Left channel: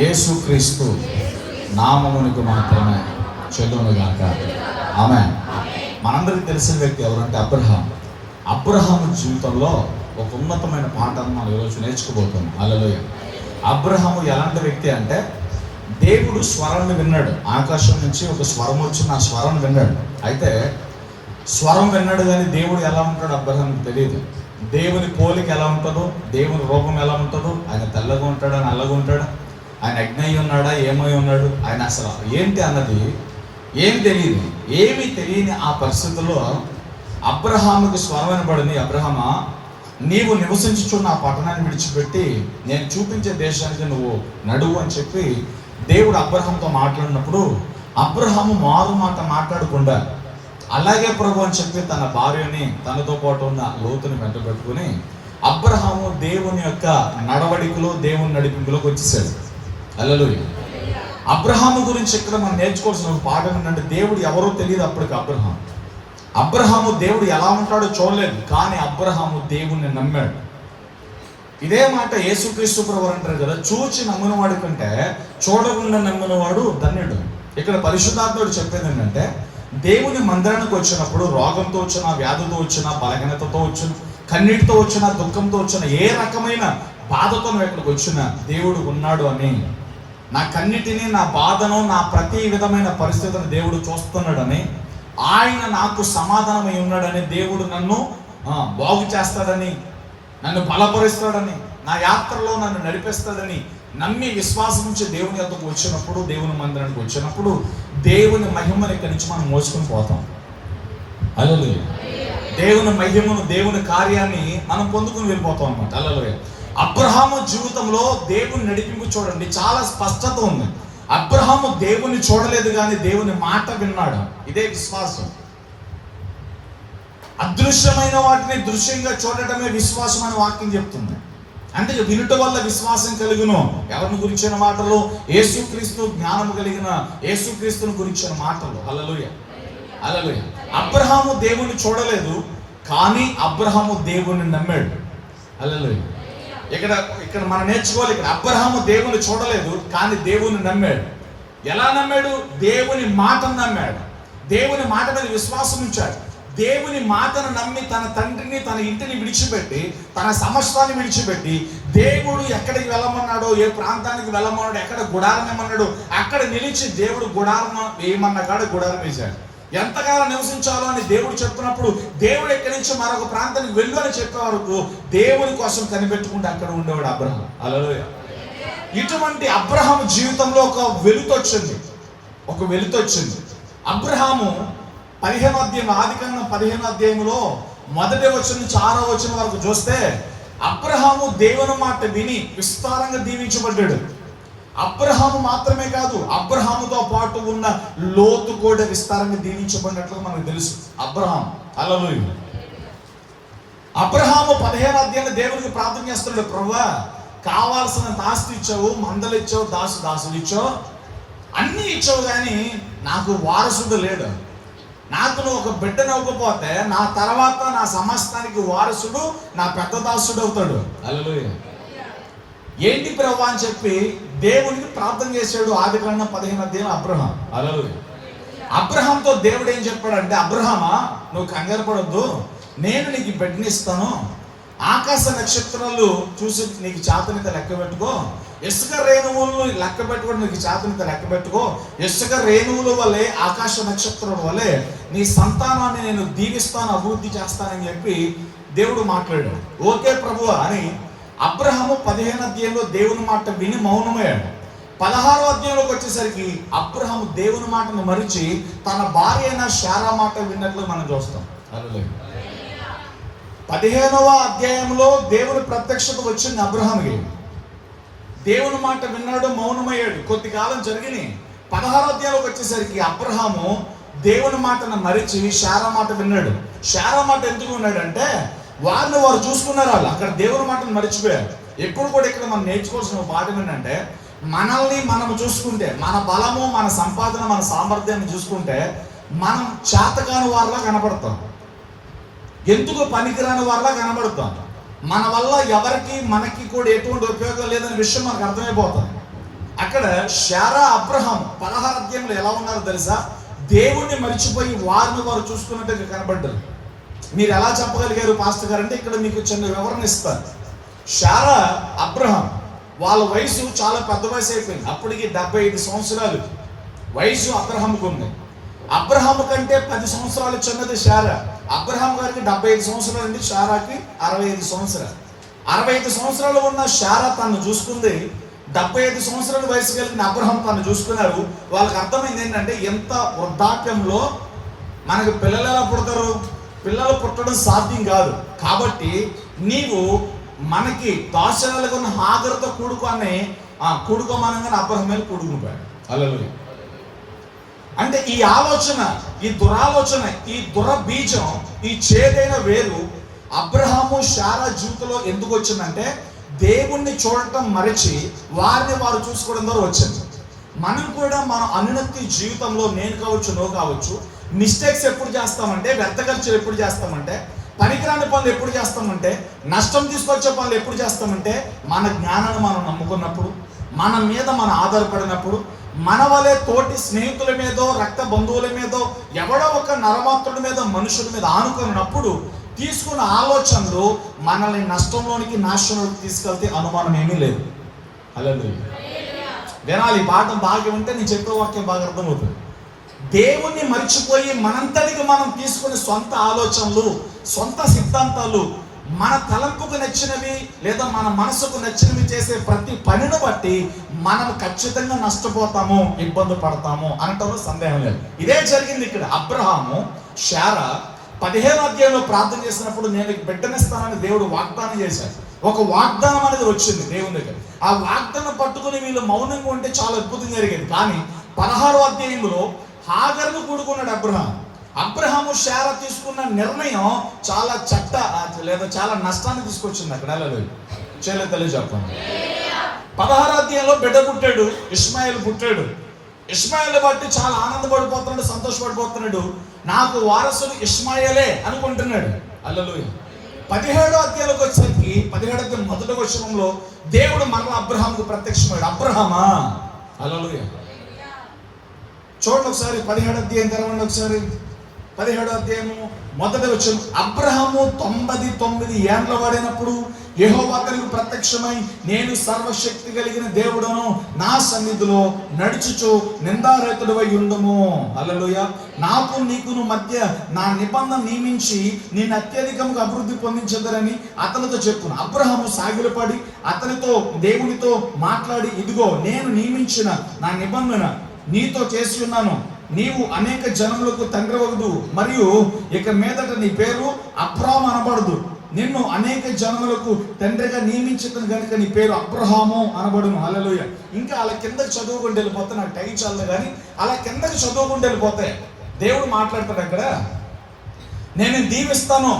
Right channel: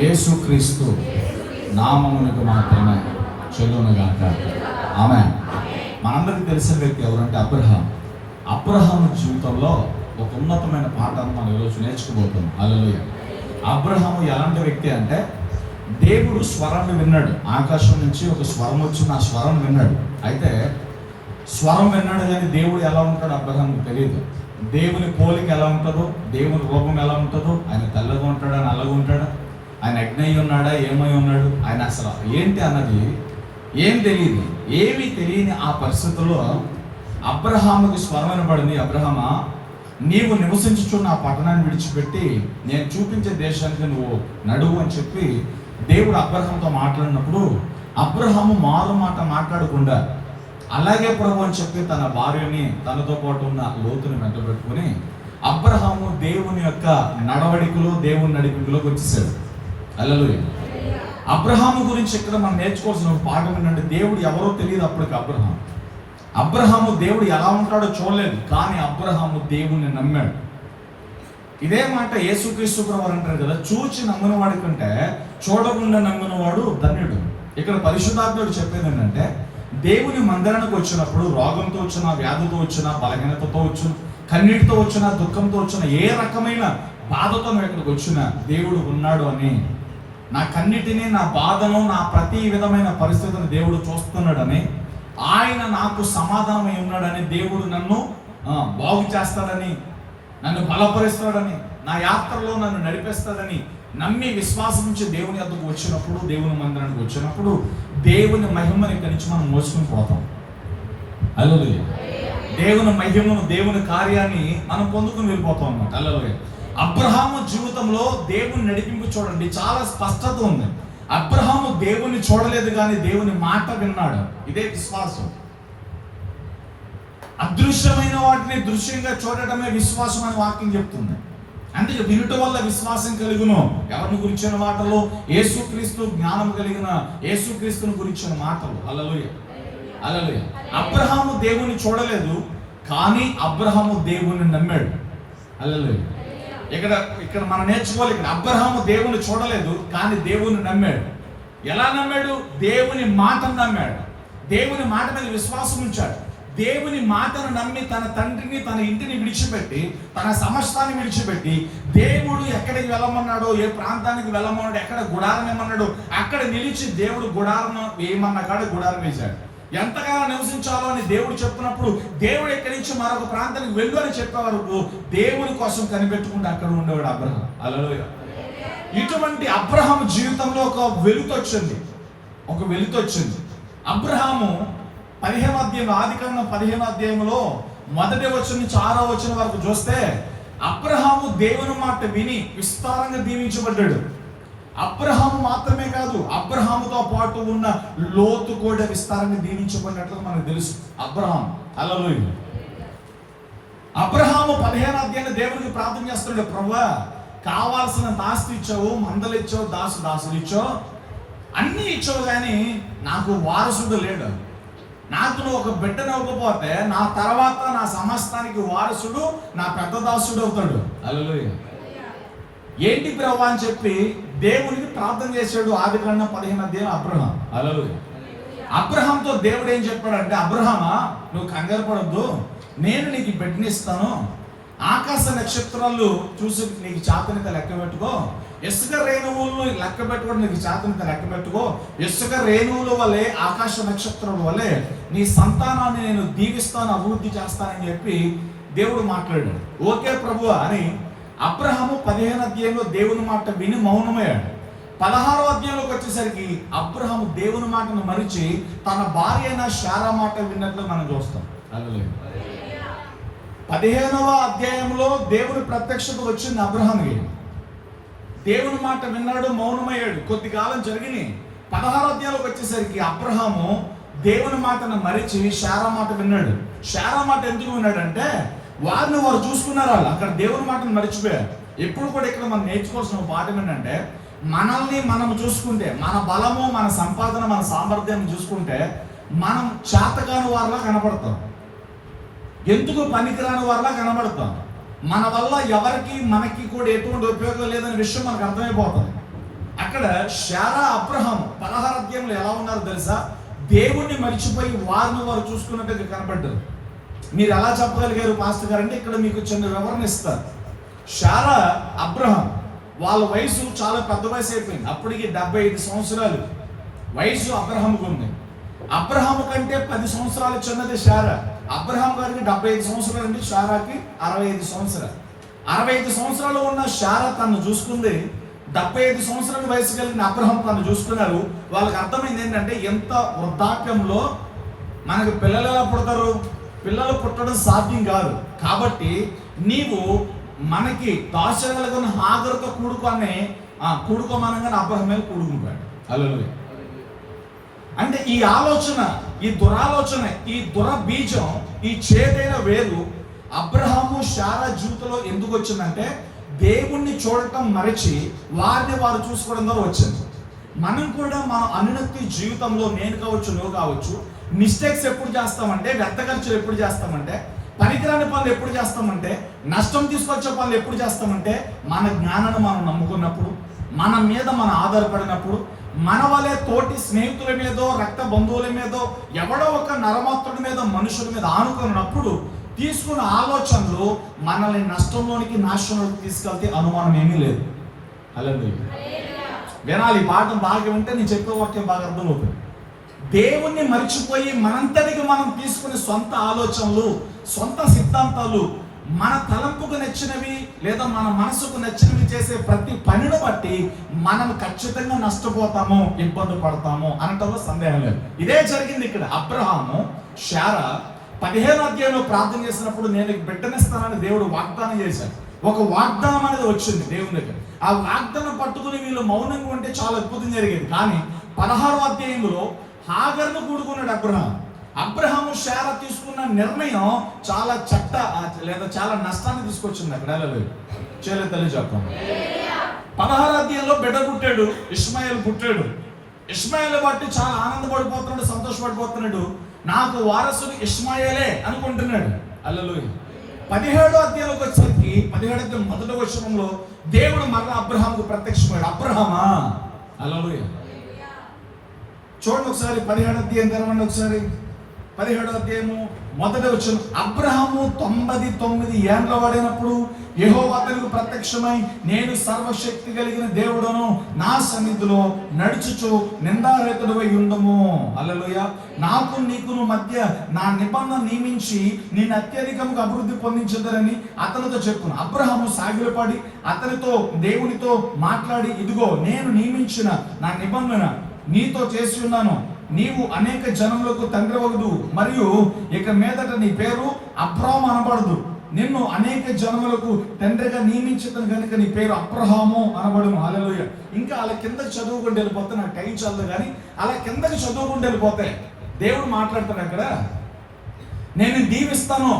యేసుక్రీస్తు నామమునకు మాత్రమే చెల్లునుగాక. ఆమేన్. మనందరికీ తెలిసిన వ్యక్తి ఎవరంటే అబ్రహాము జీవితంలో ఒక ఉన్నతమైన పాఠాన్ని మనం ఈరోజు నేర్చుకోబోతున్నాం. హల్లెలూయా. అబ్రహాము ఎలాంటి వ్యక్తి అంటే, దేవుడు స్వరాన్ని విన్నాడు. ఆకాశం నుంచి ఒక స్వరం వచ్చిన ఆ స్వరం విన్నాడు. అయితే స్వరం విన్నాడు కానీ దేవుడు ఎలా ఉంటాడో అబ్రహాముకు తెలియదు. దేవుని పోలిక ఎలా ఉంటుందో, దేవుని రూపం ఎలా ఉంటుందో, ఆయన తెల్లగా ఉంటాడా నల్లగా ఉంటాడా, ఆయన అగ్ని ఉన్నాడా ఏమై ఉన్నాడు, ఆయన అసలు ఏంటి అన్నది ఏమీ తెలియని ఆ పరిస్థితుల్లో అబ్రహాముకు స్వరం వినబడింది. అబ్రహామా, నీవు నివసించుచున్న ఆ పట్టణాన్ని విడిచిపెట్టి నేను చూపించే దేశానికి నువ్వు నడువు అని చెప్పి దేవుడు అబ్రహాముతో మాట్లాడినప్పుడు అబ్రహాము మారు మాట మాట్లాడకుండా అలాగే ప్రభు అని చెప్పి తన భార్యని తనతో పాటు ఉన్న లోతుని వెంట పెట్టుకుని అబ్రహాము దేవుని యొక్క నడవడికలో దేవుని నడిపింపులోకి వచ్చేసాడు. హల్లెలూయా. అబ్రహాము గురించి ఇక్కడ మనం నేర్చుకోవాల్సిన పాఠం ఏంటంటే, దేవుడు ఎవరో తెలియదు అప్పటికి అబ్రహాము దేవుడు ఎలా ఉంటాడో చూడలేదు, కానీ అబ్రహాము దేవుణ్ణి నమ్మాడు. ఇదే మాట యేసుక్రీస్తు ప్రభువు అంటారు కదా, చూచి నమ్మినవాడి కంటే చూడకుండా నమ్మినవాడు ధన్యుడు. ఇక్కడ పరిశుద్ధాత్ముడు చెప్పేది ఏంటంటే, దేవుని మందిరానికి వచ్చినప్పుడు రోగంతో వచ్చిన, వ్యాధితో వచ్చిన, బలహీనతతో వచ్చిన, కన్నీటితో వచ్చిన, దుఃఖంతో వచ్చిన, ఏ రకమైన బాధతో ఇక్కడికి వచ్చిన దేవుడు ఉన్నాడు అని, నా కన్నిటిని, నా బాధను, నా ప్రతి విధమైన పరిస్థితిని దేవుడు చూస్తున్నాడని, ఆయన నాకు సమాధానమై ఉన్నాడని, దేవుడు నన్ను బాగు చేస్తాడని, నన్ను బలపరుస్తాడని, నా యాత్రలో నన్ను నడిపిస్తాడని నమ్మి విశ్వాసం నుంచి దేవుని వద్దకు వచ్చినప్పుడు, దేవుని మందిరానికి వచ్చినప్పుడు దేవుని మహిమను ఇక్కడి నుంచి మనం మోసుకొని పోతాం. హల్లెలూయా. దేవుని మహిమను, దేవుని కార్యాన్ని మనం పొందుకుని వెళ్ళిపోతాం అన్నమాట. హల్లెలూయా. అబ్రహాము జీవితంలో దేవుని నడిపింపు చూడండి, చాలా స్పష్టత ఉంది. అబ్రహాము దేవుని చూడలేదు కానీ దేవుని మాట విన్నాడు. ఇదే విశ్వాసం. అదృశ్యమైన వాటిని దృశ్యంగా చూడటమే విశ్వాసం అని వాక్యం చెప్తుంది. అందుకే వినుట వల్ల విశ్వాసం కలుగును. ఎవరిని గురించిన మాటలు? యేసుక్రీస్తు జ్ఞానం కలిగిన యేసుక్రీస్తుని గురించిన మాటలు. హల్లెలూయా. హల్లెలూయా. అబ్రహాము దేవుని చూడలేదు కానీ అబ్రహాము దేవుని నమ్మాడు. హల్లెలూయా. ఇక్కడ మనం నేర్చుకోవాలి. ఇక్కడ అబ్రహాము దేవుని చూడలేదు కానీ దేవుని నమ్మాడు. ఎలా నమ్మాడు? దేవుని మాటను నమ్మాడు. దేవుని మాట మీద విశ్వాసం ఉంచాడు. దేవుని మాటను నమ్మి తన తండ్రిని, తన ఇంటిని విడిచిపెట్టి, తన సమస్తాన్ని విడిచిపెట్టి, దేవుడు ఎక్కడికి వెళ్ళమన్నాడో, ఏ ప్రాంతానికి వెళ్ళమన్నాడో, ఎక్కడ గుడారం ఏమన్నాడో అక్కడ నిలిచి దేవుడు గుడారం వేయమన్న కాడ గుడారం వేశాడు. ఎంతకాలం నివసించాలో అని దేవుడు చెప్తున్నప్పుడు దేవుడు ఎక్కడి నుంచి మరొక ప్రాంతానికి వెళ్ళు అని చెప్పే వరకు దేవుని కోసం కనిపెట్టుకుంటూ అక్కడ ఉండేవాడు అబ్రహాం. హల్లెలూయా. ఇటువంటి అబ్రహాము జీవితంలో ఒక వెలుతొచ్చింది. అబ్రహాము 15వ అధ్యాయం, ఆదికాండం 15వ అధ్యాయంలో 1వ వచనం నుంచి 6వ వచనం వరకు చూస్తే అబ్రహాము దేవుని మాట విని విస్తారంగా దీవించబడ్డాడు. అబ్రహాము మాత్రమే కాదు, అబ్రహాముతో పాటు ఉన్న లోతు కూడా విస్తారంగా దీవించబడినట్లు మనకు తెలుసు. అబ్రహాము. హల్లెలూయా. అబ్రహాము 15వ అధ్యాయంలో దేవునికి ప్రార్థన చేస్తున్నాడు, ప్రభువా కావాల్సినంత ఆస్తి ఇచ్చావు, మందలు ఇచ్చావు, దాసుడు ఇచ్చావు, అన్ని ఇచ్చావు, కానీ నాకు వారసుడు లేడు. నాకు నువ్వు ఒక బిడ్డను ఇవ్వకపోతే నా తర్వాత నా సమస్తానికి వారసుడు నా పెద్ద దాసుడు అవుతాడు. హల్లెలూయా. ఏంటి ప్రభువా అని చెప్పి దేవునికి ప్రార్థన చేశాడు. ఆదికాండం 15వ అధ్యాయం అబ్రహాం. హల్లెలూయా. అబ్రహాంతో దేవుడు ఏం చెప్పాడంటే, అబ్రహామా నువ్వు కంగారు పడొద్దు, నేను నీకు బిడ్డనిస్తాను, ఆకాశ నక్షత్రాలు చూసి నీకు చాతనిత లెక్క పెట్టుకో, ఇసుక రేణువులను లెక్క పెట్టుకోవడం నీకు చాతనిత లెక్క పెట్టుకో, ఇసుక రేణువుల వల్లే, ఆకాశ నక్షత్రాల వల్లే నీ సంతానాన్ని నేను దీవిస్తాను, అభివృద్ధి చేస్తానని చెప్పి దేవుడు మాట్లాడాడు. ఓకే ప్రభువా అని అబ్రహాము 15వ అధ్యాయంలో దేవుని మాట విని మౌనమయ్యాడు. 16వ అధ్యాయంలోకి వచ్చేసరికి అబ్రహాము దేవుని మాటను మరిచి తన భార్య అయిన శారా మాట విన్నట్లు మనం చూస్తాం. హల్లెలూయా. 15వ అధ్యాయంలో దేవుని ప్రత్యక్షత వచ్చింది అబ్రహాముకి. దేవుని మాట విన్నాడు, మౌనమయ్యాడు. కొద్ది కాలం జరిగినాయి. 16వ అధ్యాయంలోకి వచ్చేసరికి అబ్రహాము దేవుని మాటను మరిచి శారా మాట విన్నాడు. శారా మాట ఎందుకు విన్నాడంటే, వారిని వారు చూసుకున్నారు. వాళ్ళు అక్కడ దేవుని మాటను మరిచిపోయారు. ఎప్పుడు కూడా ఇక్కడ మనం నేర్చుకోవాల్సిన పాఠం ఏంటంటే, మనల్ని మనం చూసుకుంటే, మన బలము, మన సంపాదన, మన సామర్థ్యాన్ని చూసుకుంటే మనం చేతకాని వారిలా కనపడతాం, ఎందుకు పనికిరాని వారిలా కనబడతాం. మన వల్ల ఎవరికి మనకి కూడా ఎటువంటి ఉపయోగం లేదనే విషయం మనకు అర్థమైపోతుంది. అక్కడ శారా అబ్రహాము 16 అధ్యాయంలో ఎలా ఉన్నారో తెలుసా? దేవుణ్ణి మరిచిపోయి వారిని వారు చూసుకున్నట్టుగా కనబడ్డారు. మీరు ఎలా చెప్పగలిగారు పాస్టర్ గారు అంటే ఇక్కడ మీకు చిన్న వివరణ ఇస్తాను. శారా అబ్రహాం వాళ్ళ వయసు చాలా పెద్ద వయసు అయిపోయింది. అప్పటికి 75 సంవత్సరాలు వయసు అబ్రహాముకు ఉంది. అబ్రహాము కంటే 10 సంవత్సరాలు చిన్నది శారా. అబ్రహాం గారికి 75 సంవత్సరాలు అండి, శారాకి 65 సంవత్సరాలు. 65 సంవత్సరాలు ఉన్న శారా తను చూసుకుంది. 75 సంవత్సరాల వయసు కలిగిన అబ్రహాం తను చూసుకున్నారు. వాళ్ళకి అర్థమైంది ఏంటంటే ఎంత వృద్ధాప్యంలో మనకి పిల్లలు ఎలా పుడతారు, పిల్లలు పుట్టడం సాధ్యం కాదు. కాబట్టి నీవు మనకి దాసరాలుగా ఉన్న హాగరుతో కూడుకోమనగానే అబ్రహాం మీద కూడుకుపోయాడు. హల్లెలూయా. అంటే ఈ ఆలోచన, ఈ దురాలోచన, ఈ దురబీజం, ఈ చేదైన వేరు అబ్రహాము శారా జీవితంలో ఎందుకు వచ్చిందంటే దేవుణ్ణి చూడటం మరచి వారిని వారు చూసుకోవడం ద్వారా వచ్చింది. మనం కూడా మన అనున్నతి జీవితంలో నేను కావచ్చు, నువ్వు కావచ్చు, మిస్టేక్స్ ఎప్పుడు చేస్తామంటే, వ్యర్థ ఖర్చులు ఎప్పుడు చేస్తామంటే, పనికిరాని పనులు ఎప్పుడు చేస్తామంటే, నష్టం తీసుకొచ్చే పనులు ఎప్పుడు చేస్తామంటే, మన జ్ఞానాన్ని మనం నమ్ముకున్నప్పుడు, మన మీద మనం ఆధారపడినప్పుడు, మన వలె తోటి స్నేహితుల మీదో రక్త బంధువుల మీదో ఎవడో ఒక నరమాత్రుడి మీద మనుషుల మీద ఆనుకున్నప్పుడు తీసుకున్న ఆలోచనలు మనల్ని నష్టంలోనికి నాశనంలోకి తీసుకెళ్తే అనుమానం ఏమీ లేదు. హల్లెలూయా. వినాలి, పాఠం బాగా ఉంటే నేను చెప్పే వాక్యం బాగా అర్థమవుతుంది. దేవుణ్ణి మర్చిపోయి మనంతటికి మనం తీసుకునే సొంత ఆలోచనలు, సొంత సిద్ధాంతాలు, మన తలంపుకు నచ్చినవి లేదా మన మనసుకు నచ్చినవి చేసే ప్రతి పనిని బట్టి మనం ఖచ్చితంగా నష్టపోతాము, ఇబ్బంది పడతాము అనటంలో సందేహం లేదు. ఇదే జరిగింది ఇక్కడ. అబ్రహాము శారా 15వ అధ్యాయంలో ప్రార్థన చేసినప్పుడు నేను బిడ్డనిస్తానని దేవుడు వాగ్దానం చేశాడు. ఒక వాగ్దానం అనేది వచ్చింది దేవుని దగ్గర. ఆ వాగ్దానం పట్టుకుని వీళ్ళు మౌనంగా ఉంటే చాలా అద్భుతం జరిగేది. కానీ 16వ అధ్యాయంలో హాగరును కూడుకున్నాడు అబ్రహాం. అబ్రహాము శారా తీసుకున్న నిర్ణయం చాలా చాలా నష్టాన్ని తీసుకొచ్చింది అక్కడ. చేయలేదు తెలియజెప్పండి. 16వ అధ్యాయంలో బిడ్డ పుట్టాడు, ఇష్మాయేల్ పుట్టాడు. ఇష్మాయేల్ బట్టి చాలా ఆనందపడిపోతున్నాడు, సంతోషపడిపోతున్నాడు. నాకు వారసుడు ఇష్మాయేలే అనుకుంటున్నాడు. హల్లెలూయా. 17వ అధ్యాయంలోకి వచ్చేసరికి 17వ అధ్యాయం మొదటి వచనంలో దేవుడు మరలా అబ్రహాముకు ప్రత్యక్షమయ్యాడు. అబ్రహామా, హల్లెలూయా. చూడండి ఒకసారి 17వ అధ్యాయం తెరవండి ఒకసారి. 17వ అధ్యాయము మొదటి వచనం. అబ్రహాము 99 ఏండ్ల వాడినప్పుడు యెహోవా అతనికి ప్రత్యక్షమై, నేను సర్వశక్తి కలిగిన దేవుడను, నా సన్నిధిలో నడుచుచు నిందారహితుడవై ఉండుము. హల్లెలూయా. నాకు నీకును మధ్య నా నిబంధన నియమించి నిన్ను అత్యధికంగా అభివృద్ధి పొందించదరని అతనితో చెప్పును. అబ్రహాము సాగిలపడి అతనితో దేవునితో మాట్లాడి, ఇదిగో నేను నియమించిన నా నిబంధన నీతో చేసి ఉన్నాను. నీవు అనేక జనములకు తండ్రి వగుదు, మరియు ఇక మీదట నీ పేరు అబ్రాహాము అనబడదు. నిన్ను అనేక జనములకు తండ్రిగా నియమించిన కనుక నీ పేరు అబ్రహాము అనబడును. హల్లెలూయా. ఇంకా అలా కిందకి చదువుకుంటూ వెళ్ళిపోతే నాకు టైం చల్లదు, కానీ అలా కిందకి చదువుకుంటూ వెళ్ళిపోతే దేవుడు మాట్లాడతాడు అక్కడ. నేను దీవిస్తాను,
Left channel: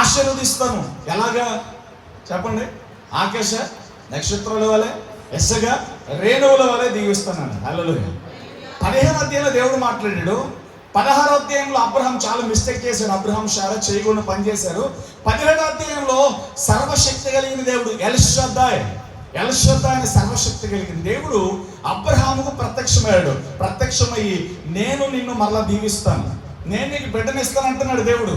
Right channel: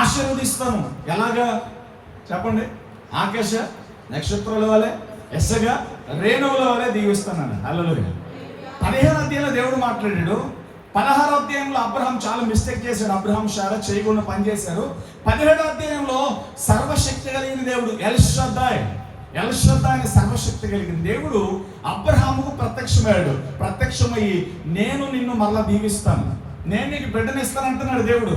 ఆశీర్వదిస్తాను. ఎలాగా చెప్పండి? ఆకాశ నక్షత్రాల వలె, ఎస్సగా రేణువుల వలె దీవిస్తాను. హల్లెలూయా. 15వ అధ్యాయంలో దేవుడు మాట్లాడాడు. 16వ అధ్యాయంలో అబ్రహాం చాలా మిస్టేక్ చేశాడు. అబ్రహాం శారా చేయకుండా పని చేశారు. 17వ అధ్యాయంలో సర్వశక్తి కలిగిన దేవుడు ఎల్ షద్దాయ్ అనే సర్వశక్తి కలిగిన దేవుడు అబ్రహాముకు ప్రత్యక్షమయ్యాడు. ప్రత్యక్షమయ్యి నేను నిన్ను మరలా దీవిస్తాను, నేను నీకు బిడ్డనిస్తాను అంటున్నాడు దేవుడు.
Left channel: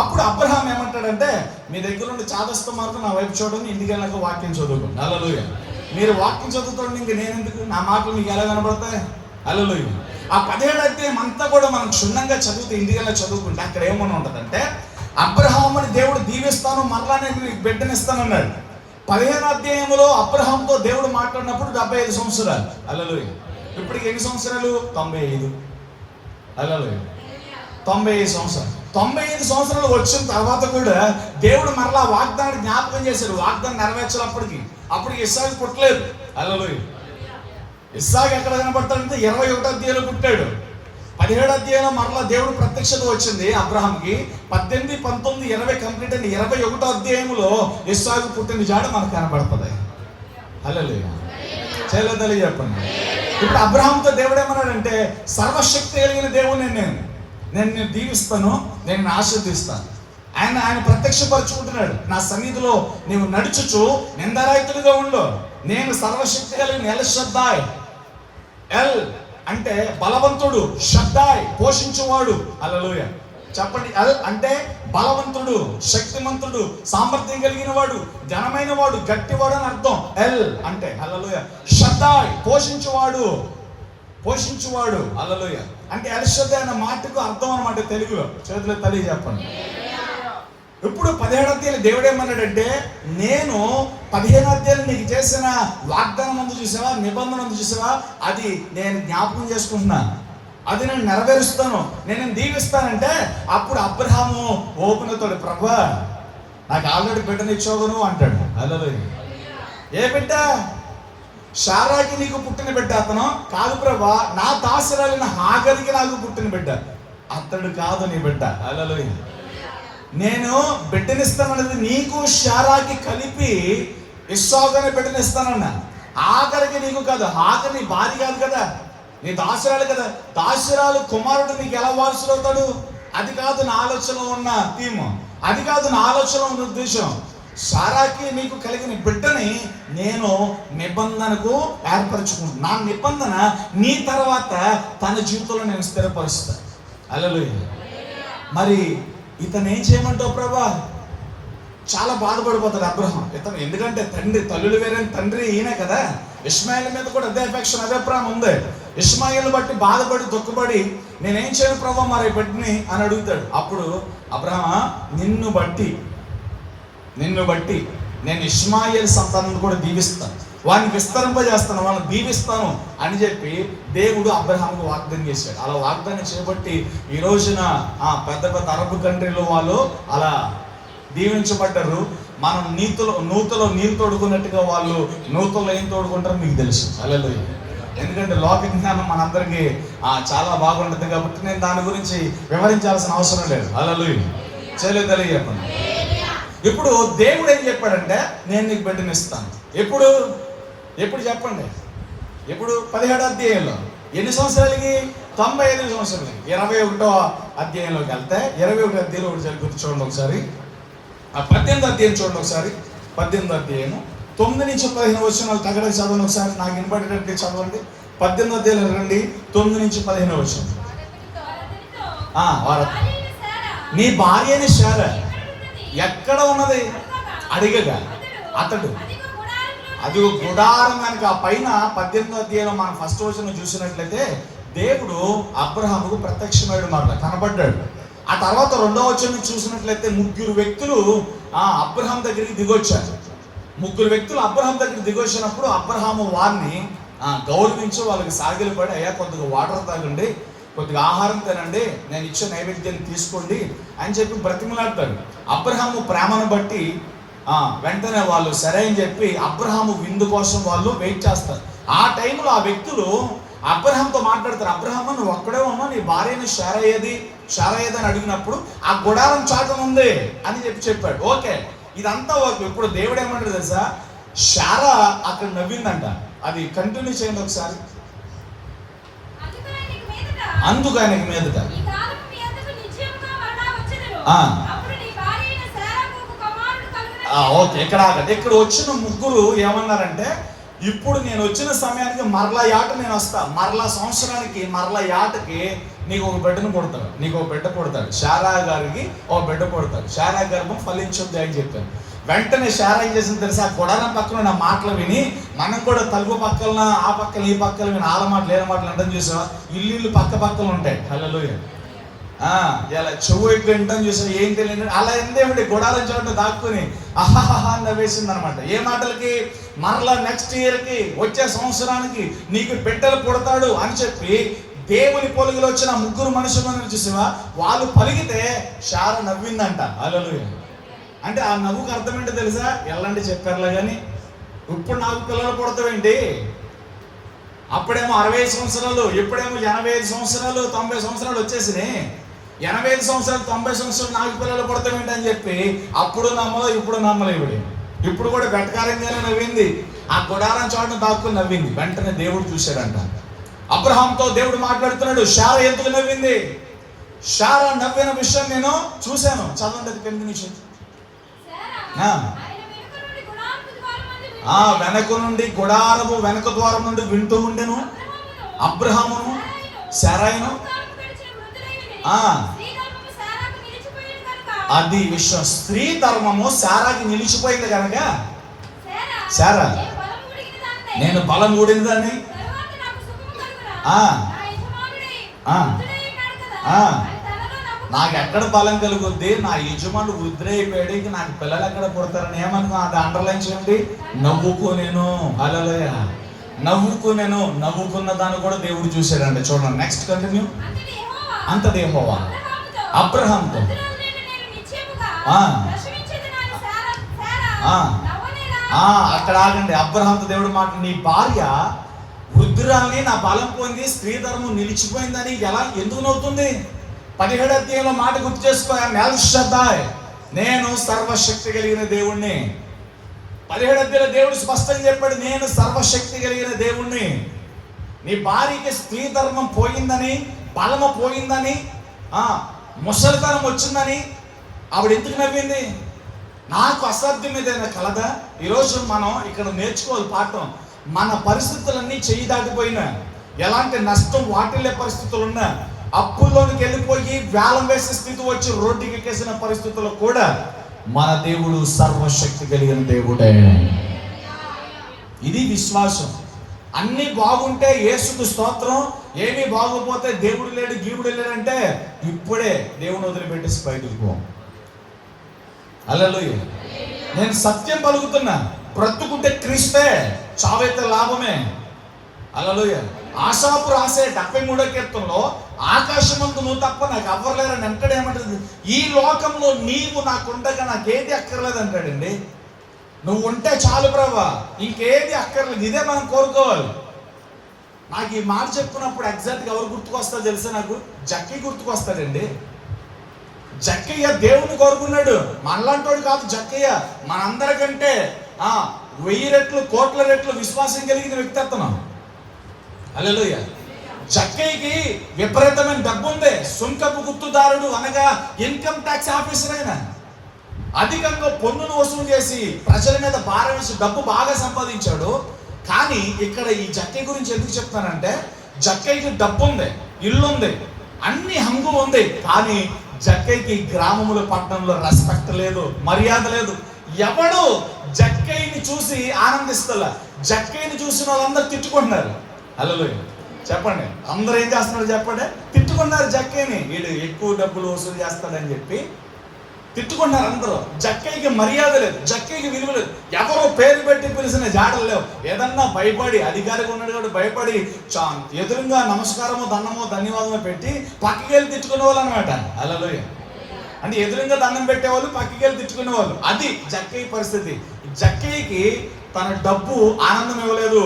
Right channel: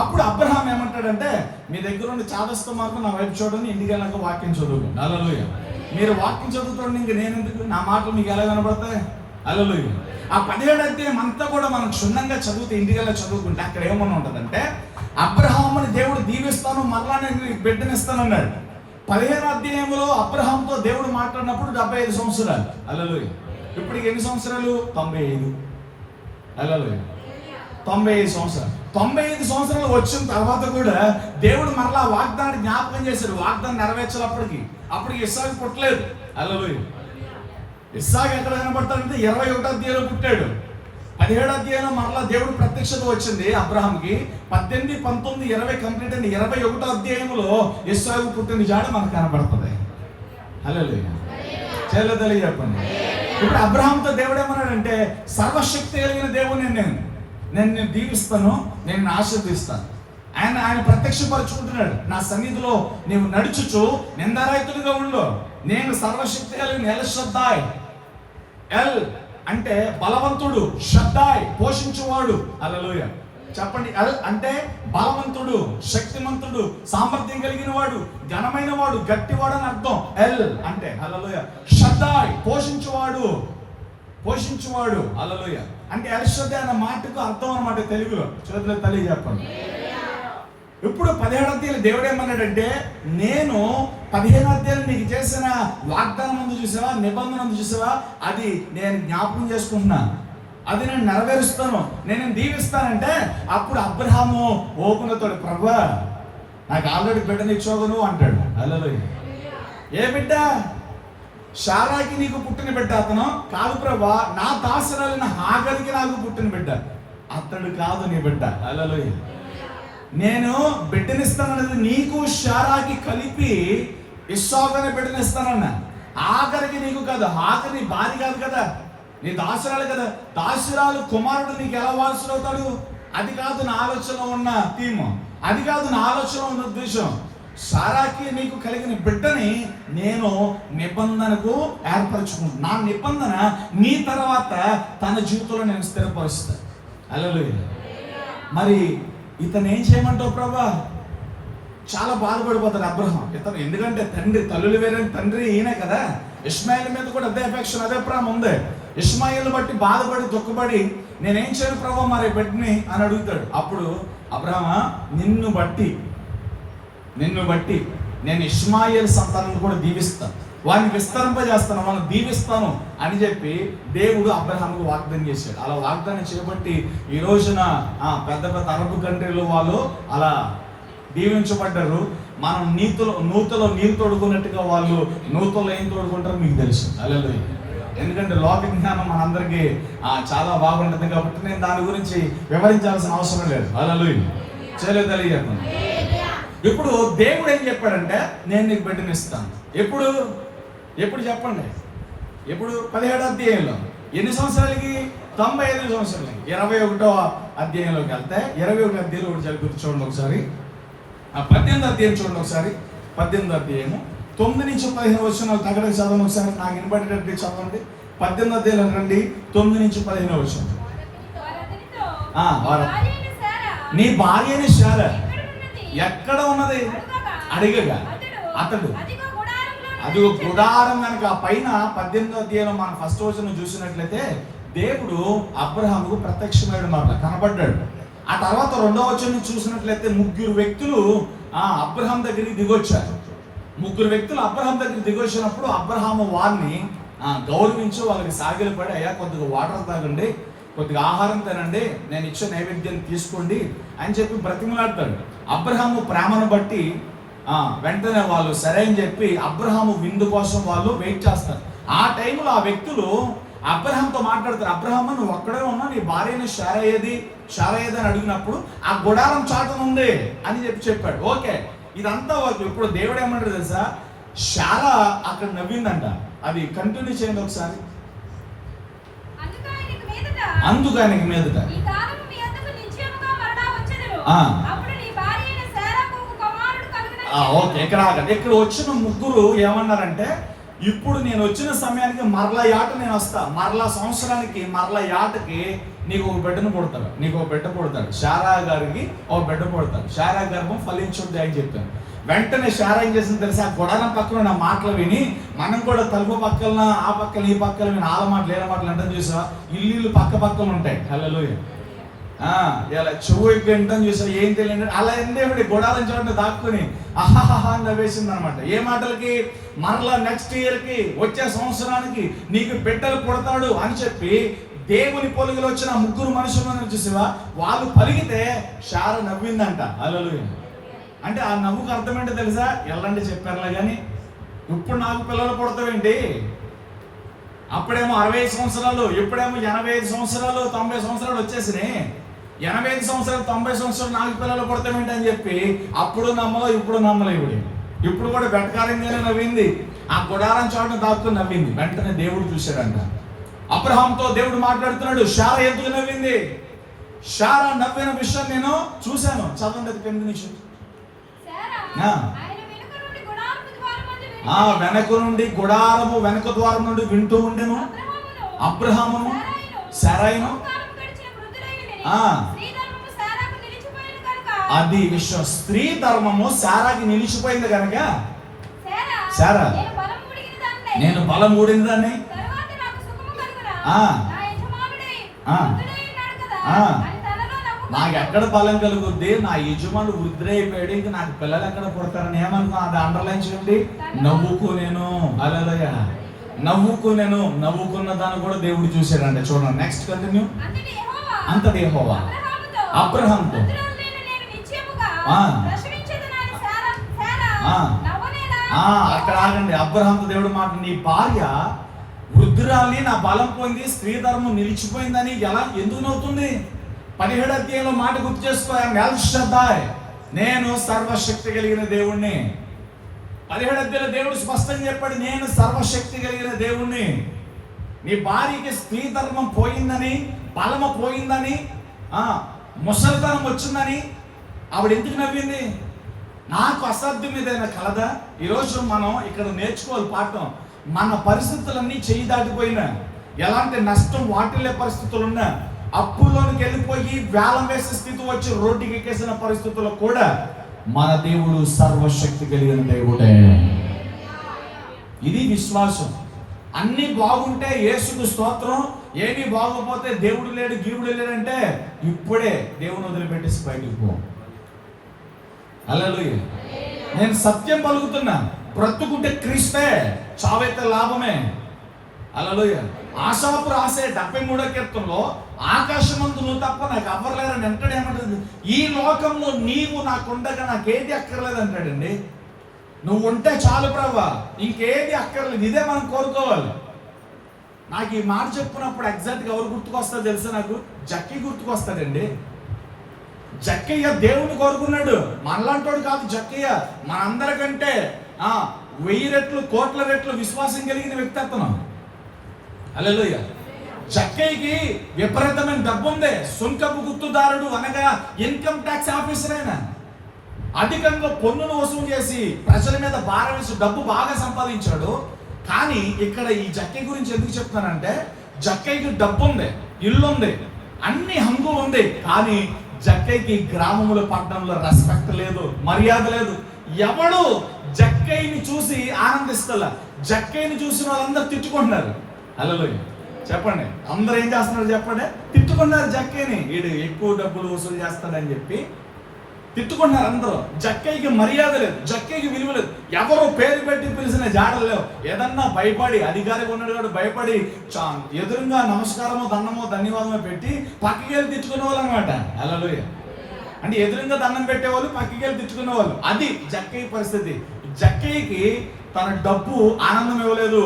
అప్పుడు అబ్రహాం ఏమంటాడంటే, మీ దగ్గర నుండి చాదస్త మార్గం నా వైపు చూడండి, ఇంటికి వెళ్ళాక వాక్యం చదువుకోండి. హల్లెలూయా. మీరు వాక్యం చదువుకోండి, ఇంక నేను ఎందుకు, నా మాటలు మీకు ఎలా కనబడతాయి? హల్లెలూయా. ఆ 17వ అధ్యాయం అంతా కూడా మనం క్షుణ్ణంగా చదివితే, ఇంటికెళ్ళి చదువుకుంటే అక్కడ ఏమన్నా ఉంటుందంటే, అబ్రహాముని దేవుడు దీవిస్తాను, మరలా నేను బిడ్డనిస్తానన్నాడు. 15వ అధ్యాయంలో అబ్రహాంతో దేవుడు మాట్లాడినప్పుడు 75 సంవత్సరాలు. హల్లెలూయా. ఇప్పటికి ఎన్ని సంవత్సరాలు? 95. హల్లెలూయా. 95 సంవత్సరాలు. 95 సంవత్సరాలు వచ్చిన తర్వాత కూడా దేవుడు మరలా వాగ్దానాన్ని జ్ఞాపకం చేశాడు. వాగ్దానం నెరవేర్చాలప్పటికి. అప్పటికి ఇస్సాకు పుట్టలేదు. హల్లెలూయా. ఇస్సాకు ఎక్కడ కనబడతాడంటే 21వ అధ్యాయంలో పుట్టాడు. 17వ అధ్యాయంలో మరలా దేవుడు ప్రత్యక్షత వచ్చింది అబ్రహాంకి. 18, 19, 20 కంప్లీట్ అయిన 21వ అధ్యాయంలో ఇస్సాకు పుట్టిన జాడ మనకు కనబడుతుంది. హల్లెలూయా. చేయలేదు తెలియజెప్పండి. ఇప్పుడు అబ్రహాంతో దేవుడు ఏమన్నాడంటే, సర్వశక్తి కలిగిన దేవుడు నేను దీవిస్తాను, నేను ఆశీర్వదిస్తాను. ఆయన ప్రత్యక్షపరుచుకుంటున్నాడు. నా సన్నిధిలో నీవు నడుచుచు నిందారహితుడిగా ఉండు, నేను సర్వశక్తి కలిగిన ఎల్ షద్దాయ్. ఎల్ అంటే బలవంతుడు, షద్దాయ్ పోషించువాడు. హల్లెలూయా చెప్పండి. ఎల్ అంటే బలవంతుడు, శక్తిమంతుడు, సామర్థ్యం కలిగిన వాడు, ఘనమైన వాడు, గట్టివాడు అని అర్థం. ఎల్ అంటే హల్లెలూయా షద్దాయ్ పోషించువాడు, పోషించువాడు. హల్లెలూయా అంటే ఎల్ షద్దాయ్ అన్న మాటకు అర్థం అన్నమాట తెలుగులో. చేతులు తల్లి చెప్పండి. ఇప్పుడు 17వ అధ్యాయంలో దేవుడు ఏమన్నాడంటే, నేను 15వ అధ్యాయంలో నీకు చేసిన వాగ్దానం ముందు చూసావా, నిబంధన ముందు చూసావా, అది నేను జ్ఞాపకం చేసుకుంటున్నా, అది నేను నెరవేరుస్తాను, నేను దీవిస్తానంటే అప్పుడు అబ్రహాము ఓపెన్ అవుతాడు, ప్రభువా నాకు ఆల్రెడీ బిడ్డనిచ్చావు నువ్వు అంటాడు. హల్లెలూయా ఏ బిడ్డ? శారాకి నీకు పుట్టిన బిడ్డ అతను కాదు ప్రభువా, నా దాసరాలైన హాగరికి నాకు పుట్టిన బిడ్డ అతడు కాదు నీ బిడ్డ. హల్లెలూయా నేను బిడ్డనిస్తానన్నది నీకు శారాకి కలిపి ఇస్సాకుని బిడ్డనిస్తానన్నా. ఆఖరికి నీకు కాదు, ఆఖరి నీ భార్య కాదు కదా, నీ దాసురాలు కదా. దాసురాలు కుమారుడు నీకు ఎలా వారసుడవుతాడు? అది కాదు నా ఆలోచనలో ఉన్న థీమ్, అది కాదు నా ఆలోచనలో ఉన్న ఉద్దేశం. శారాకి నీకు కలిగిన బిడ్డని నేను నిబంధనకు ఏర్పరచుకుంటున్నాను. నా నిబంధన నీ తర్వాత తన జీవితంలో నేను స్థిరపరుస్తాను. హల్లెలూయా మరి ఇతను ఏం చేయమంటావు ప్రభా? చాలా బాధపడిపోతాడు అబ్రహాం ఇతను, ఎందుకంటే తండ్రి తల్లులు వేరే తండ్రి ఈయనే కదా. ఇష్మాయిల్ మీద కూడా అదే అఫెక్షన్, అదే ప్రేమ ఉంది. ఇష్మాయిల్ బట్టి బాధపడి దుఃఖపడి నేనేం చేయను ప్రభా మరి బిడ్డని అని అడుగుతాడు. అప్పుడు అబ్రహామా నిన్ను బట్టి నేను ఇష్మాయిల్ సంతానాన్ని కూడా దీవిస్తాను, వాడిని విస్తరింపజేస్తాను, వాళ్ళని దీవిస్తాను అని చెప్పి దేవుడు అబ్రహాముకు వాగ్దానం చేశాడు. అలా వాగ్దానం చేయబట్టి ఈ రోజున పెద్ద పెద్ద అరబ్ కంట్రీలో వాళ్ళు అలా దీవించబడ్డారు. మనం నూతలో నీళ్ళు తోడుకున్నట్టుగా వాళ్ళు నూతలో ఏం తోడుకుంటారో మీకు తెలుసు. హల్లెలూయా ఎందుకంటే లోక జ్ఞానం మనందరికీ చాలా బాగుంటుంది కాబట్టి నేను దాని గురించి వివరించాల్సిన అవసరం లేదు. హల్లెలూయా చేయలేదు తెలియజెప్పండి. ఇప్పుడు దేవుడు ఏం చెప్పాడంటే నేను నీకు బిడ్డనిస్తాను. ఎప్పుడు చెప్పండి? ఎప్పుడు? 17వ అధ్యాయంలో. ఎన్ని సంవత్సరాలకి? 95 సంవత్సరాలకి. 21వ అధ్యాయంలోకి వెళ్తే 21వ అధ్యాయంలో ఒకటి జరుగుతుంది చూడండి ఒకసారి. 18వ అధ్యాయం చూడండి ఒకసారి. 18వ అధ్యాయము 9 నుంచి 15 వచనాలు తగ్గడానికి చదవండి ఒకసారి, నాకు వినపడేటట్టు చదవండి. 18వ అధ్యాయంలో రండి, 9 నుంచి 15 వచనం. నీ భార్య అయిన శారా ఎక్కడ ఉన్నది అడిగగా అతడు అది గుడారం కనుక పైన. 18వ అధ్యాయంలో మనం ఫస్ట్ వచనం చూసినట్లయితే దేవుడు అబ్రహాముకు ప్రత్యక్షమయ్యాడు మాట, కనబడ్డాడు. ఆ తర్వాత 2వ వచనం చూసినట్లయితే 3 వ్యక్తులు అబ్రహాం దగ్గరికి దిగొచ్చారు. 3 వ్యక్తులు అబ్రహాం దగ్గరికి దిగొచ్చినప్పుడు అబ్రహాము వారిని గౌరవించి వాళ్ళకి సాగిలపడి, అయ్యా కొద్దిగా వాటర్ తాగండి, కొద్దిగా ఆహారం తినండి, నేను ఇచ్చే నైవేద్యాన్ని తీసుకోండి అని చెప్పి బ్రతిమలాడతాడు. అబ్రహాము ప్రేమను బట్టి వెంటనే వాళ్ళు సరే అని చెప్పి అబ్రహాము విందు కోసం వాళ్ళు వెయిట్ చేస్తారు. ఆ టైంలో ఆ వ్యక్తులు అబ్రహాంతో మాట్లాడతారు. అబ్రహాము నువ్వు ఒక్కడే ఉన్నావు, నీ భార్యను శారయ్యది అని అడిగినప్పుడు ఆ గుడారం చాటం ఉంది అని చెప్పాడు. ఓకే ఇదంతా ఓకే. ఇప్పుడు దేవుడు ఏమంటాడు తెలుసా? శారా అక్కడ నవ్విందంట. అది కంటిన్యూ చేయండి ఒకసారి. అందుకు ఆయనకి మీదట ఓకే ఇక్కడ వచ్చిన 3 ఏమన్నారంటే, ఇప్పుడు నేను వచ్చిన సమయానికి మరలా యాట నేను వస్తా, మరలా సంవత్సరానికి మరలా యాటకి నీకు ఒక బిడ్డను పుడతాడు, నీకు ఒక బిడ్డ పుడతాడు, శారా గారికి ఒక బిడ్డ పుడతాడు, శారా గర్భం ఫలించుద్ది అని చెప్పాను. వెంటనే శారా ఏం చేసింది తెలుసా? గుడారం పక్కన నా మాటలు విని, మనం కూడా తలుపు పక్కన ఆ పక్కన ఈ పక్కన విని ఆల మాటలు ఏల మాటలు అంటే చూసావా, ఇల్లు పక్కలు ఉంటాయి. హల్లెలూయా ఇలా చెవు ఎక్కువ వింటాను చూసా, ఏం తెలియదు అలా ఎందేమిటి గుడారం చూడండి దాక్కుని అహాహా నవ్వేసింది అనమాట. ఏ మాటలకి? మరలా నెక్స్ట్ ఇయర్కి వచ్చే సంవత్సరానికి నీకు బిడ్డలు పుడతాడు అని చెప్పి దేవుని పొలుగులో వచ్చిన 3 మనుషులను చూసావా, వాళ్ళు పలిగితే శారా నవ్విందంట. హల్లెలూయా అంటే ఆ నవ్వుకు అర్థం ఏంటో తెలుసా? ఎల్లండి చెప్పారులే కానీ ఇప్పుడు నాకు పిల్లలు పుడతావేంటి? అప్పుడేమో 65 సంవత్సరాలు, ఇప్పుడేమో 85 సంవత్సరాలు 90 సంవత్సరాలు వచ్చేసినాయి. 85 సంవత్సరాలు 90 సంవత్సరాలు నాకు పిల్లలు పుడతామేంటి అని చెప్పి అప్పుడు నమ్మలో ఇప్పుడు నమ్మలేవిడి. ఇప్పుడు కూడా వెటకారంగానే నవ్వింది, ఆ గుడారం చోటను దాక్కుని నవ్వింది. వెంటనే దేవుడు చూశాడంట. అబ్రహాంతో దేవుడు మాట్లాడుతున్నాడు, శారా ఎందుకు నవ్వింది? శారా నవ్విన విషయం నేను చూశాను. చదవండి అది 8 నిమిషం. వెనక నుండి గుడారము వెనక ద్వారం నుండి వింటూ ఉండెను అబ్రహామును శారాయును. అది విషయం. స్త్రీ ధర్మము శారాకి నిలిచిపోయింది కనుక శారా నేను బలం ఊడిందని నాకు ఎక్కడ బలం కలుగుద్ది, నా యజమానుడు వృద్ధుడైపోయాడు, ఇక నాకు పిల్లలు ఎక్కడ పుడతారని ఏమనుకో అది అండర్లైన్ చేయండి. నవ్వుకోనేను. హల్లెలూయా. నవ్వుకునేను. నవ్వుకున్న దాన్ని కూడా దేవుడు చూశాడండి. చూడండి నెక్స్ట్ కంటిన్యూ. అంతటి యెహోవా అబ్రహాంతో అక్కడ ఆగండి. అబ్రహాంతో దేవుడు మాట, నీ భార్య వృద్ధురాల్ని నా బలం పొంది స్త్రీ ధర్మం నిలిచిపోయిందని ఎందుకు నవ్వుతుంది? 17వ అధ్యాయంలో మాట గుర్తు చేసుకో. నేను సర్వశక్తి కలిగిన దేవుణ్ణి. 17వ అధ్యాయంలో దేవుడు స్పష్టంగా చెప్పాడు, నేను సర్వశక్తి కలిగిన దేవుణ్ణి. నీ భార్యకి స్త్రీ ధర్మం పోయిందని, బలము పోయిందని, ముసలితనం వచ్చిందని ఆవిడ ఎందుకు నవ్వింది? నాకు అసాధ్యం ఏదైనా కలదా? ఈరోజు మనం ఇక్కడ నేర్చుకోవాలి పాఠం. మన పరిస్థితులన్నీ చేయి దాటిపోయినా, ఎలాంటి నష్టం వాటిల్లే పరిస్థితులు ఉన్నా, అప్పుల్లోనికి వెళ్ళిపోయి వేలం వేసే స్థితి వచ్చి రోడ్డుకి ఎక్కేసిన పరిస్థితుల్లో కూడా మన దేవుడు సర్వశక్తి కలిగిన దేవుడే. ఇది విశ్వాసం. అన్ని బాగుంటే యేసుకు స్తోత్రం, ఏమీ బాగోపోతే దేవుడు లేడు గీవుడు లేడంటే ఇప్పుడే దేవుని వదిలిపెట్టేసి బయటకు పో. హల్లెలూయా. నేను సత్యం పలుకుతున్నా. బ్రతుకుంటే క్రీస్తే, చావైతే లాభమే. హల్లెలూయా. ఆశాపు రాసే 73వ కీర్తనలో ఆకాశమందు నువ్వు తప్ప నాకు ఎవ్వరులేరని అంటాడు. ఏమంటుంది? ఈ లోకంలో నీవు నాకుండగా నాకేది అక్కర్లేదు అంటాడండి. నువ్వు ఉంటే చాలు ప్రభువా, ఇంకేది అక్కర్లేదు. ఇదే మనం కోరుకోవాలి. నాకు ఈ మాట చెప్పినప్పుడు ఎగ్జాక్ట్గా ఎవరు గుర్తుకొస్తా తెలుసా? నాకు జక్కయ్య గుర్తుకొస్తాడండి. జక్కయ్య దేవుని కోరుకున్నాడు. మనలాంటోడు కాదు జక్కయ్య. మనందరికంటే 1000 రెట్లు 1,00,00,000 రెట్లు విశ్వాసం కలిగిన వ్యక్తి అతను. హల్లెలూయా. జక్కయ్యకి విపరీతమైన డబ్బు ఉంది. సుంకపు గుర్తుదారుడు అనగా ఇన్కమ్ ట్యాక్స్ ఆఫీసర్. అయినా అధికంగా పన్నును వసూలు చేసి ప్రజల మీద భారం వేసి డబ్బు బాగా సంపాదించాడు. కానీ ఇక్కడ ఈ జక్కయ్య గురించి ఎందుకు చెప్తానంటే, జక్కయ్యకి డబ్బు ఉంది, ఇల్లు ఉంది, అన్ని హంగులు ఉంది. కానీ జక్కయ్యకి గ్రామంలో పట్టణంలో రెస్పెక్ట్ లేదు, మర్యాద లేదు. ఎవడు జక్కయ్యని చూసి ఆనందిస్తలా. జక్కయ్యని చూసిన వాళ్ళందరూ తిట్టుకుంటున్నారు. హల్లెలూయా. చెప్పండి, అందరూ ఏం చేస్తున్నారు చెప్పండి? తిట్టుకున్నారు జక్కయ్యని. వీడు ఎక్కువ డబ్బులు వసూలు చేస్తాడని చెప్పి తిట్టుకున్నారు అందరూ. జక్కయ్యకి మర్యాద లేదు, జక్కయ్యకి విలువ లేదు. ఎవరో పేరు పెట్టి పిలిచిన జాడలు లేవు. ఏదన్నా భయపడి, అధికారిగా ఉన్నాడు కాబట్టి భయపడి ఎదురుగా నమస్కారమో దండమో ధన్యవాదమో పెట్టి పక్కకి వెళ్ళి తిట్టుకునే వాళ్ళు అనమాట. హల్లెలూయా. అంటే ఎదురుగా దండం పెట్టేవాళ్ళు, పక్కకి వెళ్ళి తిట్టుకునే వాళ్ళు. అది జక్కయ్య పరిస్థితి. జక్కయ్యకి తన డబ్బు ఆనందం ఇవ్వలేదు,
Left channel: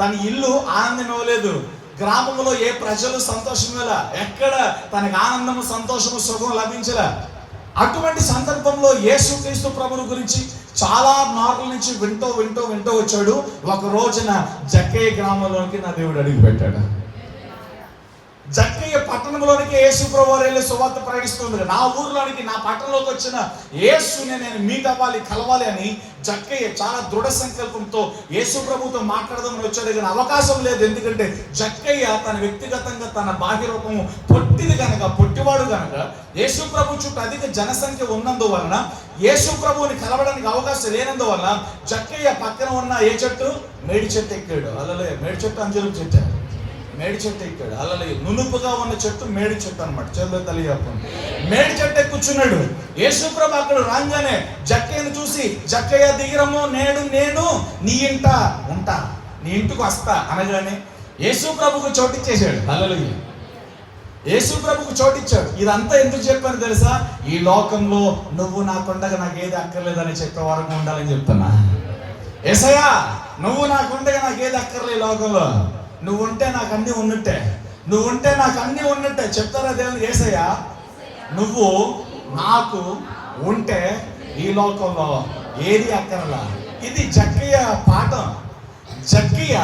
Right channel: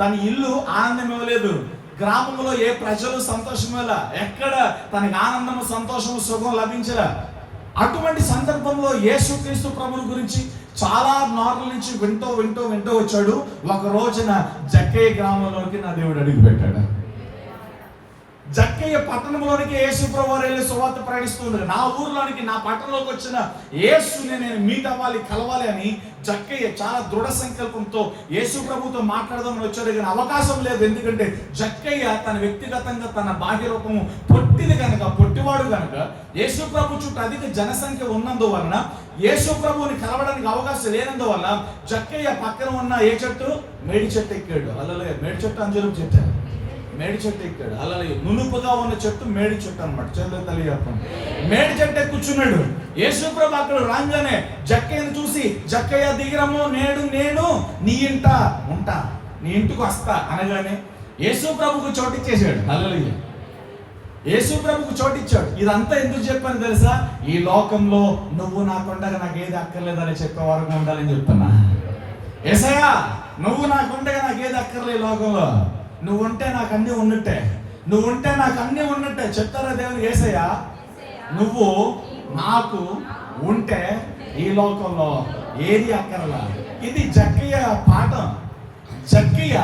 తన ఇల్లు ఆనందం ఇవ్వలేదు, గ్రామంలో ఏ ప్రజలు సంతోషం ఇవ్వాల, ఎక్కడ తనకి ఆనందము సంతోషము సుఖం లభించలే. అటువంటి సందర్భంలో యేసుక్రీస్తు ప్రభువు గురించి చాలా నార్ల నుంచి వింటూ వచ్చాడు. ఒక రోజున జక్కయ్య గ్రామంలోకి నా దేవుడు అడిగి పెట్టాడు. జక్కయ్య పట్టణంలోనికి యేసు ప్రభు వెళ్ళి సువార్త ప్రకటిస్తుంది. నా ఊర్లోనికి, నా పట్టణంలోకి వచ్చిన యేసుని నేను మీట్ అవ్వాలి, కలవాలి అని జక్కయ్య చాలా దృఢ సంకల్పంతో యేసు ప్రభుతో మాట్లాడదామని వచ్చాడు. కానీ అవకాశం లేదు. ఎందుకంటే జక్కయ్య తన వ్యక్తిగతంగా తన బాహ్య రూపము పొట్టివాడు కనుక యేసు ప్రభు చుట్టూ అధిక జనసంఖ్య ఉన్నందువలన యేసు ప్రభువుని కలవడానికి అవకాశం లేనందువల్ల జక్కయ్య పక్కన ఉన్న ఏ చెట్టు? మేడి చెట్టు ఎక్కాడు. అల్లలే మేడి చెట్టు అంజలు చెట్టు, మేడి చెట్టు ఎక్కాడు. అలా నునుపుగా ఉన్న చెట్టు మేడి చెట్టు అనమాట. చెల్లు తల్లి చెప్పండి. మేడి చెట్టు ఎక్కుచున్నాడు. యేసుప్రభు అక్కడ రాగానే జక్కయ్యను చూసి, జక్కయ్య దిగిరము, నేను నీ ఇంట ఉంటా, నీ ఇంటికి వస్తా అనగానే యేసుప్రభుకు చోటిచ్చేసాడు. హల్లెలూయా. యేసుప్రభుకు చోటిచ్చాడు. ఇదంతా ఎందుకు చెప్పాను తెలుసా? ఈ లోకంలో నువ్వు నాకుండగా నాకేది అక్కర్లేదని చెప్పే వరకు ఉండాలని చెప్తున్నా. యేసయ్యా, నువ్వు నాకుండగా నాకేది అక్కర్లేదు లోకంలో, నువ్వుంటే నాకు అన్నీ ఉన్నట్టే, నువ్వుంటే నాకు అన్నీ ఉన్నట్టే చెప్తారా దేవుడు? యేసయ్యా, నువ్వు నాకు ఉంటే ఈ లోకంలో ఏది అక్కర్లా. ఇది జక్కయ్య పాఠం. జక్కయ్య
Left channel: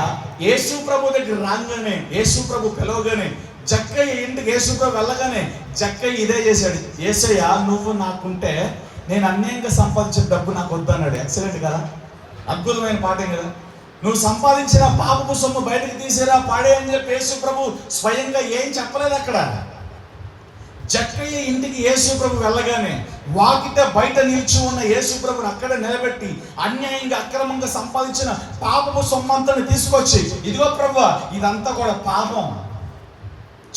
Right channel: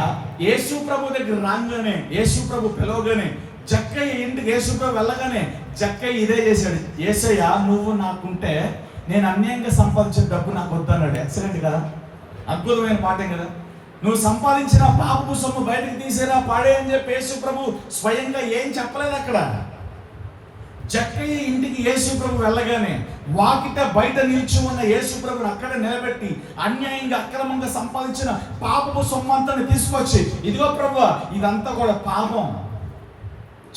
యేసు ప్రభు దగ్గర రాగానే, యేసు ప్రభు పిలవగానే, జక్కయ్య ఇంటికి యేసు ప్రభు వెళ్ళగానే జక్కయ్య ఇదే చేశాడు. యేసయ్య, నువ్వు నాకుంటే నేను అన్యాయంగా సంపాదించిన డబ్బు నాకు వద్దన్నాడు. ఎక్సలెంట్ కదా? అద్భుతమైన పాఠం కదా. నువ్వు సంపాదించిన పాపపు సొమ్ము బయటకు తీసేరా పాడే అని చెప్పి యేసు ప్రభు స్వయంగా ఏం చెప్పలేదు అక్కడ. జక్కయ్య ఇంటికి యేసు ప్రభు వెళ్ళగానే వాకిట బయట నిలిచి ఉన్న యేసు ప్రభుని అక్కడ నిలబెట్టి అన్యాయంగా అక్రమంగా సంపాదించిన పాపపు సొమ్మంతని తీసుకొచ్చి, ఇదిగో ప్రభు ఇదంతా కూడా పాపం,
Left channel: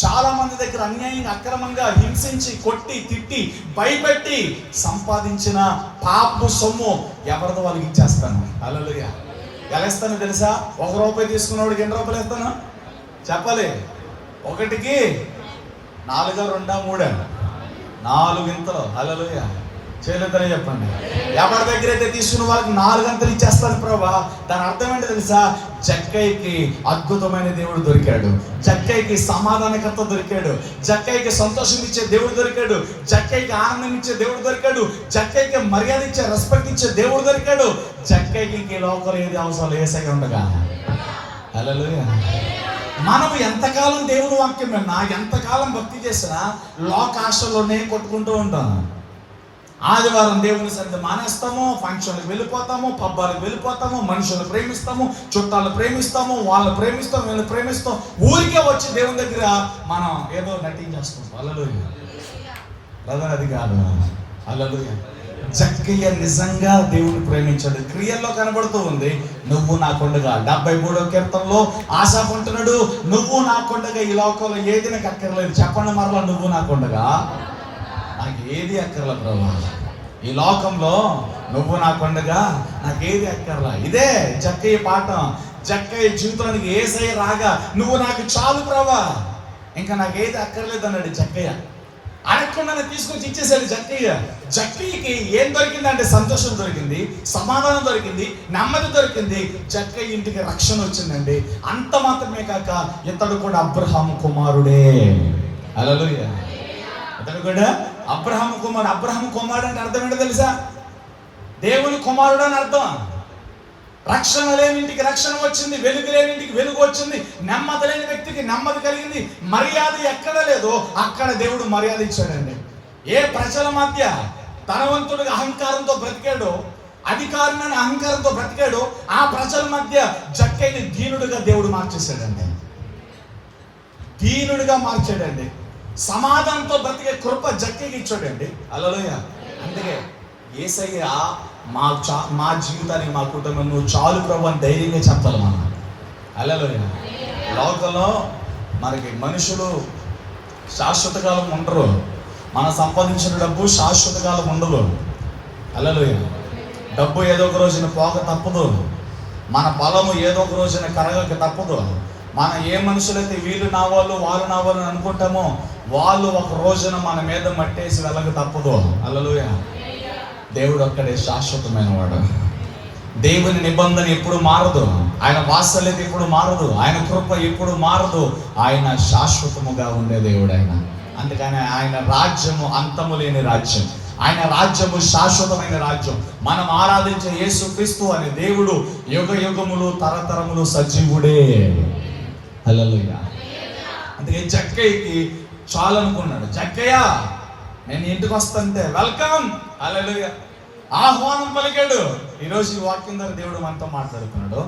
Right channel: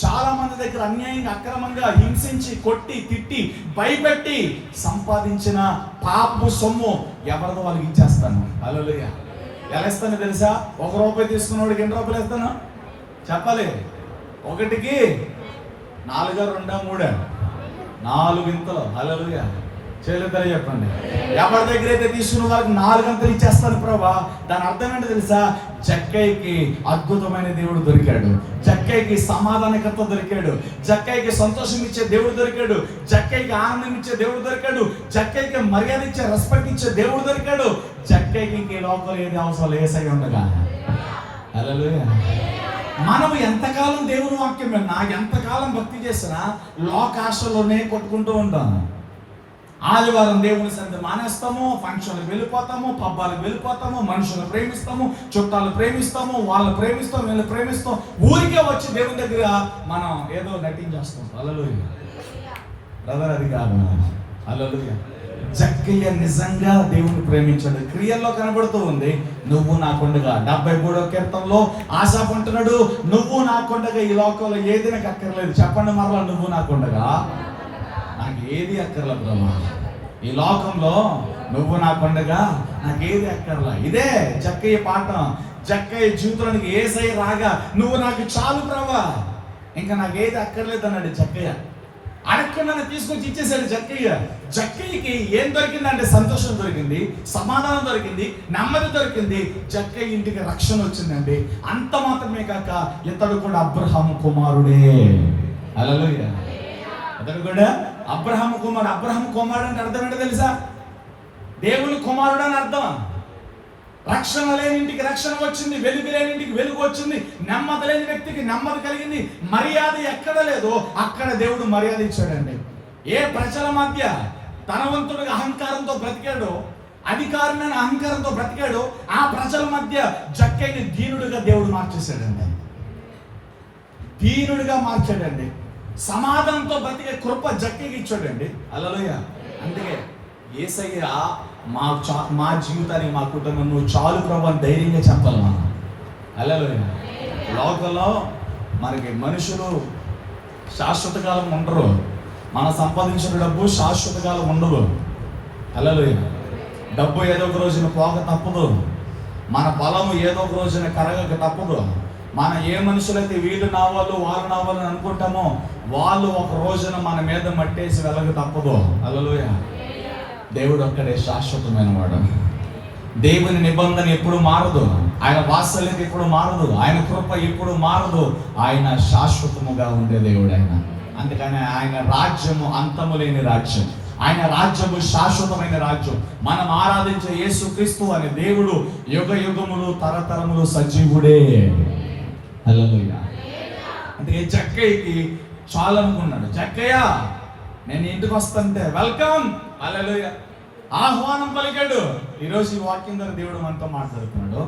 చాలా మంది దగ్గర అన్యాయంగా అక్రమంగా హింసించి కొట్టి తిట్టి భయపెట్టి సంపాదించిన పాపపు సొమ్ము ఎవరిదో వాళ్ళకి ఇచ్చేస్తాను. హల్లెలూయా. ఎలా ఇస్తాను తెలుసా? 1 రూపాయి తీసుకున్నవాడికి ఎన్ని రూపాయలు ఇస్తాను చెప్పాలి? 1కి 4, 2, 3 4 ఇంతలు. హల్లెలూయా. చేయలేదని చెప్పండి. ఎవరి దగ్గర అయితే తీసుకున్న వాళ్ళకి 4 అంతలు ఇచ్చేస్తాడు ప్రభా. దాని అర్థం ఏంటి తెలుసా? జక్కయ్యకి అద్భుతమైన దేవుడు దొరికాడు, జక్కయ్యకి సమాధానకర్త దొరికాడు, జక్కయ్యకి సంతోషం ఇచ్చే దేవుడు దొరికాడు, జక్కయ్యకి ఆనందం ఇచ్చే దేవుడు దొరికాడు, జక్కయ్యకి మర్యాద ఇచ్చే రెస్పెక్ట్ ఇచ్చే దేవుడు దొరికాడు. జక్కయ్యకి లోపల ఏది అవసరం యేసయ్య ఉండగా. హల్లెలూయా. మనము ఎంతకాలం దేవుని వాక్యం విన్నా, ఎంతకాలం భక్తి చేసినా లోకాశలోనే కొట్టుకుంటూ ఉంటాం. ఆదివారం దేవుని సన్నిధి మానేస్తాము, ఫంక్షన్లకు వెళ్ళిపోతాము, పబ్బాలకు వెళ్ళిపోతాము, మనుషులు ప్రేమిస్తాము, చుట్టాలు ప్రేమిస్తాము, వాళ్ళని ప్రేమిస్తాం, వీళ్ళని ప్రేమిస్తాం. ఊరికే వచ్చి దేవుని దగ్గర మనం ఏదో నటించేస్తాం. హల్లెలూయా. బ్రదర్ అది కాదు. హల్లెలూయా. జక్కయ్య నిజంగా దేవుని ప్రేమించాడు, క్రియల్లో కనబడుతూ ఉంది. నువ్వు నాకుండగా 73వ కీర్తనలో ఆసాఫ్ అంటున్నాడు, నువ్వు నాకుండగా ఈ లోకంలో ఏది నాకు అక్కర్లేదు. చెప్పండి మరలా, నువ్వు నాకుండగా నాకు ఏది అక్కర్లా ప్రభు. ఈ లోకంలో నువ్వు నాకుండగా నాకేది అక్కర్లా. ఇదే జక్కయ్య పాఠం. జక్కయ్య జీవితానికి యేసయ్య రాగా నువ్వు నాకు చాలు ప్రభా, ఇంకా నాకేది అక్కర్లేదు అన్నాడు జక్కయ్య. అడగకుండానే తీసుకొచ్చి ఇచ్చేసాడు జక్కయ్య. జక్కయ్యకి ఏం దొరికిందంటే సంతోషం దొరికింది, సమాధానం దొరికింది, నెమ్మది దొరికింది. జక్కయ్య ఇంటికి రక్షణ వచ్చిందండి. అంత మాత్రమే కాక ఇతడు కూడా అబ్రహాము కుమారుడే. హల్లెలూయా. ఇతడు కూడా అబ్రహాము కుమారుడు. అబ్రహాము కుమారుడు అంటే అర్థం ఏంటో తెలుసా? దేవుని కుమారుడు అని అర్థం. రక్షణ లేని ఇంటికి రక్షణ వచ్చింది, వెలుగు లేని ఇంటికి వెలుగు వచ్చింది, నెమ్మది లేని వ్యక్తికి నెమ్మది కలిగింది. మర్యాద ఎక్కడ లేదో అక్కడ దేవుడు మర్యాద ఇచ్చాడండి. ఏ ప్రజల మధ్య ధనవంతుడిగా అహంకారంతో బ్రతికాడో, అధికారులను అహంకారంతో బ్రతికాడో, ఆ ప్రజల మధ్య జక్కయ్యని దీనుడిగా దేవుడు మార్చేశాడండి. దీనుడిగా మార్చాడండి. సమాధానంతో బ్రతికే కృప జక్కయ్యకి ఇచ్చాడండి. హల్లెలూయా. అందుకే యేసయ్య మా జీవితానికి, మా కుటుంబం నువ్వు చాలు ప్రభు అని ధైర్యంగా చెప్పాలి మనం. హల్లెలూయా. లోకంలో మనకి మనుషులు శాశ్వత కాలం ఉండరు. మనం సంపాదించిన డబ్బు శాశ్వత కాలం ఉండదు. హల్లెలూయా. డబ్బు ఏదో ఒక రోజున పోక తప్పదు. మన బలము ఏదో ఒక రోజున కరగక తప్పదు. మనం ఏ మనుషులైతే వీళ్ళు నా వాళ్ళు వాళ్ళు నా వాళ్ళు అని అనుకుంటామో వాళ్ళు ఒక రోజున మన మీద మట్టేసి వెళ్ళక తప్పదు. హల్లెలూయా. దేవుడు ఒక్కడే శాశ్వతమైన వాడు. దేవుని నిబంధన ఎప్పుడు మారదు, ఆయన వాత్సల్యత ఎప్పుడు మారదు, ఆయన కృప ఎప్పుడు మారదు. ఆయన శాశ్వతముగా ఉండే దేవుడు ఆయన. అందుకని ఆయన రాజ్యము అంతము లేని రాజ్యం, ఆయన రాజ్యము శాశ్వతమైన రాజ్యం. మనం ఆరాధించే యేసుక్రీస్తు అనే దేవుడు యుగ యుగములు తరతరములు సజీవుడే. హల్లెలూయా. అందుకే జక్కయ్యకి చాలు అనుకున్నాడు. జక్కయ్య నేను ఇంటికి వస్తాంటే వెల్కమ్. హల్లెలూయా. ఆహ్వానం పలికాడు. ఈరోజు ఈ వాక్యం ద్వారా దేవుడు మనతో మాట్లాడుతున్నాడు.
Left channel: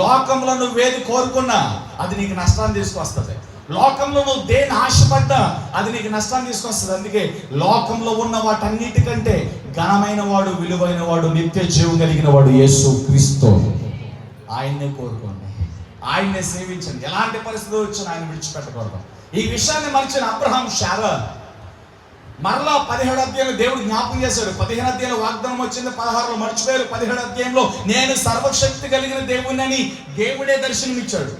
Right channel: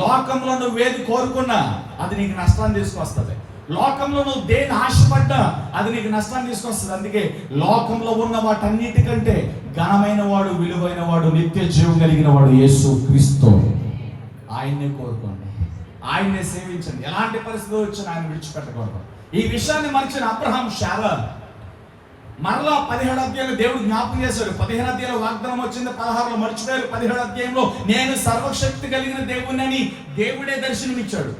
లోకంలో నువ్వు ఏది కోరుకున్నా అది నీకు నష్టాన్ని తీసుకొస్తుంది. లోకంలో నువ్వు దేని ఆశపడ్డా అది నీకు నష్టాన్ని తీసుకొస్తుంది. అందుకే లోకంలో ఉన్న వాటన్నిటికంటే ఘనమైన వాడు, విలువైన వాడు, నిత్య జీవం కలిగిన వాడు యేసుక్రీస్తు. ఆయన్నే కోరుకోండి, ఆయన్నే సేవించండి. ఎలాంటి పరిస్థితి వచ్చినా ఆయన విడిచిపెట్టకూడదు. ఈ విషయాన్ని మరిచిన అబ్రహాం శారా మరలా 17వ అధ్యాయంలో దేవుడు జ్ఞాపకం చేశాడు. 15వ అధ్యాయంలో వాగ్దానం వచ్చింది, 16లో మర్చిపోయారు. 17వ అధ్యాయంలో నేను సర్వశక్తి కలిగిన దేవుడిని దేవుడే దర్శనమిచ్చాడు.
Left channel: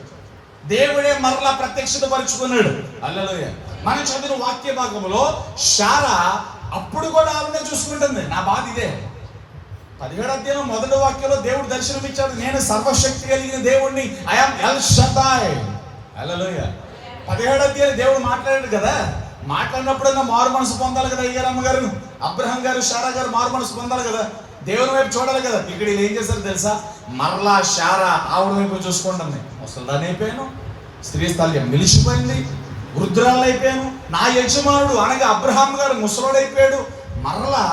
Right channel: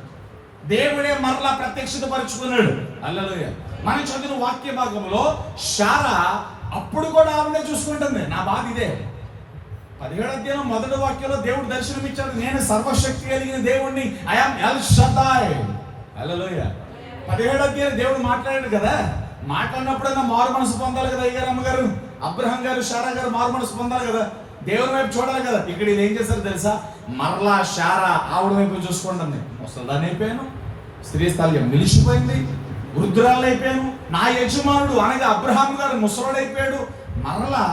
దేవుడే మరలా ప్రత్యక్షత పరుచుకున్నాడు. హల్లెలూయా. మనం చదివిన వాక్య భాగంలో శారా అప్పుడు కూడా ఆవిడనే చూసుకుంటుంది. నా బాధ ఇదే. 17వ అధ్యాయంలో మొదటి వాక్యంలో దేవుడు దర్శనం ఇచ్చాడు, నేను సర్వశక్తి కలిగిన దేవుడిని, ఐ యామ్ ఎల్ షదాయ్. హల్లెలూయా. 17వ అధ్యాయంలో దేవుడు మాట్లాడాడు కదా. మాట్లాడినప్పుడన్నా మారు మనసు పొందాలి కదా. అయ్యారమ్మ గారు, అబ్రహాం గారు, శారా గారు మారు మనసు పొందాలి కదా, దేవుని వైపు చూడాలి కదా. ఇక్కడ వీళ్ళు ఏం చేశారు తెలుసా? మరలా శారా ఆవిడ వైపు చూసుకుంటుంది. అసలు దాన్ని అయిపోయాను, స్త్రీ స్థలం మిలిచిపోయింది, వృద్ధురాలు అయిపోయాను. నా యజమానుడు అనగా అబ్రహాం గారు ముసలోడైపోయాడు, మరలా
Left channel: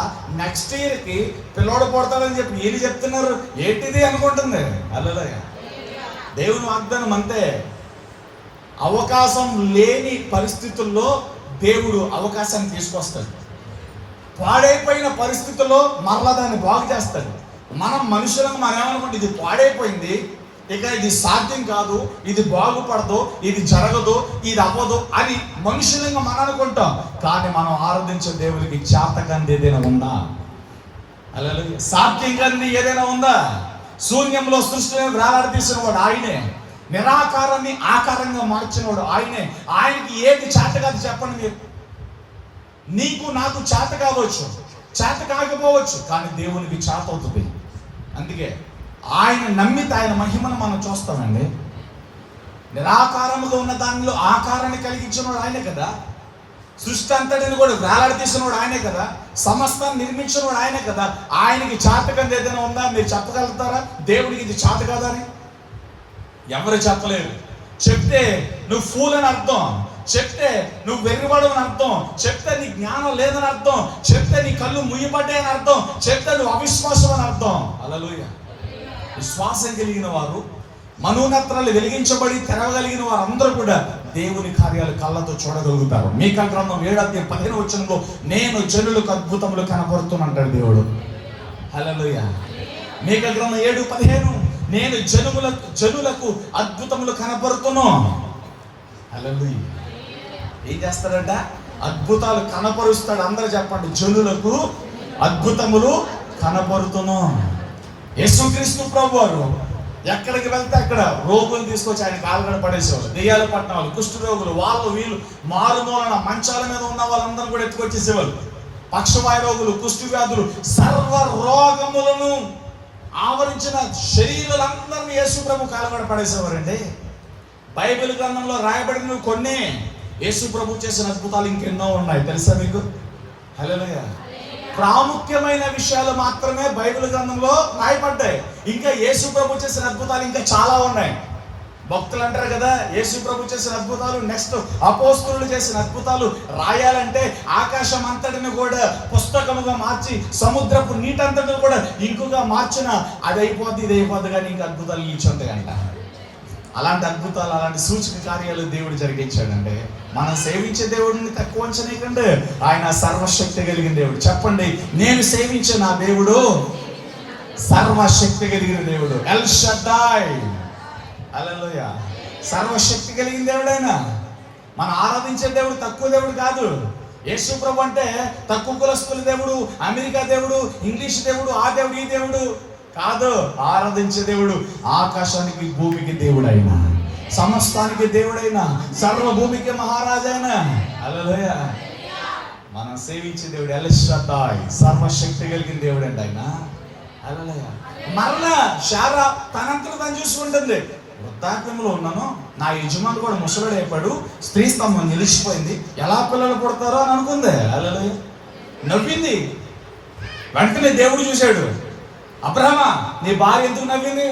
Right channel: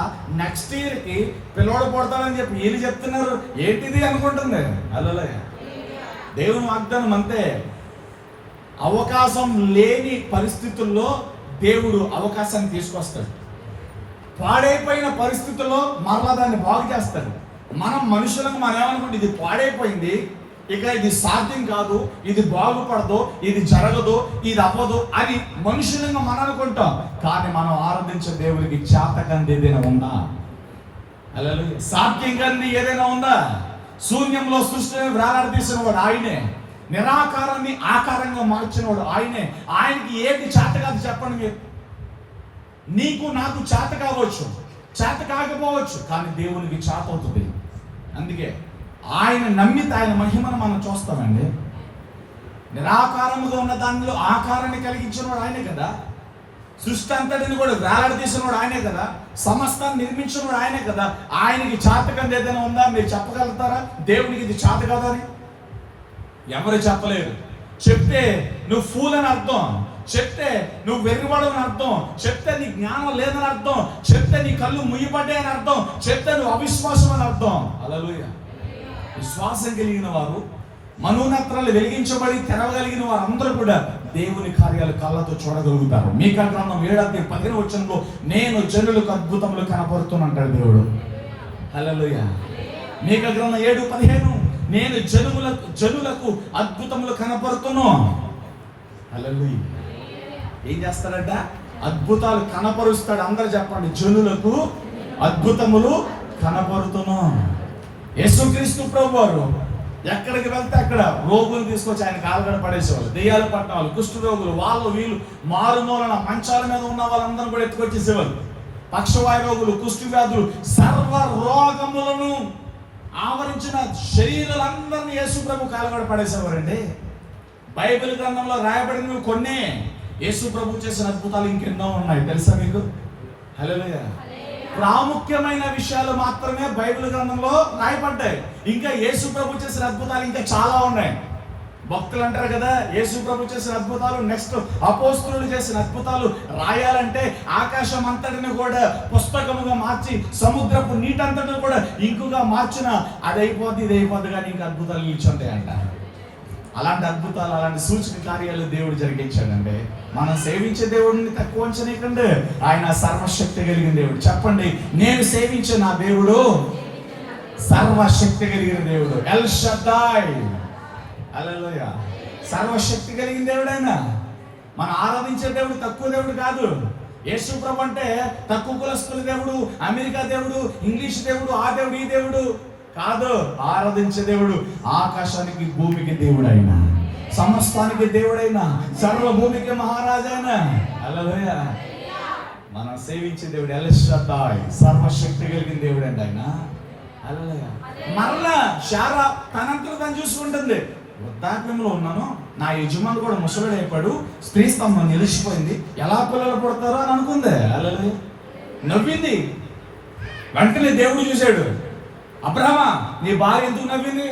నెక్స్ట్ ఇయర్కి పిల్లోడు పుడతాడని చెప్పి వీళ్ళు చెప్తున్నారు, ఏంటిది అనుకుంటుంది. అల్లలే దేవుని వాగ్దానం అంతే. అవకాశం లేని పరిస్థితుల్లో దేవుడు అవకాశాన్ని తీసుకొస్తాడు. పాడైపోయిన పరిస్థితుల్లో మరలా దాన్ని బాగు చేస్తాడు. మనం మనుషులకు మనం ఏమనుకుంటే ఇది పాడైపోయింది, ఇక ఇది సాధ్యం కాదు, ఇది బాగుపడదు, ఇది జరగదు, ఇది అవ్వదు అని మనుషులంగా మనం అనుకుంటాం. కానీ మనం ఆరాధించే దేవునికి చేతకంది ఏదైనా ఉందా? హల్లెలూయా. సాధ్యం కంది ఏదైనా ఉందా? శూన్యంలో సృష్టిని వేలాడదీసిన వాడు ఆయనే, నిరాకారాన్ని ఆకారంగా మార్చిన వాడు ఆయనే. ఆయనకి ఏది చేత కాదు చెప్పండి మీరు. నీకు నాకు చేత కావచ్చు, చేత కాకపోవచ్చు, కానీ దేవునికి చేత అవుతుంది. అందుకే ఆయన నమ్మితే ఆయన మహిమను మనం చూస్తామండి. నిరాకారముగా ఉన్న దానిలో ఆకారాన్ని కలిగించినవాడు ఆయనే కదా. సృష్టి అంతటిని కూడా వేలాడదీసినవాడు ఆయనే కదా. సమస్తాన్ని నిర్మించినవాడు ఆయనే కదా. ఆయనకి చేతకంది ఏదైనా ఉందా? మీరు చెప్పగలుగుతారా దేవునికి ఇది చేత కాదని? ఎవరు చెప్పలేరు. చెప్తే నువ్వు ఫూల్ అని అర్థం, చెప్తే నువ్వు వెర్రివాడు అని అర్థం, చెప్తే నీ జ్ఞానం లేదని అర్థం, చెప్తే నీ కళ్ళు ముయ్యబడ్డాయని అర్థం, చెప్తే నువ్వు అవిశ్వాసం అని అర్థం. హల్లెలూయా. విశ్వాసం కలిగిన వారు, మనోనేత్రాలు వెలిగించబడి తెరవగలిగిన వారు అందరూ కూడా దేవుని కార్యాలు కళ్ళతో చూడగలుగుతారు. మీకా గ్రంథం 7:15 నేను జనులకు అద్భుతములు కనపడుతున్నాడు దేవుడు. హల్లెలూయా. మీకా గ్రంథం 7:15 నేను జనులకు అద్భుతములు కనపడుతున్నా. హల్లెలూయా. ఏం చేస్తాడంట? అద్భుతాలు కనపరుస్తాడు. అందరూ చెప్పండి, జనులకు అద్భుతములు కనపడుతున్నా. యేసుక్రీస్తు ప్రభు వారు ఎక్కడికి వెళ్తే అక్కడ రోగులు తీసుకొచ్చి ఆయన కాలుగడ పడేసేవాళ్ళు. దెయ్యాలు పట్టిన వాళ్ళు, కుష్ఠ రోగులు, వాళ్ళు వీళ్ళు మారుమూలన మంచాల మీద ఉన్న వాళ్ళందరూ కూడా ఎత్తుకొచ్చేసేవాళ్ళు. పక్షవాయు రోగులు, కుష్ఠ వ్యాధులు, సర్వ రోగములను ఆవరించిన శరీరాలందరినీ యేసు ప్రభు కాలుగడ పడేసేవారండి. బైబిల్ గ్రంథంలో రాయబడినవి కొన్ని, యేసు ప్రభు చేసిన అద్భుతాలు ఇంకెన్నో ఉన్నాయి. తెలుసా మీకు? హల్లెలూయా. ప్రాముఖ్యమైన విషయాలు మాత్రమే బైబిల్ గ్రంథంలో రాయబడ్డాయి. ఇంకా యేసు ప్రభు చేసిన అద్భుతాలు ఇంకా చాలా ఉన్నాయి. భక్తులు అంటారు కదా, యేసు ప్రభు చేసిన అద్భుతాలు, నెక్స్ట్ అపోస్తలులు చేసిన అద్భుతాలు రాయాలంటే ఆకాశం అంతటిని కూడా పుస్తకముగా మార్చి సముద్రపు నీటంతటిని కూడా ఇంకుగా మార్చిన అది అయిపోద్ది, ఇది అయిపోద్ది, కానీ ఇంకా అద్భుతాలు నిలిచుంటాయంట. అలాంటి అద్భుతాలు, అలాంటి సూచక కార్యాలు దేవుడు జరిగించాడంటే మనం సేవించే దేవుడిని తక్కువ అంచనీయకండి. ఆయన సర్వశక్తి కలిగిన దేవుడు. చెప్పండి, నేను సేవించే నా దేవుడు సర్వశక్తి కలిగిన దేవుడు. ఎల్ షడ్డాయ్. హల్లెలూయా. సర్వశక్తి కలిగిన దేవుడైనా మనం ఆరాధించే దేవుడు తక్కువ దేవుడు కాదు. యేసు ప్రభు అంటే తక్కువ కులస్తుల దేవుడు, అమెరికా దేవుడు, ఇంగ్లీష్ దేవుడు, ఆ దేవుడు, ఈ దేవుడు కాదు. ఆరాధించే దేవుడు ఆకాశానికి భూమికి దేవుడైనా, సమస్తానికి దేవుడైనా, సర్వభూమికి మహారాజైనా. హల్లెలూయా. మనం సేవించే దేవుడు ఎల్ షడ్డాయ్, సర్వశక్తి కలిగిన దేవుడు అండి ఆయన. హల్లెలూయా. మరలా శారా తనంతట తను చూసుకుంటుంది. వృద్ధాప్యంలో ఉన్నాను, నా యజమాని కూడా ముసలుడు అయిపోయాడు, స్త్రీ స్తంభం నిలిచిపోయింది, ఎలా పిల్లలు పుడతారో అని అనుకుంది. హల్లెలూయా. నవ్వింది. వెంటనే దేవుడు చూశాడు, అబ్రహమా నీ భార్య ఎందుకు నవ్వింది?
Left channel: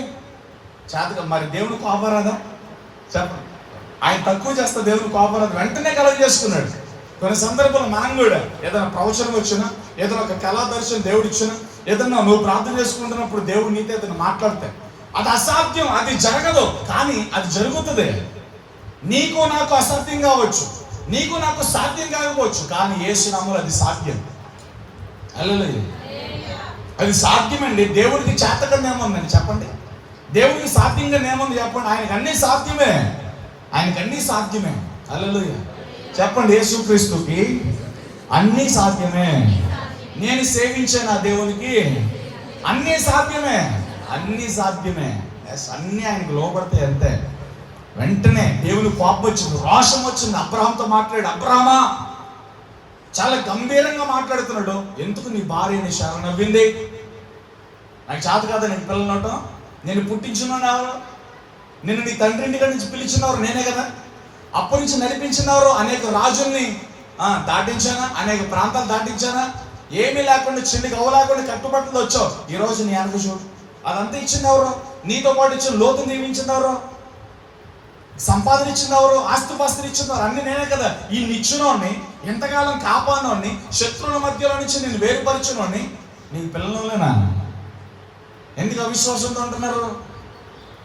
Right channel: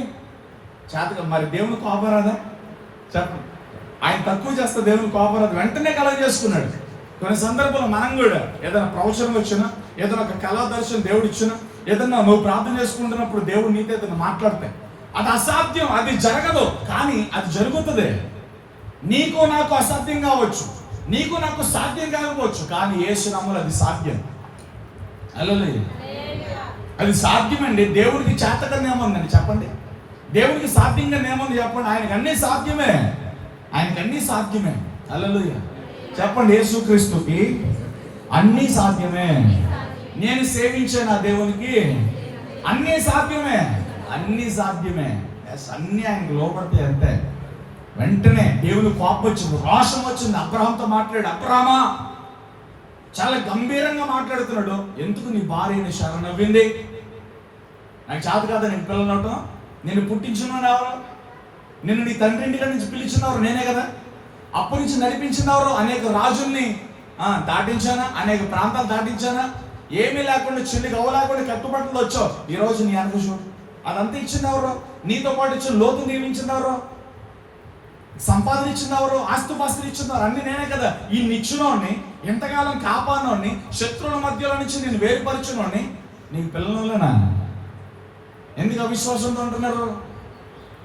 చేతగా మరి దేవుని కోపరాదా? చెప్పండి. ఆయన తక్కువ చేస్తే దేవుని కోపరాదు. వెంటనే కలగ చేసుకున్నాడు. కొన్ని సందర్భాల్లో మనం కూడా ఏదైనా ప్రవచనం వచ్చినా, ఏదైనా ఒక కళా దర్శనం దేవుడు ఇచ్చినా, ఏదన్నా నువ్వు ప్రార్థన చేసుకుంటున్నప్పుడు దేవుడు నీతో ఏదైనా మాట్లాడితే అది అసాధ్యం, అది జరగదు, కానీ అది జరుగుతుంది. నీకు నాకు అసాధ్యం కావచ్చు, నీకు నాకు సాధ్యం కాకపోవచ్చు, కానీ యేసు నామములో అది సాధ్యం. హల్లెలూయా. అది సాధ్యమండి. దేవుడికి చేతకంగా ఏముందండి చెప్పండి? దేవుడికి సాధ్యంగా ఏముంది చెప్పండి? ఆయనకు అన్నీ సాధ్యమే, ఆయనకు అన్నీ సాధ్యమే. హల్లెలూయా. చెప్పండి, యేసుక్రీస్తుకి అన్నీ సాధ్యమే. నేను సేవించే నా దేవునికి అన్నీ సాధ్యమే, అన్నీ సాధ్యమే. అన్నీ ఆయనకు లోపడితే అంతే. వెంటనే దేవుని కోపం వచ్చింది, రోషం వచ్చింది. అబ్రహాంతో మాట్లాడు, అబ్రహామా చాలా గంభీరంగా మాట్లాడుతున్నాడు. ఎందుకు నీ భార్యని శారా నవ్వింది? నాకు చేత కాదా నేను పిల్లలు అవటం? నేను పుట్టించున్నాను ఎవరు? నిన్ను నీ తండ్రి ఇంటికి నుంచి పిలిచినవారు నేనే కదా. అప్పటి నుంచి నడిపించినవారు అనేక రాజుల్ని దాటించానా, అనేక ప్రాంతాలు దాటించానా, ఏమీ లేకుండా చిల్లికి అవ్వలేకుండా కట్టుబట్టలు వచ్చావు. ఈరోజు నీ వెనక చూడు, అదంతా ఇచ్చింది ఎవరు? నీతో పాటు ఇచ్చిన లోతు నియమించింది ఎవరు? సంపాదన ఇచ్చింది ఎవరు? ఆస్తిపాస్తులు ఇచ్చింది ఎవరు? అన్ని నేనే కదా. ఈ నిచ్చునోని, ఎంతకాలం కాపాడినోని, శత్రువుల మధ్యలో నుంచి నేను వేరుపరచునోని నీకు పిల్లలేనా? ఎందుకు అవిశ్వాసంతో ఉంటున్నారు?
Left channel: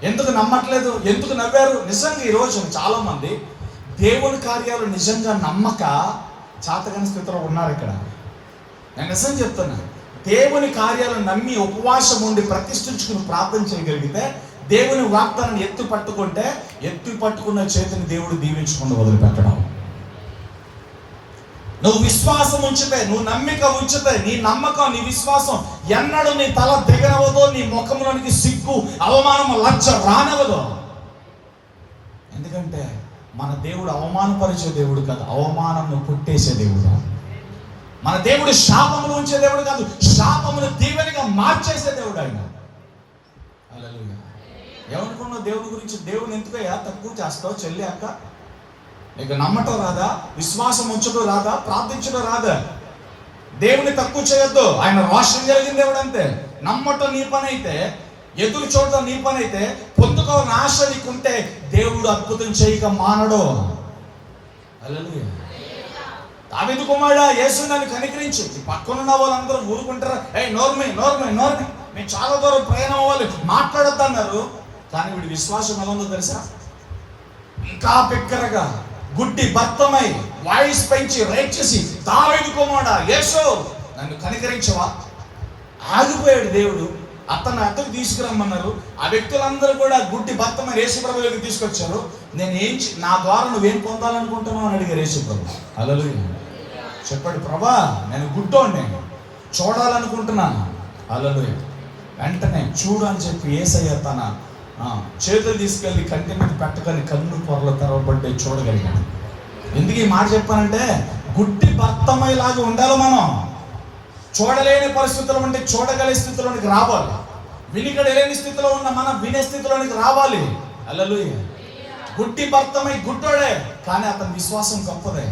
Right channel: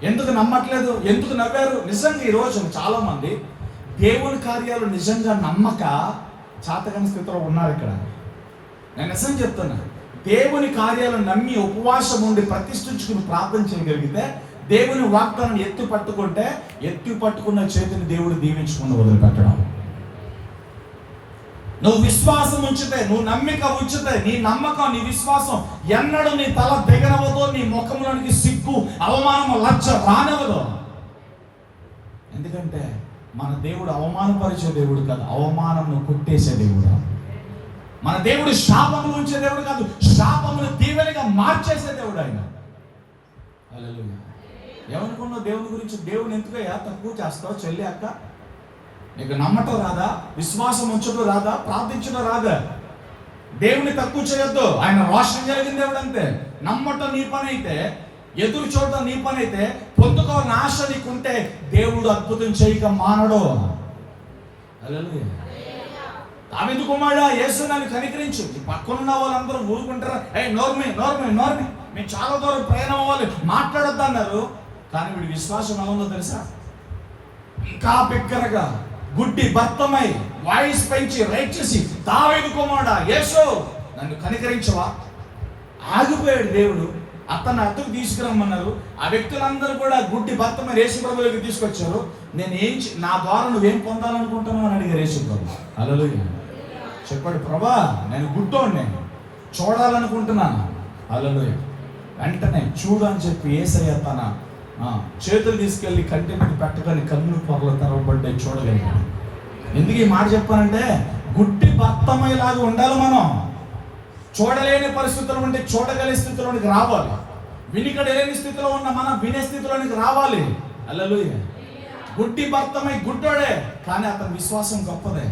ఎందుకు నమ్మట్లేదు? ఎందుకు నవ్వారు? నిజంగా ఈరోజు చాలా మంది దేవుని కార్యాలు నిజంగా నమ్మక చాతకని స్థితిలో ఉన్నారు. ఇక్కడ నేను నిజం చెప్తున్నా, దేవుని కార్యాలను నమ్మి ఉపవాసం ఉండి ప్రతిష్ఠించుకుని ప్రార్థన చేయగలిగితే, దేవుని వాగ్దానాన్ని ఎత్తి పట్టుకుంటే, ఎత్తి పట్టుకున్న చేతిని దేవుడు దీవించకుండా వదిలిపెట్టడం. నువ్వు విశ్వాసం ఉంచితే, నువ్వు నమ్మిక ఉంచితే, నీ నమ్మకం, నీ విశ్వాసం ఎన్నడూ నీ తల దిగనవదో, నీ ముఖంలోనికి సిగ్గు, అవమానం, లజ్జ రానవదు. ఎందుకంటే మన దేవుడు అవమానపరిచే దేవుడు కాదు, అవమానంను పుట్టేసే దేవుడు. మన దేవుడు శాపములు ఉంచే దేవుడు కాదు, శాపమును దీవెనగా మార్చేసే దేవుడు ఆయన. హల్లెలూయా. ఏమనుకున్నావు దేవుని గురించి? దేవుని ఎందుకయ్యా తక్కువ చేస్తావు? చెల్లి, అక్క, నీకు నమ్మటం రాదా? విశ్వాసం ఉంచడం రాదా? ప్రార్థించడం రాదా? దేవుని తక్కువ చేయొద్దు. ఆయన రోషం కలిగిన దేవుడు అంతే. నమ్మటం నీ పని అయితే, ఎదురు చూడటం నీ పని అయితే, పొందుకోవాలని ఆశ నీకుంటే దేవుడు అద్భుతం చేయక మానడు. హల్లెలూయా. దావీదు కుమారుడా, యేసు నన్ను కనికరించు. పక్కనున్న వాళ్ళందరూ ఊరుకుంటారా? నోర్మి మేము చాలా దూరం ప్రయాణం అవ్వాలి, మాట్లాడొద్దు అన్నారు. కానీ వీడి విశ్వాసం ఎలా ఉందో తెలుసా? ఇంకా బిగ్గరగా, గుడ్డి భర్తమై వాయిస్ పెంచి రైట్ చేసి, దావీదు కుమారుడా యేసు నన్ను కనికరించవా? ఆగిపోయాడు దేవుడు. అతను అతను తీసుకురమ్మన్నారు. ఆ వ్యక్తులందరూ కూడా గుడ్డి భర్తమై యేసుప్రభువుకి తీసుకొచ్చారు. నా ద్వారా నువ్వేం పొందాలనుకుంటున్నావు అని అడిగారు యేసుప్రభు. హల్లెలూయా. చెప్పాడు, ప్రభా నేను గుడ్డోడిని, చూడాలనుకుంటున్నాను. హల్లెలూయా. వెంటనే చూడు అని చెప్పి యేసయ్య తన చేతులు తీసుకెళ్లి కంటి మీద పెట్టగానే కన్ను పొరలు తెరవబడ్డాయి, చూడగలిగాడు. ఎందుకు ఈ మాట చెప్పానంటే, గుడ్డి భర్తమయ్యేలాగా ఉండాలి మనం. చూడలేని పరిస్థితులు ఉంటే చూడగలిగే స్థితిలోనికి రావాలి. వినిగడలేని స్థితిలో ఉన్న మనం వినే స్థితిలోనికి రావాలి. హల్లెలూయా. గుడ్డి భర్తమై గుడ్డోడే, కానీ అతని విశ్వాసం గొప్పదే.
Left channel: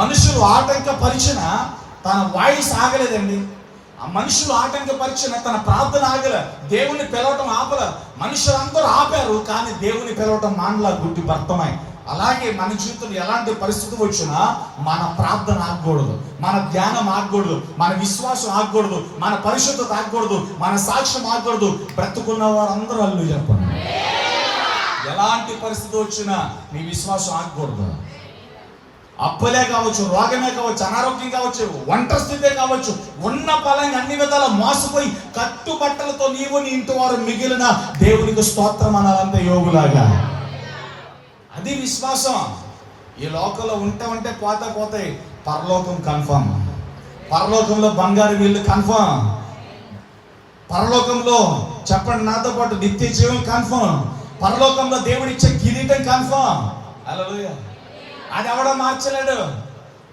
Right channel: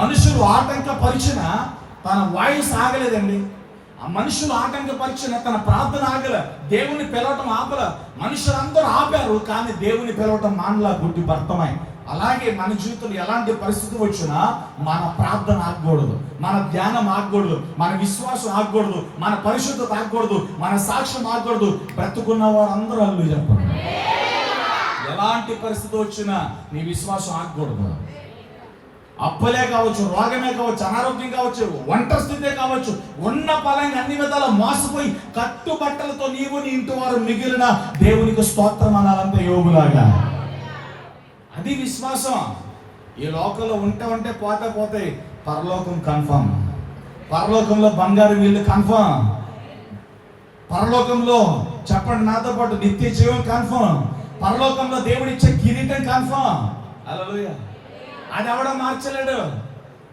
మనుషులు ఆటంకపరిచిన తన వాయిస్ ఆగలేదండి. ఆ మనుషులు ఆటంకపరిచిన తన ప్రార్థన ఆగల, దేవుని పిలవటం ఆపల. మనుషులందరూ ఆపారు, కానీ దేవుని పిలవటం మానలా గుడ్డి భర్తమై. అలాగే మన జీవితంలో ఎలాంటి పరిస్థితి వచ్చినా మన ప్రార్థన ఆగకూడదు, మన ధ్యానం ఆగకూడదు, మన విశ్వాసం ఆగకూడదు, మన పరిశుద్ధత ఆగకూడదు, మన సాక్ష్యం ఆగకూడదు. బ్రతుకున్న వారందరూ అల్లు చెప్పండి. ఎలాంటి పరిస్థితి వచ్చినా నీ విశ్వాసం ఆగకూడదు. అప్పులే కావచ్చు, రోగమే కావచ్చు, అనారోగ్యం కావచ్చు, ఒంటరి స్థితే కావచ్చు, ఉన్న పలంగా అన్ని విధాల మోసపోయి కట్టుబట్టలతో నీవు నీ ఇంటి వారు మిగిలిన దేవునికి స్తోత్రం అనాలంటే యోగులాగా. అది విశ్వాసం. ఈ లోకంలో ఉంటే పోతాయి. పరలోకం కన్ఫర్మ్. పరలోకంలో బంగారు వీళ్ళు కన్ఫర్మ్. పరలోకంలో చెప్పండి నాతో పాటు, నిత్య జీవం కన్ఫర్మ్. పరలోకంలో దేవుడిచ్చే కిరీటం కన్ఫర్మ్. హల్లెలూయా. అది ఎవడో మార్చలేడు.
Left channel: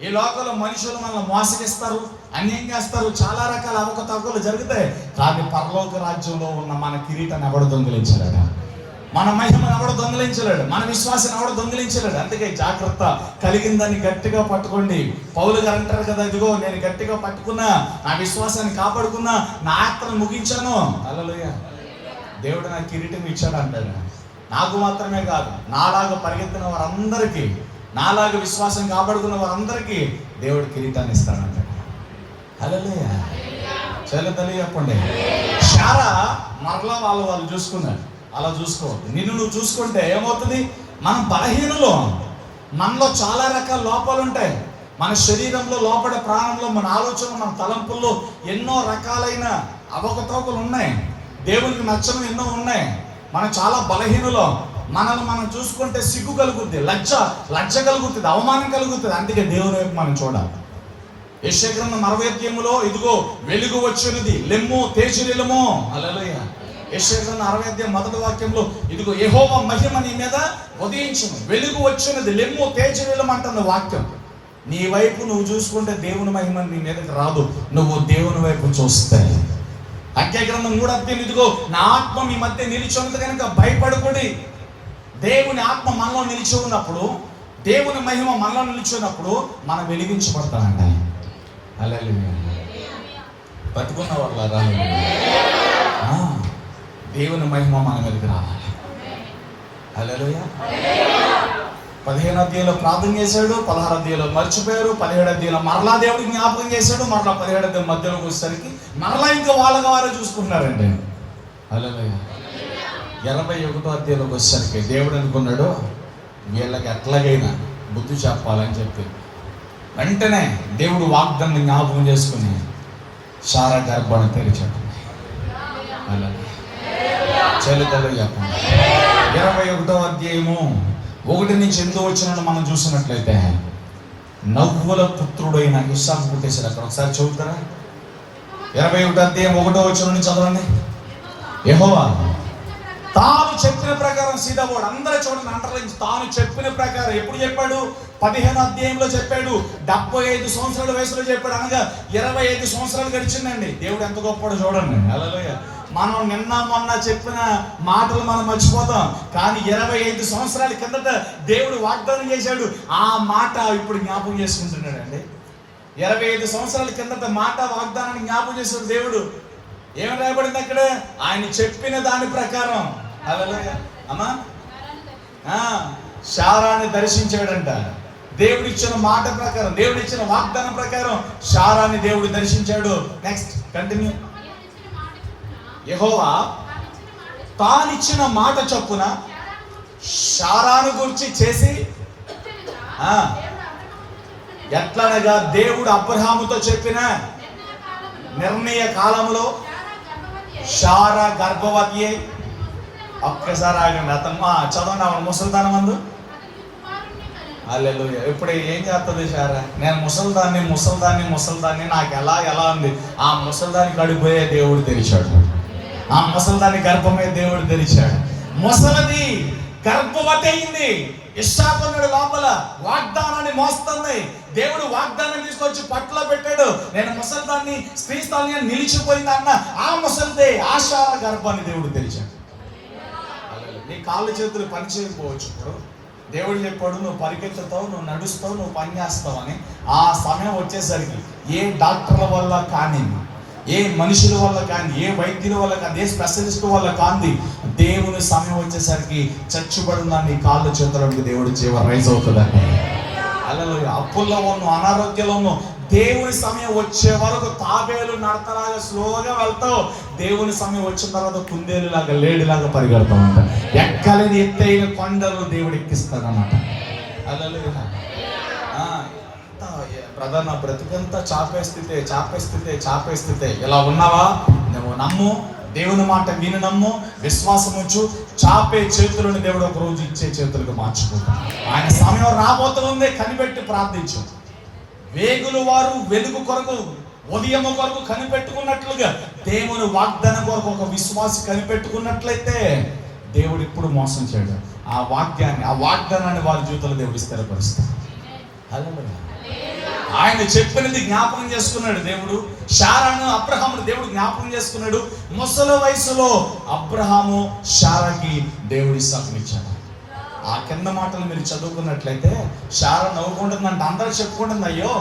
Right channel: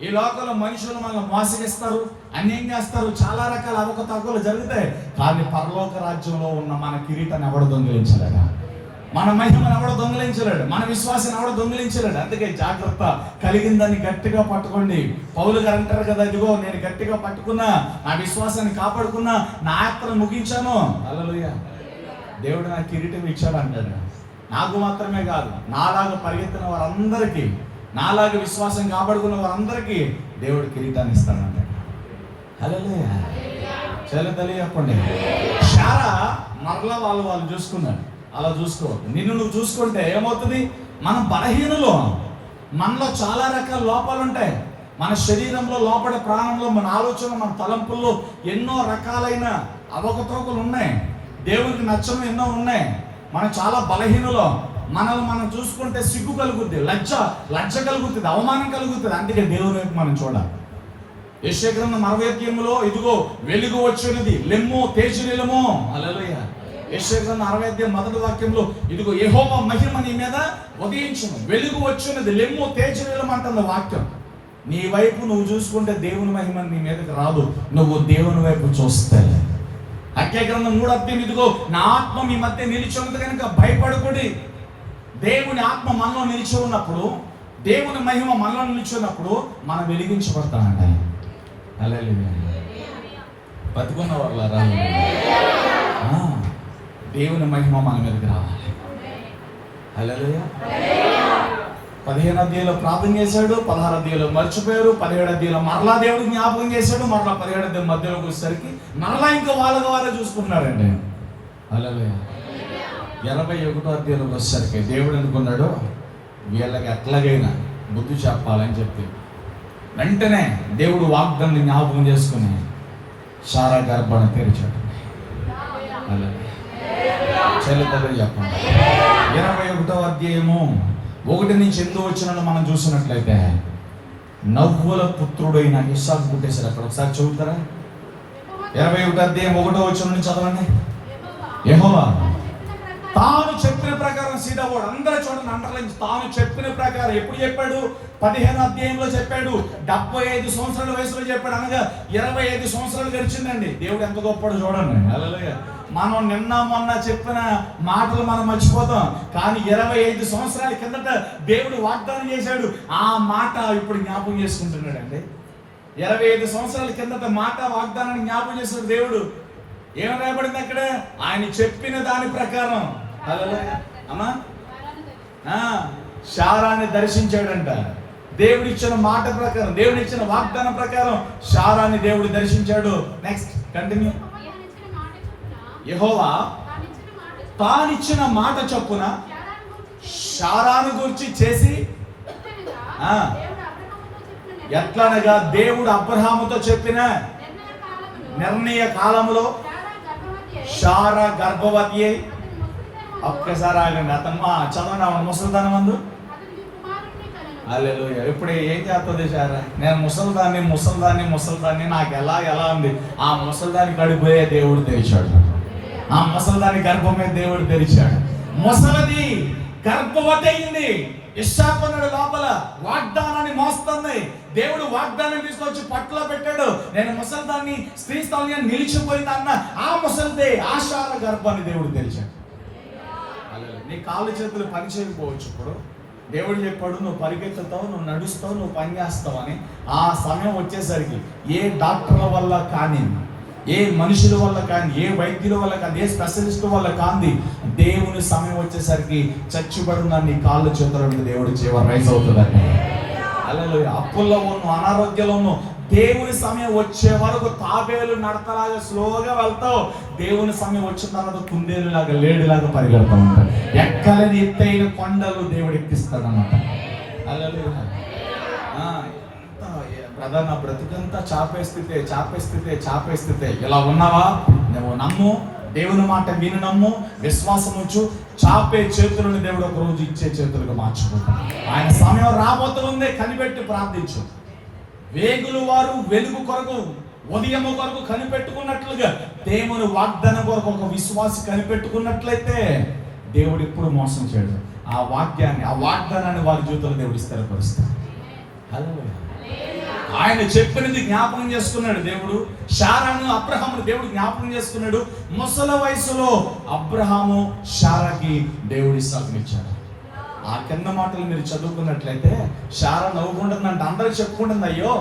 ఈ లోకంలో మనుషులు మనల్ని మోసగిస్తారు, అన్యాయం చేస్తారు, చాలా రకాల అవకతవకలు జరుగుతాయి. కానీ పరలోక రాజ్యంలో ఉన్న మన కిరీటాన్ని ఎవడు దొంగిలించలేడు, మన మహిమను ఎవడో దొంగిలించలేడు, మన విశ్వాసాన్ని ఎవడో దొంగిలించలేడు. అందుకే జాగ్రత్త, కలిగిన దాన్ని గట్టిగా పట్టుకోండి. పౌలు గారు అంటారు కదా, ఇదిగో నేను గట్టిగా పట్టుకున్నా, నా విశ్వాసాన్ని కాపాడుకున్నా, నా యాత్రను ముగించాను. హల్లెలూయా. దేవుడు నాకు కిరీటం ఇచ్చాడు అంటాడు. నాకు మాత్రమే కాదు, నాలాగా పరిగెత్తిన వారందరికీ, నాలాగా విశ్వాసం కాపాడుకున్న వారందరికీ దేవుడు కిరీటాన్ని ఇస్తాడంటాడు. హల్లెలూయా. చాలా తల్లి చెప్పండి. శారా మరలా వాళ్ళు చూసుకున్నారు. అలా చూసుకోవద్దు. నిన్ను నువ్వు చూసుకుంటే ఏమవుతుంది? మనం బలహీనులు, మనలో చాలా రకాల లోపాలు ఉంటాయి. మన శరీరంలో, లోపల ప్రాణంలో, మన ఆలోచనలో, మన తలంపుల్లో ఎన్నో రకాలైన అవకతవకలు ఉన్నాయి. దేవునికి నచ్చని ఎన్నో ఉన్నాయి. మనం చాలా బలహీనులు. మనల్ని మనం చూసుకుంటే సిగ్గు కలుగుద్ది, లజ్జ కలుగుతుంది, అవమానం కలుగుతుంది. అందుకే దేవుని వైపు మనం చూడాలి. యెషయా గ్రంథం 60వ అధ్యాయంలో ఇదిగో వెలుగు వచ్చినది, లెమ్ము తేజరిల్లము. హల్లెలూయా. యెషయా గ్రంథం 60వ అధ్యాయం 1వ వాక్యంలో ఇదిగో యెహోవా మహిమ నీ మీద ఉదయించును, వెలుగు వచ్చినది, లెమ్ము తేజరిల్లము అంటున్న వాక్యం. నీ వైపు నువ్వు చూసుకుంటే దేవుని మహిమ నీ మీదకి రాదు, నువ్వు దేవుని వైపు చూస్తే. హగ్గై గ్రంథం 3వ అధ్యాయం ఇదిగో నా ఆత్మ మీ మధ్య నిలిచి ఉన్నది కనుక భయపడకుడి. దేవుని ఆత్మ మనలో నిలిచి ఉన్నప్పుడు, దేవుని మహిమ మనలో నిలిచి ఉన్నప్పుడు మనం వెలిగించబడతామంట. హల్లెలూయా. బతుకున్న వాళ్ళారా, దేవుని మహిమ మన మీదకి రావాలి. హల్లెలూయా. 15వ అధ్యాయంలో ప్రార్థన చేశాడు, 16వ అధ్యాయంలో మర్చిపోయారు, 17వ అధ్యాయంలో మరలా దేవుడు జ్ఞాపకం చేశాడు, మరలా 17వ అధ్యాయం మధ్యలోకి వచ్చేసరికి మరలా ఇంకా వాళ్ళగా వారే చూసుకుంటున్నారండి. హల్లెలూయా. 21వ అధ్యాయంలోకి వచ్చేసరికి దేవుడు అనుకున్నాడు వీళ్ళకి ఎట్లాగైనా బుద్ధి చెప్పాలని చెప్పి వెంటనే దేవుడు వాగ్దాన్ని జ్ఞాపకం చేసుకుని సారా గర్భాన్ని తెరిచాడు. చలితలో చెప్పండి. 21వ అధ్యాయము 1 నుంచి 8 వచ్చిన మనం చూసినట్లయితే నవ్వుల పుత్రుడైన ఇస్సాకు పుట్టేశారు. అక్కడ ఒకసారి చదువుతారా? 21వ అధ్యాయం 1వ వచనం నుంచి చదవండి. యెహోవా తాను చెప్పిన ప్రకారం, సీదాబోర్డు అందరూ చూడండి, అండర్లైన్. తాను చెప్పిన ప్రకారం ఎప్పుడు చెప్పాడు? 15వ అధ్యాయంలో చెప్పాడు. 75 సంవత్సరాల వయసులో చెప్పాడు. అనగా 25 సంవత్సరాలు గడిచిందండి. దేవుడు ఎంత గొప్పడో చూడండి. హల్లెలూయా. మనం నిన్న మొన్న చెప్పిన మాటలు మనం మర్చిపోతాం, కానీ 25 సంవత్సరాల కిందట దేవుడు వాగ్దానం చేశాడు. ఆ మాట ఇప్పుడు జ్ఞాపకం చేసుకుంటున్నాడు అండి. 25 సంవత్సరాల కిందట మాట వాగ్దానాన్ని జ్ఞాపకం చేశాడు దేవుడు. ఏం రాయబడింది అక్కడ? ఆయన చెప్పిన దాని ప్రకారం. హల్లెలూయా. అమ్మా, శారాన్ని దర్శించాడంట. దేవుడు ఇచ్చిన మాట ప్రకారం, దేవుడు ఇచ్చిన వాగ్దానం ప్రకారం శారాన్ని దేవుడు దర్శించాడు. Next continue. యెహోవా తానిచ్చిన మాట చొప్పున శారాను గురించి చేసి ఎట్లనగా దేవుడు అబ్రహాముతో చెప్పిన నిర్ణయ కాలంలో శారా గర్భవతి అయి, ఒక్కసారి ఆగండి, అతను చదవండి, అవన్న ముసలిదానం మందు. హల్లెలూయా. ఇప్పుడు ఏం చేస్తుంది శారా? నేను ముసలిదాన్ని నాకు ఎలా ఉంది. ఆ ముసలిదాన్ని కడిపోయే దేవుడు తెరిచాడు. ఆ ముసలిదాన్ని గర్భమే దేవుడు తెరిచాడు. ముసలిది గర్భవతి అయింది. ఇస్సాకున్నాడు లోపల, వాగ్దానాన్ని మోస్తుంది. దేవుడు వాగ్దానం తీసుకొచ్చి పట్ల పెట్టాడు. నేను ముసలిదాన్ని, స్త్రీ స్థానం నిలిచిపోయింది అన్న ఆ ముసలిదే, ఆ శారా గర్భాన్ని దేవుడు తెరిచాడు. నీ కాళ్ళు చేతులు పని చేయకపోవచ్చు. ఇప్పుడు దేవుడు చెప్పాడు నువ్వు పరిగెత్తుతావు, నువ్వు నడుస్తావు, నువ్వు పని చేస్తావు అని. ఆ సమయం వచ్చేసరికి ఏ డాక్టర్ల వల్ల కానీ, ఏ మనుషుల వల్ల కానీ, ఏ వైద్యుల వల్ల కానీ, ఏ స్పెషలిస్ట్ వల్ల కానీ, దేవుని సమయం వచ్చేసరికి చచ్చిపడున్న నీ కాళ్ళు చేతులకు దేవుడు జీవం రైజ్ అవుతుందండి. హల్లెలూయా. అప్పుల్లో ఉన్న, అనారోగ్యంలో ఉన్న, దేవుని సమయం వచ్చే వరకు తాబేలు నడతలాగా స్లోగా వెళ్తావు. దేవుని సమయం వచ్చిన తర్వాత కుందేలులాగా, లేడిలాగా పరిగెడతా ఉంటా. ఎక్కలేని ఎత్తైన కొండలు దేవుడు ఎక్కిస్తాడన్నమాట. హల్లెలూయా. బ్రదర్, నా బ్రతుకంతా చాపే స్థితే. ఇలా ఉన్నావా? నువ్వు నమ్ము, దేవుని మాట విని నమ్ము, విశ్వాసం ఉంచు. చాపే చేతులను దేవుడు ఒక రోజు ఇచ్చే చేతులుగా మార్చుకుంటాడు. ఆయన సమయం రాబోతూ ఉంది, కనిపెట్టి ప్రార్థించు. వేగులు వారు వెలుగు కొరకు, ఉదయము కొరకు కనిపెట్టుకున్నట్లుగా దేవుని వాగ్దానం కొరకు ఒక విశ్వాసి కనిపెట్టుకున్నట్లయితే దేవుడు ఇప్పుడు మోసం చేయడు. ఆ వాగ్దానాన్ని వారి జీవితంలో దేవుడు స్థిరపరుస్తాడు. హల్లెలూయా. ఆయన చెప్పినది జ్ఞాపకం చేసుకున్నాడు దేవుడు. శారాను, అబ్రహామును దేవుడు జ్ఞాపకం చేసుకున్నాడు. ముసలి వయసులో అబ్రహాము శారాకి దేవుడు ఇస్సాకునిచ్చాడు. ఆ కింద మాటలు మీరు చదువుకున్నట్లయితే శారా నవ్వుకుంటుందంటే, అందరూ చెప్పుకుంటుంది, అయ్యో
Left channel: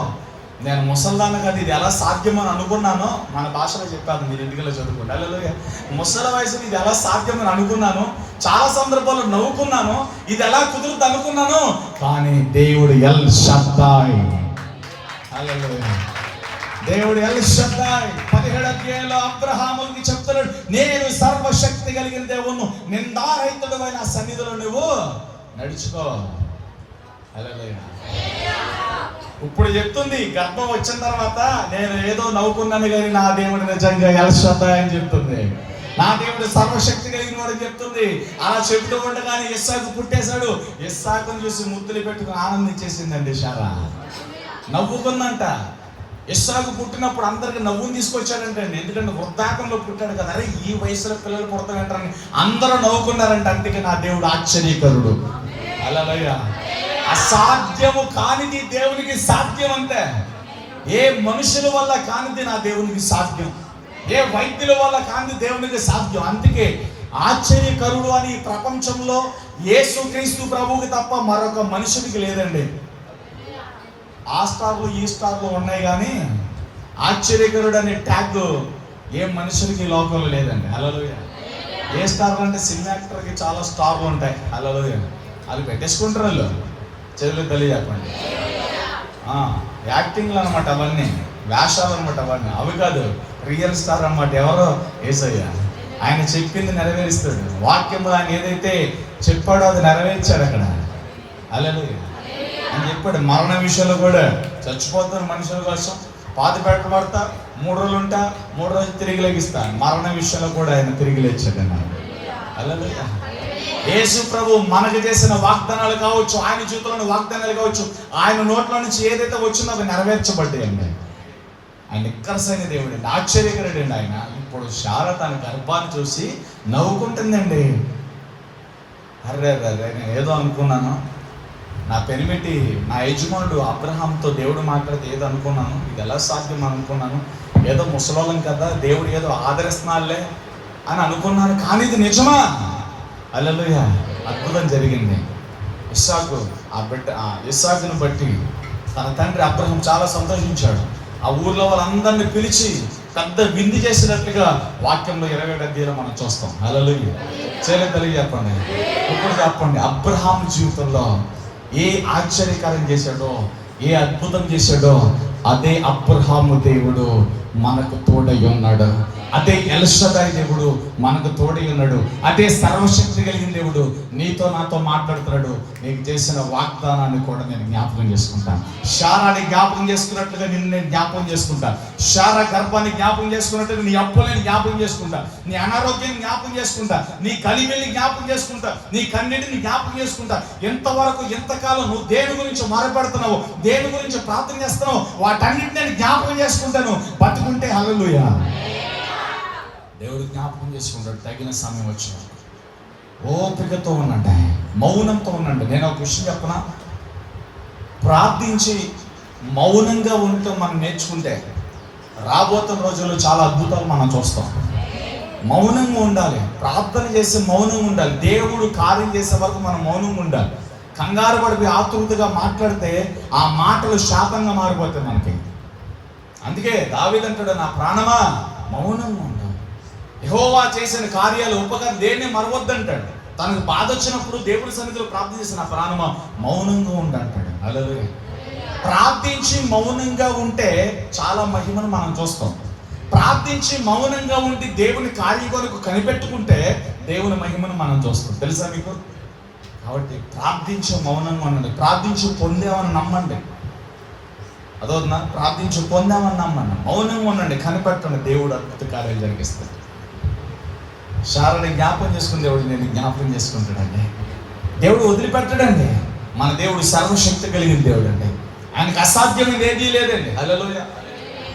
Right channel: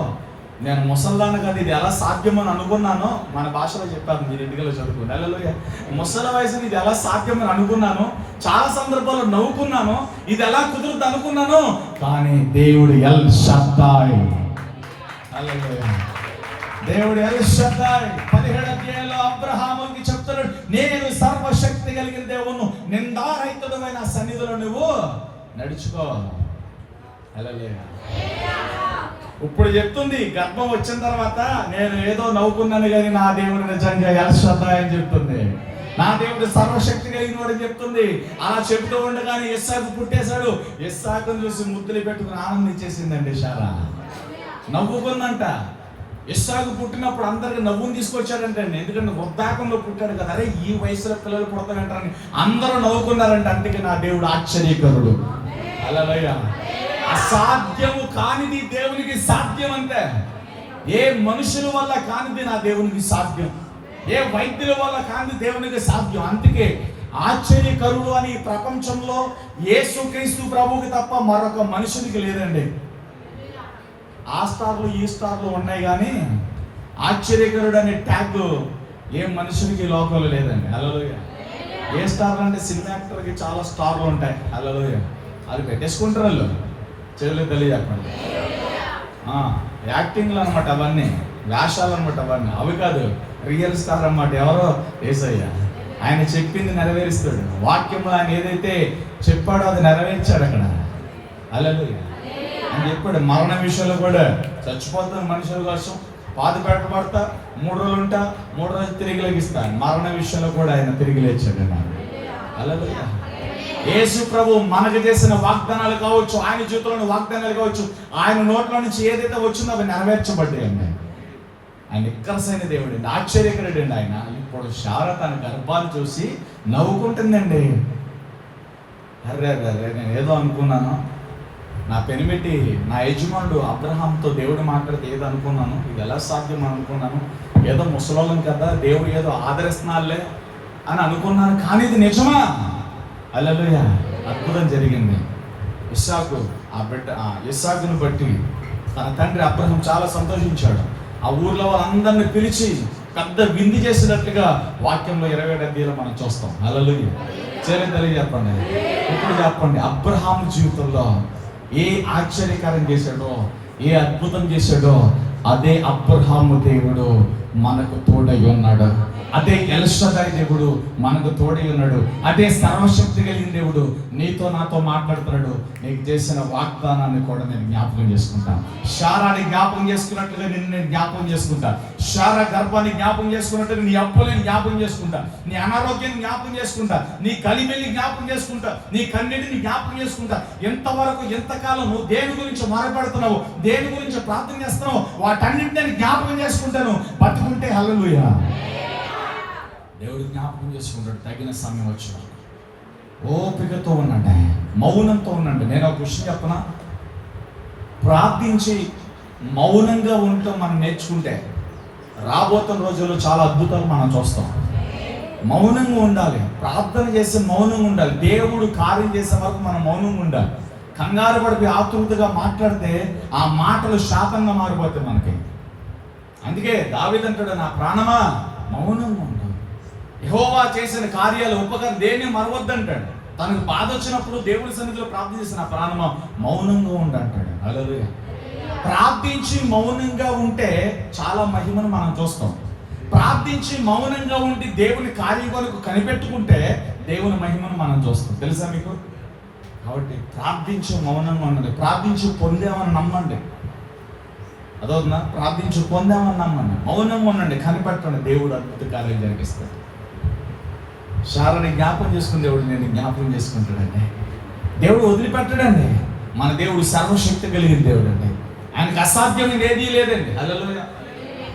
నేను ముసల్దాను కదా, ఇది ఎలా సాధ్యమని అనుకున్నాను. మన భాషలో చెప్పాను, మీరు ఇంటిలో చదువుకోండి. హల్లెలూయా. ముసలి వయసుని ఇది ఎలా సాధ్యమని అనుకున్నాను, చాలా సందర్భాల్లో నవ్వుకున్నాను, ఇది ఎలా కుదురుద్ది అనుకున్నాను, కానీ దేవుడు ఎల్ షద్దాయ్. హల్లెలూయా. దేవుడు ఎల్ షద్దాయ్ 17వ అధ్యాయంలో అబ్రహాముకి చెప్తున్నాడు, నేను సర్వశక్తి కలిగిన దేవుడు, నిందారహితుడైన సన్నిధిలో నువ్వు నడుచుకో. హల్లెలూయా. ఇప్పుడు చెప్తుంది, గర్భం వచ్చిన తర్వాత నేను ఏదో నవ్వుకున్నాను కానీ నా దేవుడు నిజంగా ఎల్ షద్దాయ్ అని చెప్తుంది. నా దేవుడు సర్వశక్తి కలిగిన వాడు చెప్తుంది. అలా చెబుతూ ఉండగానే ఇస్సాకు పుట్టేశాడు. ఇస్సాకును చూసి ముద్దులు పెట్టుకుని ఆనందించేసిందండి శారా. నవ్వుకుందంట. ఇస్సాకు పుట్టినప్పుడు అందరికి నవ్వుని తీసుకొచ్చాడంటే, ఎందుకంటే వృద్ధాకంలో పుట్టాడు కదా. అరే ఈ వయసులో పిల్లలు పుడతారంటారని అందరూ నవ్వుకున్నారంట. అందుకే నా దేవుడు ఆశ్చర్యకరుడు. హల్లెలూయా. అసాధ్యము కానిది దేవునికి సాధ్యం. అంతే. ఏ మనుషుల వల్ల కానిది నా దేవునికి సాధ్యం. ఏ వైద్యుల వల్ల కానిది దేవునికి సాధ్యం. అందుకే ఆశ్చర్యకరుడు అని ప్రపంచంలో యేసుక్రీస్తు ప్రభువుకి తప్ప మరొక మనుషునికి లేదండి. ఆ స్టార్లు ఈ స్టార్లు ఉన్నాయి కానీ ఆశ్చర్యకరుడు అనే ట్యాగ్ ఏ మనుషునికి లోకంలో లేదండి. హల్లెలూయా. ఏ స్టార్ అంటే సినిమా యాక్టర్కి చాలా స్టార్లు ఉంటాయి. వాళ్ళు పెట్టేసుకుంటారు, వాళ్ళు చెవులు తెలియజెప్పండి. యాక్టింగ్లు అనమాట అవన్నీ, వేషాలు అనమాట అవన్నీ. అవి కాదు, రియల్ స్టార్ అనమాట. ఎవరో యేసయ్య. ఆయన చెప్పింది నెరవేరుస్తాడు. వాక్యంలో ఆయన ఏదైతే చెప్పాడో అది నెరవేర్చాడు అక్కడ. హల్లెలూయా అని చెప్పాడు. మరణ విషయంలో కూడా చచ్చిపోతాను మనుషుల కోసం, పాతి పెట్టబడతా, 3 రోజులు ఉంటా, 3 రోజులు తిరిగి లేగిస్తా. మరణ విషయంలో కూడా ఆయన తిరిగి లేచాడు. హల్లెలూయా. యేసు ప్రభు మనకు చేసిన వాగ్దానాలు కావచ్చు, ఆయన జీవితంలోని వాగ్దానాలు కావచ్చు, ఆయన నోట్లో నుంచి ఏదైతే వచ్చిందో అవి నెరవేర్చబడ్డాయండి. ఆయన నిక్కరసైన దేవుడు అండి, ఆశ్చర్యకరుడు అండి ఆయన. ఇప్పుడు శారా తన గర్భాన్ని చూసి నవ్వుకుంటుందండి. అర్రే నేను ఏదో అనుకున్నాను, నా పెనిమిటి నా యజమానుడు అబ్రహాంతో దేవుడు మాట్లాడితే ఏదో అనుకున్నాను, ఇది ఎలా సాధ్యం అనుకున్నాను, ఏదో ముసలోళ్ళం కదా దేవుడు ఏదో ఆదరిస్తున్నాలే అని అనుకున్నాను, కానీ ఇది నిజమా? హల్లెలూయా. అద్భుతం జరిగింది. ఇస్సాకును బట్టి తన తండ్రి అబ్రహాం చాలా సంతోషించాడు. ఆ ఊర్లో వాళ్ళందరినీ పిలిచి పెద్ద విందు చేసినట్లుగా వాక్యంలో 27 అధ్యాయంలో మనం చూస్తాం. హల్లెలూయా. తెలియజెప్పండి. ఇప్పుడు చెప్పండి, అబ్రహాం జీవితంలో ఏ ఆశ్చర్యకారం చేశాడో, ఏ అద్భుతం చేశాడో, అదే అబ్రహాము దేవుడు మనకు తోడై ఉన్నాడు. అదే ఎల్షదాయి దేవుడు మనకు తోడై ఉన్నాడు. అదే సర్వశక్తి కలిగిన దేవుడు నీతో నాతో మాట్లాడుతున్నాడు. నీకు చేసిన వాగ్దానాన్ని కూడా నేను జ్ఞాపకం చేసుకుంటాను. శారాని జ్ఞాపకం చేసుకున్నట్లుగా నిన్ను నేను జ్ఞాపకం చేసుకుంటా. శారా గర్భాన్ని జ్ఞాపకం చేసుకున్నట్లుగా నీ అప్పులని జ్ఞాపకం చేసుకుంటా, నీ అనారోగ్యాన్ని జ్ఞాపకం చేసుకుంటా, నీ కలిమిని జ్ఞాపకం చేసుకుంటా, నీ కన్నిటిని జ్ఞాపకం చేసుకుంటా. ఎంతవరకు ఎంతకాలం నువ్వు దేని గురించి మారపడుతున్నావు, దేని గురించి ప్రార్థన చేస్తున్నావు, వాటన్నిటిని నేను జ్ఞాపకం చేసుకుంటాను. బతుకుంటే హల్లెలూయా. దేవుడు జ్ఞాపకం చేసుకుంటాడు. తగిన సమయం వచ్చిన ఓపికతో ఉండండి, మౌనంతో ఉండండి. నేను ఒక విషయం చెప్పనా, ప్రార్థించి మౌనంగా ఉండటం మనం నేర్చుకుంటే రాబోతున్న రోజుల్లో చాలా అద్భుతాలు మనం చూస్తాం. మౌనంగా ఉండాలి, ప్రార్థన చేసి మౌనంగా ఉండాలి. దేవుడు కార్యం చేసే వరకు మనం మౌనంగా ఉండాలి. కంగారు పడిపోయి ఆతృతగా మాట్లాడితే ఆ మాటలు శాపంగా మారిపోతాయి మనకి. అందుకే దావీదు అంటాడు, నా ప్రాణమా మౌనంగా ఉండాలి. యెహోవా చేసిన కార్యాలు ఉపకారం దేన్ని మరవద్దంటాడు. తనకు బాధ వచ్చినప్పుడు దేవుని సన్నిధిలో ప్రార్థన చేసిన ప్రాణమా మౌనంగా ఉండంటాడు. హల్లెలూయా. ప్రార్థించి మౌనంగా ఉంటే చాలా మహిమను మనం చూస్తాం. ప్రార్థించి మౌనంగా ఉండి దేవుని కార్యం కొరకు కనిపెట్టుకుంటే దేవుని మహిమను మనం చూస్తాం. తెలుసా మీకు? కాబట్టి ప్రార్థించి మౌనంగా ఉండండి. ప్రార్థించి పొందామని నమ్మండి. అదవుతుందా? ప్రార్థించి పొందామని నమ్మండి. మౌనంగా ఉండండి, కనిపెట్టండి, దేవుడు అద్భుత కార్యాలు జరిగిస్తాడు. శారాని జ్ఞాపకం చేసుకుని దేవుడు నేను జ్ఞాపకం చేసుకుంటాడండి. దేవుడు వదిలిపెట్టడండి. మన దేవుడు సర్వశక్తి కలిగిన దేవుడు అండి. ఆయనకు అసాధ్యమైనది ఏదీ లేదండి. హల్లెలూయా.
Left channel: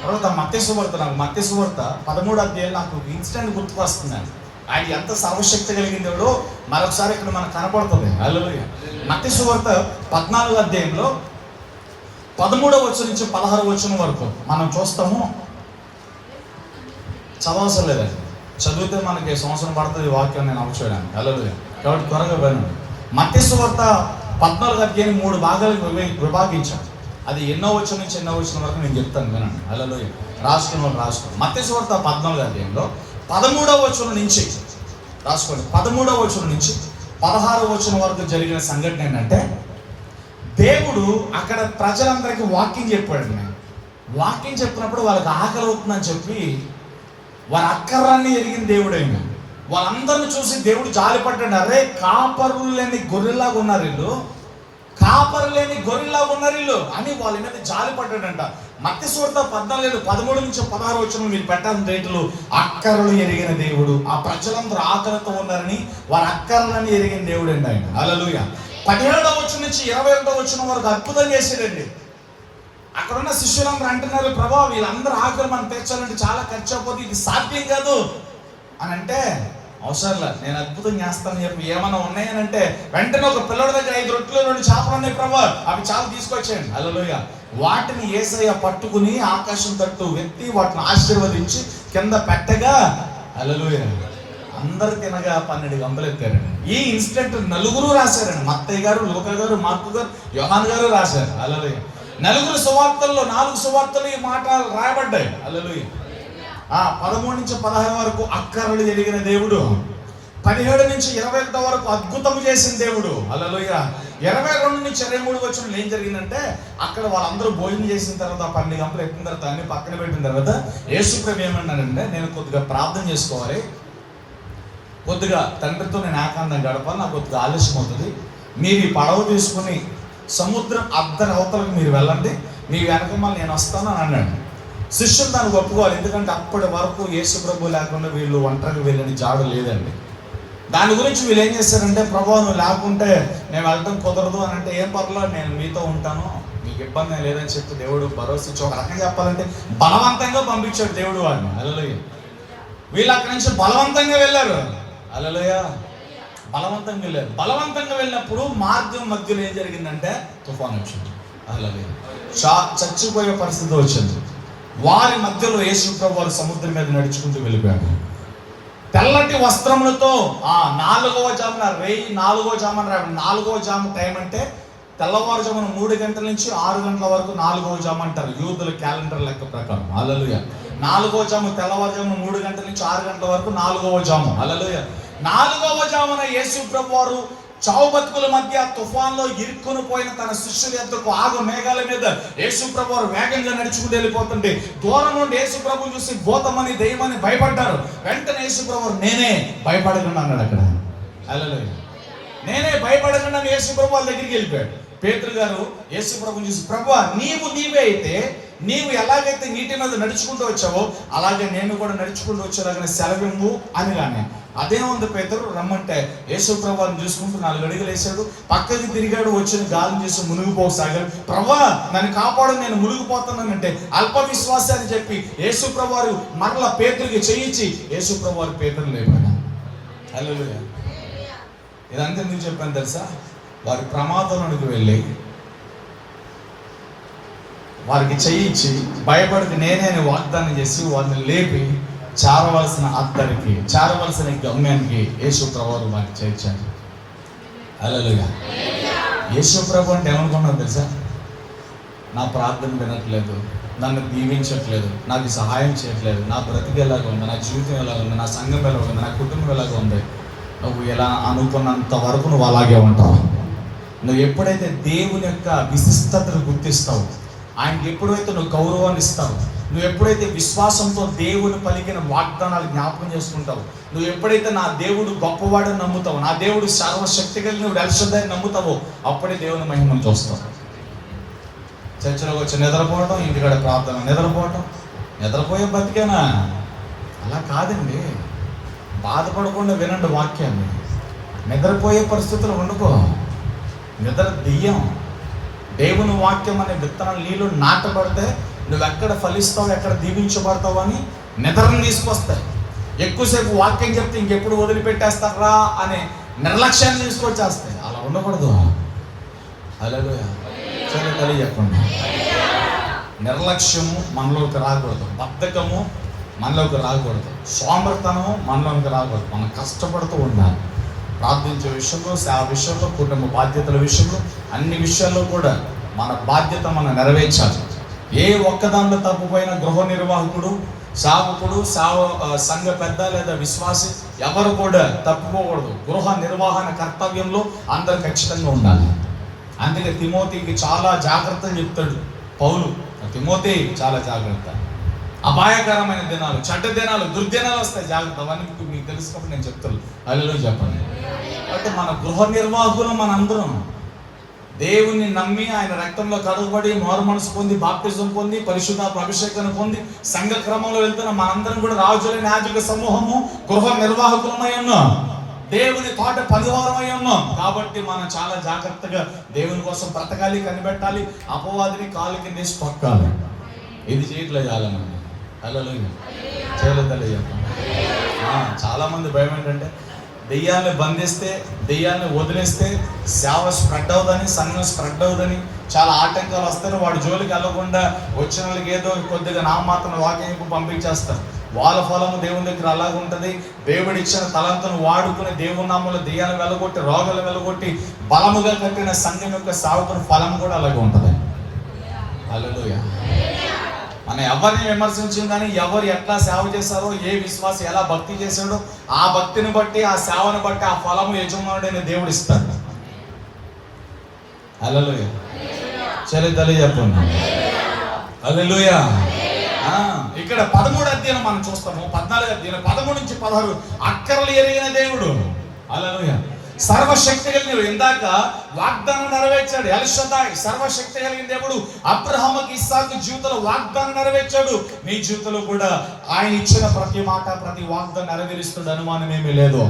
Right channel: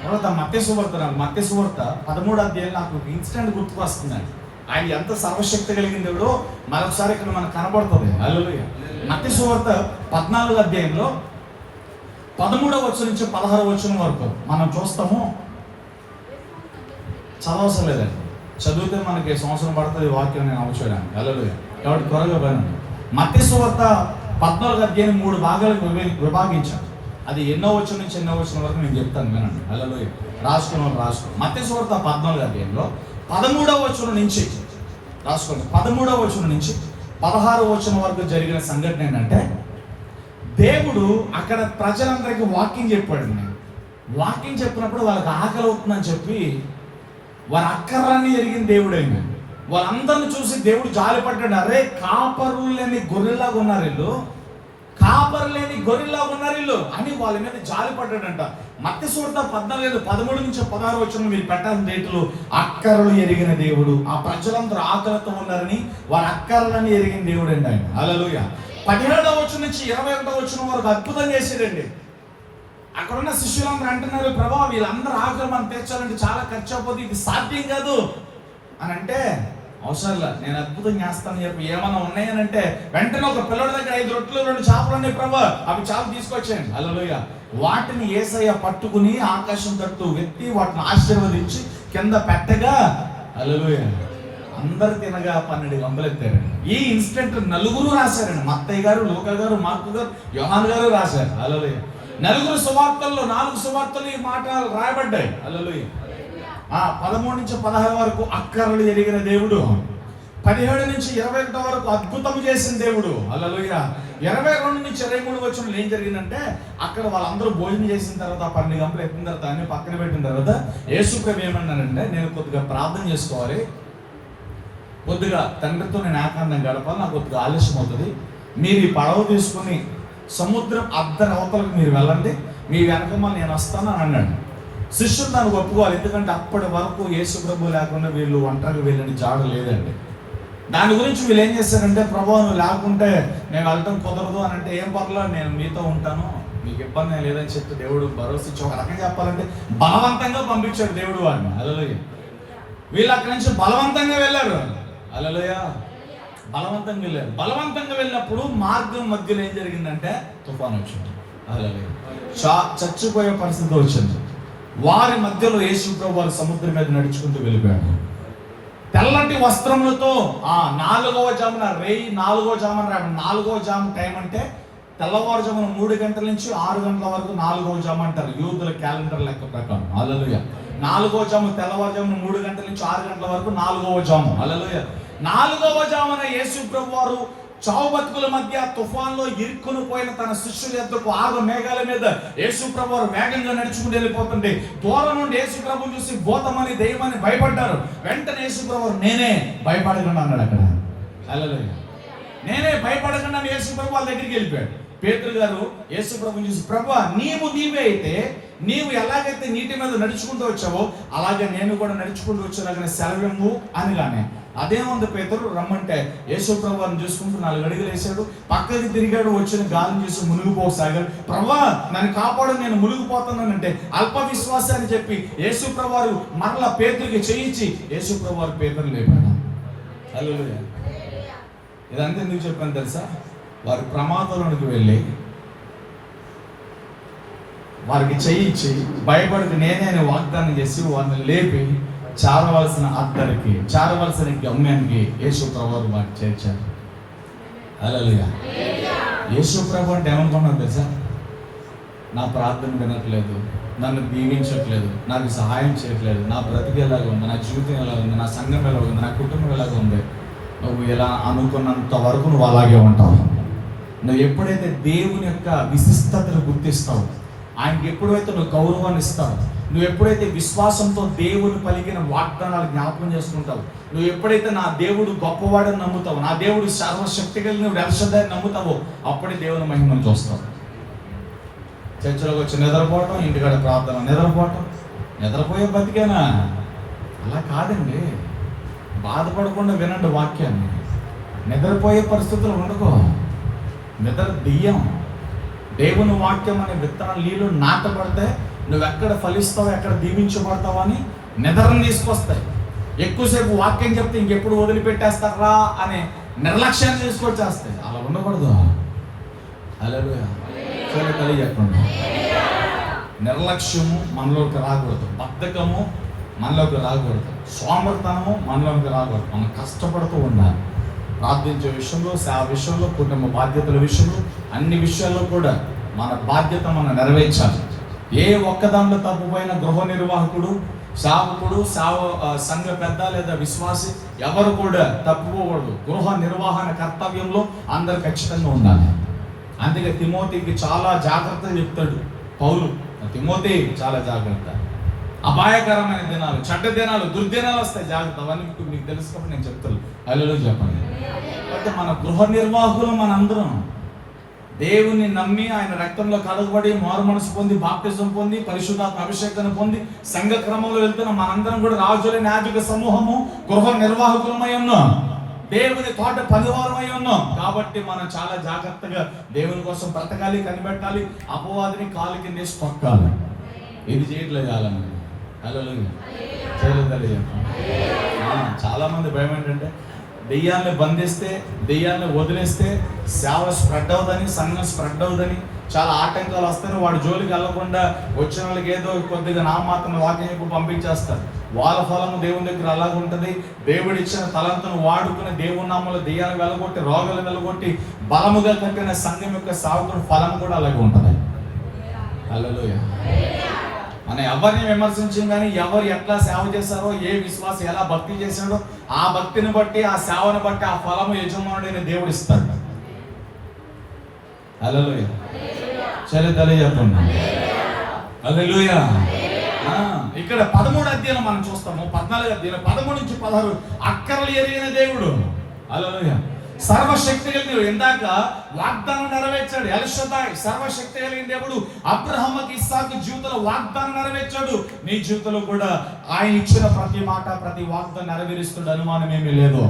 తర్వాత మత్తయి సువార్త, నాకు మత్తయి సువార్త 13వ అధ్యాయం నాకు ఇన్స్టెంట్ గుర్తుకు వస్తుందండి. ఆయన ఎంత సర్వశక్తి కలిగిన దేవుడో మరొకసారి ఇక్కడ మనకు కనపడుతుంది. హల్లెలూయా. మత్తయి సువార్త 14వ అధ్యాయంలో 13వ వచనం నుంచి 16వ వచనం వరకు మనం చూస్తాము. చదవసరం లేదండి, చదివితే మనకి సంవత్సరం పడుతుంది వాక్యం నేను అవసరం. హల్లెలూయా. కాబట్టి త్వరగా వినండి. మత్తయి సువార్త 14వ అధ్యాయం 3 భాగాలకు విభాగించాను. అది ఎన్నో వచనం నుంచి ఎన్నో వచనం వరకు నేను చెప్తాను, వినండి. హల్లెలూయా. రాసుకున్నాం. మత్తయి సువార్త 14వ అధ్యాయంలో 13వ వచనం నుంచి రాసుకోండి. 13వ వచనం నుంచి 16వ వచనం వరకు జరిగిన సంఘటన ఏంటంటే, దేవుడు అక్కడ ప్రజలందరికీ వాక్యం చెప్పాడు. వాక్యం చెప్పినప్పుడు వాళ్ళకి ఆకలి అవుతుందని చెప్పి వారి అక్కర్లన్నీ ఎరిగిన దేవుడు అయింది. వాళ్ళందరిని చూసి దేవుడు జాలిపడ్డాడు. అరే, కాపరులు లేని గొర్రెలాగా ఉన్నారు వీళ్ళు, కాపరు లేని గొర్రెలాగా ఉన్నారు వీళ్ళు అని వాళ్ళ మీద జాలిపడ్డాడంట. మత్తయి సువార్త 14, 13 నుంచి 16 వచనం మీరు పెట్టాల్సిన రేటులు అక్కర్లు ఎరిగిన దేవుడు. ఆ ప్రజలందరూ ఆకలితో ఉన్నారని వారి అక్కర్లని ఎరిగిన దేవుడు అండి ఆయన. హల్లెలూయా. 17వ వచనం నుంచి 21వ వచనం వరకు అద్భుతం చేసాడండి. అక్కడున్న శిష్యులందరూ అంటున్నారు, ప్రభా వీళ్ళందరూ ఆకలి మనం తెచ్చాలంటే చాలా ఖర్చు అయిపోతుంది, ఇది సాధ్యం కాదు అని అంటే, అవసరంలా నేను అద్భుతం చేస్తానని చెప్పి ఏమన్నా ఉన్నాయనంటే వెంటనే ఒక పిల్లడి దగ్గర 5 రొట్టెలు 2 చేపలు ఉన్నాయి ప్రభా, అవి చాలా తీసుకొచ్చేయండి. హల్లెలూయా. వాటిని యేసయ్య పట్టుకుని ఆకాశం తట్టు వ్యక్తి వాటిని ఆశీర్వదించి కింద పెట్టగా, హల్లెలూయా, అందరు తినగా 12 గంపలు ఎత్తారండి. ఈ ఇన్సిడెంట్ 4 రాశారండి. మత్తయి గారు, లూకా గారు, మార్కు గారు, యోహాను గారు రాశారు. హల్లెలూయా. 4 సువార్తల్లో 4 సువార్తలు ఈ మాట రాయబడ్డాయి. హల్లెలూయా. 13 నుంచి 16 వరకు అక్కర్లు ఎరిగిన దేవుడు, 17 నుంచి 21 వరకు అద్భుతం చేసిన దేవుడు. హల్లెలూయా. 22 నుంచి 23 వచనంలో ఏం జరిగిందంటే, అక్కడ వాళ్ళందరూ భోజనం చేసిన తర్వాత 12 గంటలు ఎత్తిన తర్వాత అన్ని పక్కన పెట్టిన తర్వాత యేసు ప్రభు ఏమన్నానంటే, నేను కొద్దిగా ప్రార్థన చేసుకోవాలి, కొద్దిగా తండ్రితో నేను ఏకాంతం గడపాలి, నాకు కొద్దిగా ఆలస్యం అవుతుంది, మీరు ఈ పడవ తీసుకుని సముద్రం అవతలకు మీరు వెళ్ళండి, మీ వెనకమని నేను వస్తాను అని అన్నాడు. శిష్యులు దానికి ఒప్పుకోవాలి, ఎందుకంటే అప్పటి వరకు యేసు ప్రభు లేకుండా వీళ్ళు ఒంటరిగా వెళ్ళని జాడు లేదండి. దాని గురించి వీళ్ళు ఏం చేశారంటే, ప్రభు నువ్వు లేకుంటే నేను వెళ్ళటం కుదరదు అని అంటే, ఏం పర్లేదు నేను మీతో ఉంటాను, మీకు ఇబ్బంది లేదని చెప్పి దేవుడు భరోసా ఇచ్చి, ఒక రకంగా చెప్పాలంటే బలవంతంగా పంపించాడు దేవుడు వాడిని. హల్లెలూయా. వీళ్ళు అక్కడి నుంచి బలవంతంగా వెళ్ళారు. హల్లెలూయా. బలవంతంగా వెళ్ళారు. బలవంతంగా వెళ్ళినప్పుడు మార్గం మధ్యలో ఏం జరిగిందంటే తుఫాను వచ్చింది. హల్లెలూయా. చచ్చిపోయే పరిస్థితి వచ్చింది. వారి మధ్యలో యేసు ప్రభు వారు సముద్రం మీద నడుచుకుంటూ వెళ్ళిపోయాడు. తెల్లటి వస్త్రములతో 4వ జామున 4వ జాము టైం అంటే తెల్లవారుజామున 3 గంటల నుంచి 6 గంటల వరకు 4వ జాము అంటారు యూదుల క్యాలెండర్ లెక్క ప్రకారం. హల్లెలూయా. 4వ జాము తెల్లవారుజామున 3 గంటల నుంచి 6 గంటల వరకు 4వ జాము. హల్లెలూయా. 4వ జామున యేసు ప్రభు వారు చావు బతుకుల మధ్య తుఫాన్లో ఇరుక్కుని పోయిన తన శిష్యుల యొద్దకు ఆగు మేఘాల మీద యేసు ప్రభు వారు వేగంగా నడుచుకుంటూ వెళ్ళిపోతుంటే, దూరం నుండి యేసు ప్రభు చూసి భూతమని దెయ్యమని భయపడ్డారు. వెంటనే యేసు ప్రభు వారు నేనే భయపడకుండా అన్నాడు అక్కడ. హల్లెలూయా. నేనే భయపడకుండా యేసు ప్రభు వాళ్ళ దగ్గరికి వెళ్ళిపోయాడు. పేతురు గారు యేసు ప్రభుని చూసి, ప్రభువా నీవే అయితే, నీవు ఎలాగైతే నీటి మీద నడుచుకుంటూ వచ్చావో అలాగే నేను కూడా నడుచుకుంటూ వచ్చేలాగానే సెలవింగు అనగానే, అదేముంది పేతురు రమ్మంటే యేసు ప్రభుని చూసుకుంటూ 4 అడుగులు వేసాడు, పక్కకి తిరిగాడు, వచ్చిన గాలిని చూసి మునిగిపోసాగాడు. ప్రభువా నన్ను కాపాడు, నేను మునిగిపోతున్నానంటే అల్ప విశ్వాస అని చెప్పి యేసు ప్రభువారు మరలా పేతురికి చేయించి యేసు ప్రభువారు పేతురు లేపాడు. హల్లెలూయా. ఇదంతా ఎందుకు చెప్పాను తెలుసా? వారి ప్రమాదంలోనికి వెళ్ళి వారికి చేయించి భయపడికి నేనే అని వాగ్దానం చేసి వారిని లేపి చేరవలసిన గమ్యానికి యేసు ప్రభువు వారికి చేర్చారు. హల్లెలూయా. యేసు ప్రభు అంటే ఏమనుకున్నాను తెలుసా? నా ప్రార్థన వినట్లేదు, నన్ను దీవించట్లేదు, నాకు సహాయం చేయట్లేదు, నా బ్రతికి ఎలాగ ఉంది, నా జీవితం ఎలాగ ఉంది, నా సంఘం ఎలాగ ఉంది, నా కుటుంబం ఎలాగ ఉంది. నువ్వు ఎలా అనుకున్నంత వరకు నువ్వు అలాగే ఉంటావు. నువ్వు ఎప్పుడైతే దేవుని యొక్క విశిష్టతను గుర్తిస్తావు, ఆయనకి ఎప్పుడైతే నువ్వు గౌరవాన్ని ఇస్తావు, నువ్వు ఎప్పుడైతే విశ్వాసంతో దేవుని పలికిన వాగ్దానాలు జ్ఞాపకం చేసుకుంటావు, నువ్వు ఎప్పుడైతే నా దేవుడు గొప్పవాడని నమ్ముతావు, నా దేవుడు సర్వశక్తి కలిగిన పరిశుద్ధాన్ని నమ్ముతావో, అప్పుడే దేవుని మహిమను చూస్తావు. చర్చలోకి వచ్చి నిద్రపోవటం, ఇంటికాడ ప్రార్థన నిద్రపోయే బతికేనా? అలా కాదండి. బాధపడకుండా వినండి వాక్యాన్ని. నిద్రపోయే పరిస్థితులు వండుకో. నిద్ర దెయ్యం. దేవుని వాక్యం అనే విత్తనాలు నీళ్ళు నాటబడితే నువ్వు ఎక్కడ ఫలిస్తావు, ఎక్కడ దీవించబడతావు అని నిద్రను తీసుకొస్తాయి. ఎక్కువసేపు వాక్యం చెప్తే ఇంకెప్పుడు వదిలిపెట్టేస్తారా అనే నిర్లక్ష్యాన్ని తీసుకొచ్చేస్తాయి. అలా ఉండకూడదు. హల్లెలూయా. సరే తెలియజెప్పండి. నిర్లక్ష్యము మనలోకి రాకూడదు, బద్ధకము మనలోకి రాకూడదు, సోమర్థనము మనలోకి రాకూడదు. మనం కష్టపడుతూ ఉండాలి. ప్రార్థించే విషయంలో, సేవ విషయంలో, కుటుంబ బాధ్యతల విషయంలో, అన్ని విషయాల్లో కూడా మన బాధ్యత మనం నెరవేర్చాలి. ఏ ఒక్కదాంట్లో తప్పుపోయిన గృహ నిర్వాహకుడు, సేవకుడు, సంఘ పెద్ద లేదా విశ్వాసి ఎవరు కూడా తప్పుకోకూడదు. గృహ నిర్వహణ కర్తవ్యంలో అందరూ ఖచ్చితంగా ఉండాలి. అందుకే తిమోతికి చాలా జాగ్రత్తగా చెప్తాడు పౌలు. తిమోతి చాలా జాగ్రత్త. అపాయకరమైన దినాలు, చెడ్డ దినాలు, దుర్దినాలు వస్తాయి, జాగ్రత్త. అవన్నీ మీకు తెలుసుకుంటే నేను చెప్తాను. హల్లెలూయా చెప్పండి. అంటే మన గృహ నిర్వాహకులు మనందరం దేవుని నమ్మి ఆయన రక్తంలో కడగబడి మారు మనసు పొంది బాప్టిజం పొంది పరిశుద్ధాత్మ అభిషేకాన్ని పొంది సంఘ క్రమంలో వెళ్తున్న మనందరం కూడా రాజులైన యాజక సమూహము, గృహ నిర్వాహకులమై ఉన్నాం, దేవుని తోట పరివారమై ఉన్నాం. కాబట్టి మనం చాలా జాగ్రత్తగా దేవుని కోసం బ్రతకాలి, కనిపెట్టాలి, అపవాదిని కాలు కింద తొక్కాలి. ఇది చేయట్లేదు చాలా మంది. హల్లెలూయా. చేయలేదు. చాలా మంది భయం ఏంటంటే దెయ్యాన్ని బంధిస్తే, దెయ్యాన్ని వదిలేస్తే సేవ స్ప్రెడ్ అవుదని, సంఘం స్ప్రెడ్ అవుదని చాలా ఆటంకాలు వస్తాయి. వాడి జోలికి వెళ్ళకుండా వచ్చిన వాళ్ళకి ఏదో కొద్దిగా నామమాత్రం వాక్యం పంపించేస్తారు. వాళ్ళ ఫలము దేవుని దగ్గర అలాగే ఉంటుంది. దేవుడిచ్చిన తలంతను వాడుకుని దేవుని నామంలో దెయ్యాన్ని వెళ్ళగొట్టి, రోగాలు వెళ్ళగొట్టి బలముగా కట్టిన సంఘం యొక్క సేవకుని ఫలం కూడా అలాగే ఉంటుంది. హల్లెలూయా. మనం ఎవరిని విమర్శించాం కానీ ఎవరు ఎట్లా సేవ చేశారో, ఏ విశ్వాసం ఎలా భక్తి చేశాడో ఆ భక్తిని బట్టి, ఆ సేవను బట్టి ఆ ఫలము యజమానుడైన దేవుడు ఇస్తాడు. హల్లెలూయా. చరిత్రలే చెప్పండి. హల్లెలూయా. ఇక్కడ 13 అధ్యాయం మనం చూస్తాము, 14 అధ్యాయం 13 నుంచి 16 అక్కరలు ఎరిగిన దేవుడు. హల్లెలూయా. సర్వశక్తి కలిగిన, ఇందాక వాగ్దానం నెరవేర్చాడు ఎల్షదాయ్, సర్వశక్తి కలిగిన దేవుడు అబ్రహాముకి ఇస్సాకు జీవితంలో వాగ్దానం నెరవేర్చాడు. మీ జీవితంలో కూడా ఆయన ఇచ్చిన ప్రతి మాట, ప్రతి వాగ్దానం నెరవేరుస్తున్న అనుమానం ఏమీ లేదు.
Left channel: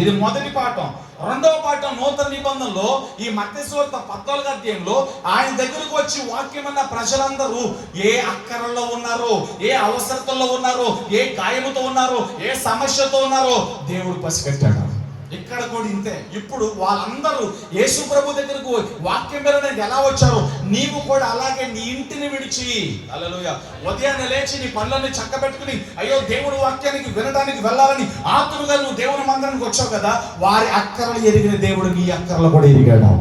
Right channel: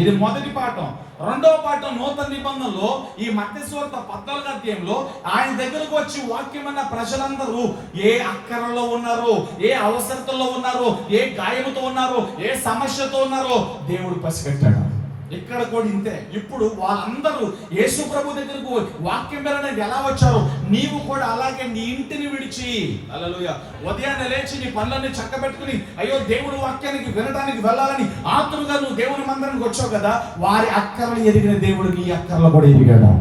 ఇది మొదటి పాఠం. రెండవ పాఠం, నూతన నిబంధనలో ఈ మత్తయి సువార్త 14వ అధ్యాయంలో ఆయన దగ్గరకు వచ్చి వాక్యం అన్న ప్రజలందరూ ఏ అక్కరలో ఉన్నారో, ఏ అవసరతల్లో ఉన్నారో, ఏ గాయముతో ఉన్నారో, ఏ సమస్యతో ఉన్నారో దేవుడు పసిగట్టాడు. ఇక్కడ కూడా ఇంతే. ఇప్పుడు వాళ్ళందరూ యేసు ప్రభు దగ్గరకు వాక్యం మీద ఎలా వచ్చారో నీవు కూడా అలాగే నీ ఇంటిని విడిచి, హల్లెలూయా, ఉదయాన్నే లేచి నీ పనులన్నీ చక్కబెట్టుకుని అయ్యో దేవుడి వాక్యానికి వినడానికి వెళ్ళాలని ఆతురుగా నువ్వు దేవుని మందిరానికి వచ్చావు కదా, వారి అక్కరలు ఎరిగిన దేవుడు నీ అక్కరలు కూడా ఎరిగాడు.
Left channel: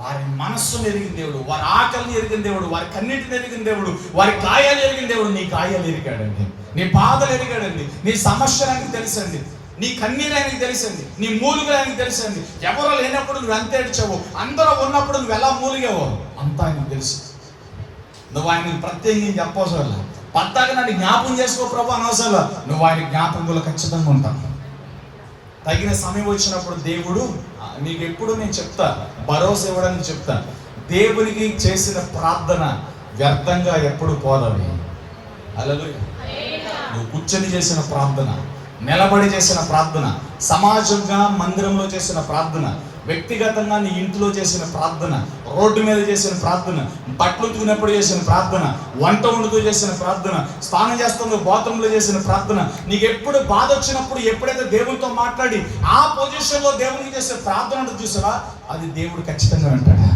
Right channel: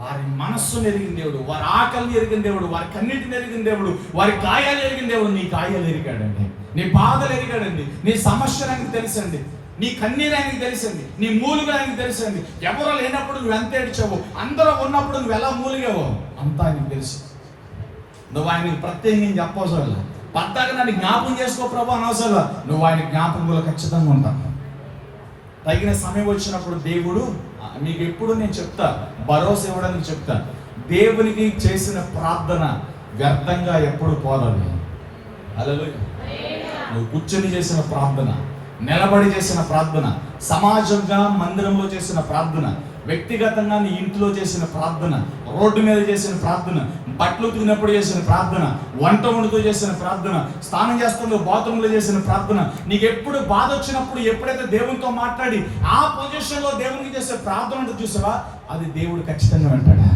వారి మనస్సును ఎరిగిన దేవుడు, వారి ఆకలిని ఎరిగిన దేవుడు, వారి కన్నీటిని ఎరిగిన దేవుడు, వారి గాయాలు ఎరిగిన దేవుడు నీ గాయాలు ఎరిగాడండి, నీ బాధలు ఎరిగాడండి, నీ సమస్యలు ఆయనకి తెలుసండి, నీ కన్నీరు ఆయనకి తెలుసండి, నీ మూలుగులు ఆయనకి తెలుసండి. ఎవరో లేనప్పుడు నువ్వు ఎంత ఏడ్చావు, అందరూ ఉన్నప్పుడు నువ్వు ఎలా మూలిగావో అంతా ఆయనకు తెలుసు. నువ్వు ఆయనకి ప్రత్యేకంగా చెప్పవసరం లేదు. పద్దాక నన్ను జ్ఞాపకం చేసుకో ప్రభు అనవసరం, నువ్వు ఆయన జ్ఞాపకంలో ఖచ్చితంగా ఉంటావు. తగిన సమయం వచ్చినప్పుడు దేవుడు నీకు ఎప్పుడు, నేను చెప్తా, భరోసా ఇవ్వడానికి చెప్తా, దేవునికి చేసిన ప్రార్థన వ్యర్థంగా ఎప్పుడు పోదావి. హల్లెలూయా. నువ్వు కూర్చొని చేసిన ప్రార్థన, నిలబడి చేసిన ప్రార్థన, సమాజంగా మందిరంలో చేసిన ప్రార్థన, వ్యక్తిగతంగా నీ ఇంట్లో చేసిన ప్రార్థన, రోడ్డు మీద చేసిన ప్రార్థన, బట్టలు ఉతికినప్పుడు చేసిన ప్రార్థన, వంట వండుతూ చేసిన ప్రార్థన, స్నానం చేస్తున్న బాత్రూంలో చేసిన ప్రార్థన, నీకు ఎప్పుడు బాధ వచ్చినప్పుడు ఎప్పుడైతే దేవునితో మాట్లాడి ఆ పొజిషన్లో దేవునికి చేసే ప్రార్థన ఉంటుంది చూసావా, అది దేవుడు ఖచ్చితంగా అంటాడు.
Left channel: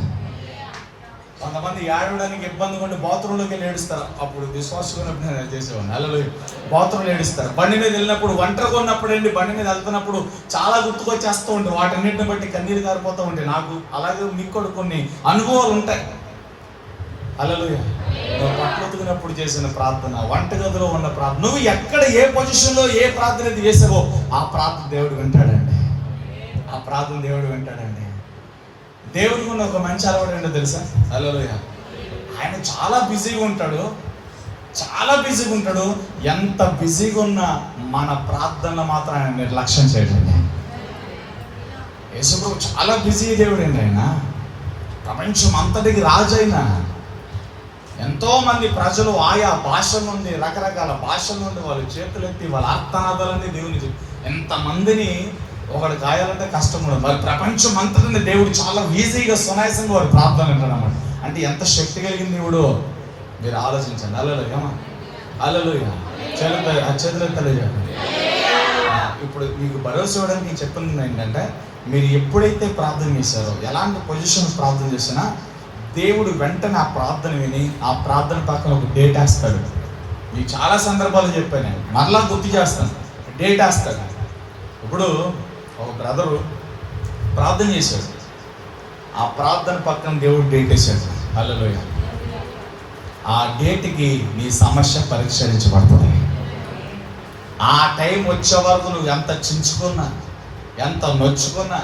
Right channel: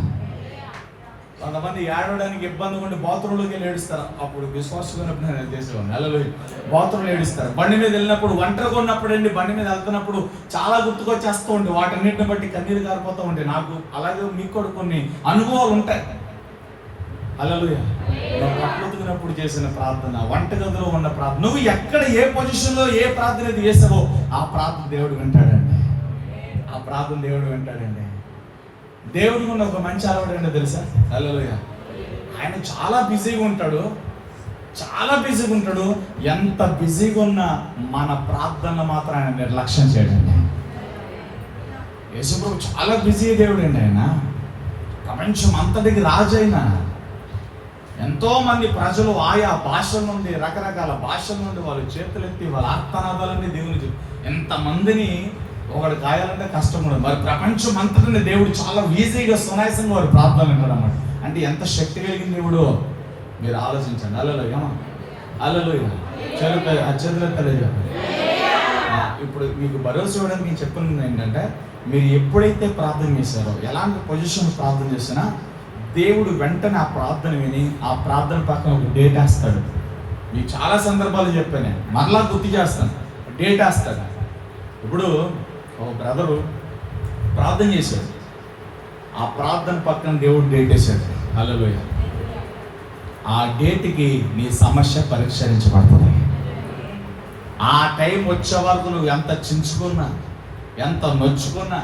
కొంతమంది ఏడవడానికి ఇబ్బంది ఉండి బాత్రూంలోకి వెళ్ళి ఏడుస్తారు. అప్పుడు విశ్వాసంగా చేసేవాడిని. హల్లెలూయా. బాత్రూంలో ఏడుస్తారు. బండి మీద వెళ్ళినప్పుడు, ఒంటరిగా ఉన్నప్పుడు అండి, బండి మీద వెళ్తున్నప్పుడు చాలా గుర్తుకొచ్చేస్తూ ఉండే, వాటన్నిటిని బట్టి కన్నీరు కారిపోతూ ఉండే. నాకు అలాగే మీకు కూడా కొన్ని అనుభవాలు ఉంటాయి. హల్లెలూయా. బట్టలు ఉతికినప్పుడు చేసిన ప్రార్థన, వంటగదిలో ఉన్న ప్రార్థన, నువ్వు ఎక్కడ ఏ పొజిషన్లో ఏ ప్రార్థన ఇది వేసావో ఆ ప్రార్థన దేవుడు వింటాడండి. ఆ ప్రార్థన దేవుడు వింటాడండి. దేవుడికి ఉన్న ఒక మంచి అలవాటు ఏంటో తెలుసా? హల్లెలూయా. ఆయన చాలా బిజీగా ఉంటాడు, చాలా బిజీగా ఉంటాడు. ఎంత బిజీగా ఉన్నా మన ప్రార్థనలు మాత్రం ఆయన నిర్లక్ష్యం చేయడండి. యేసుప్రభు చాలా బిజీ దేవుడు అండి. ఆయన ప్రపంచం అంతటికి రాజు. అయినా ఎంతో మంది ప్రజలు ఆయా భాషల నుండి, రకరకాల భాషల నుండి వాళ్ళు చేతులెత్తి వాళ్ళ ఆర్తనాదాలన్నీ దేవునికి, ఎంతమందిని ఒకటి గాయాలంటే కష్టం కూడా. మరి ప్రపంచం అంతటిని దేవుడు చాలా ఈజీగా సునాయాసంగా వారు ప్రార్థన వింటాడు అన్నమాట. అంటే ఎంత శక్తి కలిగిన దేవుడు మీరు ఆలోచించండి. హల్లెలూయా. హల్లెలూయా. చేతులు తెలియజేయండి. ఇప్పుడు మీకు భరోసా ఇవ్వడానికి నేను చెప్తున్నది ఏంటంటే, మీరు ఎప్పుడైతే ప్రార్థన చేశారో, ఎలాంటి పొజిషన్ ప్రార్థన చేసినా దేవుడు వెంటనే ఆ ప్రార్థన విని ఆ ప్రార్థన పక్కన ఒక డేట్ వేస్తాడు. మీకు చాలా సందర్భాలు చెప్పాను, నేను మరలా గుర్తు చేస్తాను. డేట్ వేస్తాడు. ఇప్పుడు ఒక బ్రదరు ప్రార్థన చేశాడు, ఆ ప్రార్థన పక్కన దేవుడు డేట్ వేసాడు. హల్లెలూయా. ఆ డేట్కి నీ సమస్య పరిష్కరించబడుతుంది. ఆ టైం వచ్చే వరకు నువ్వు ఎంత చించుకున్నా, ఎంత నొచ్చుకున్నా,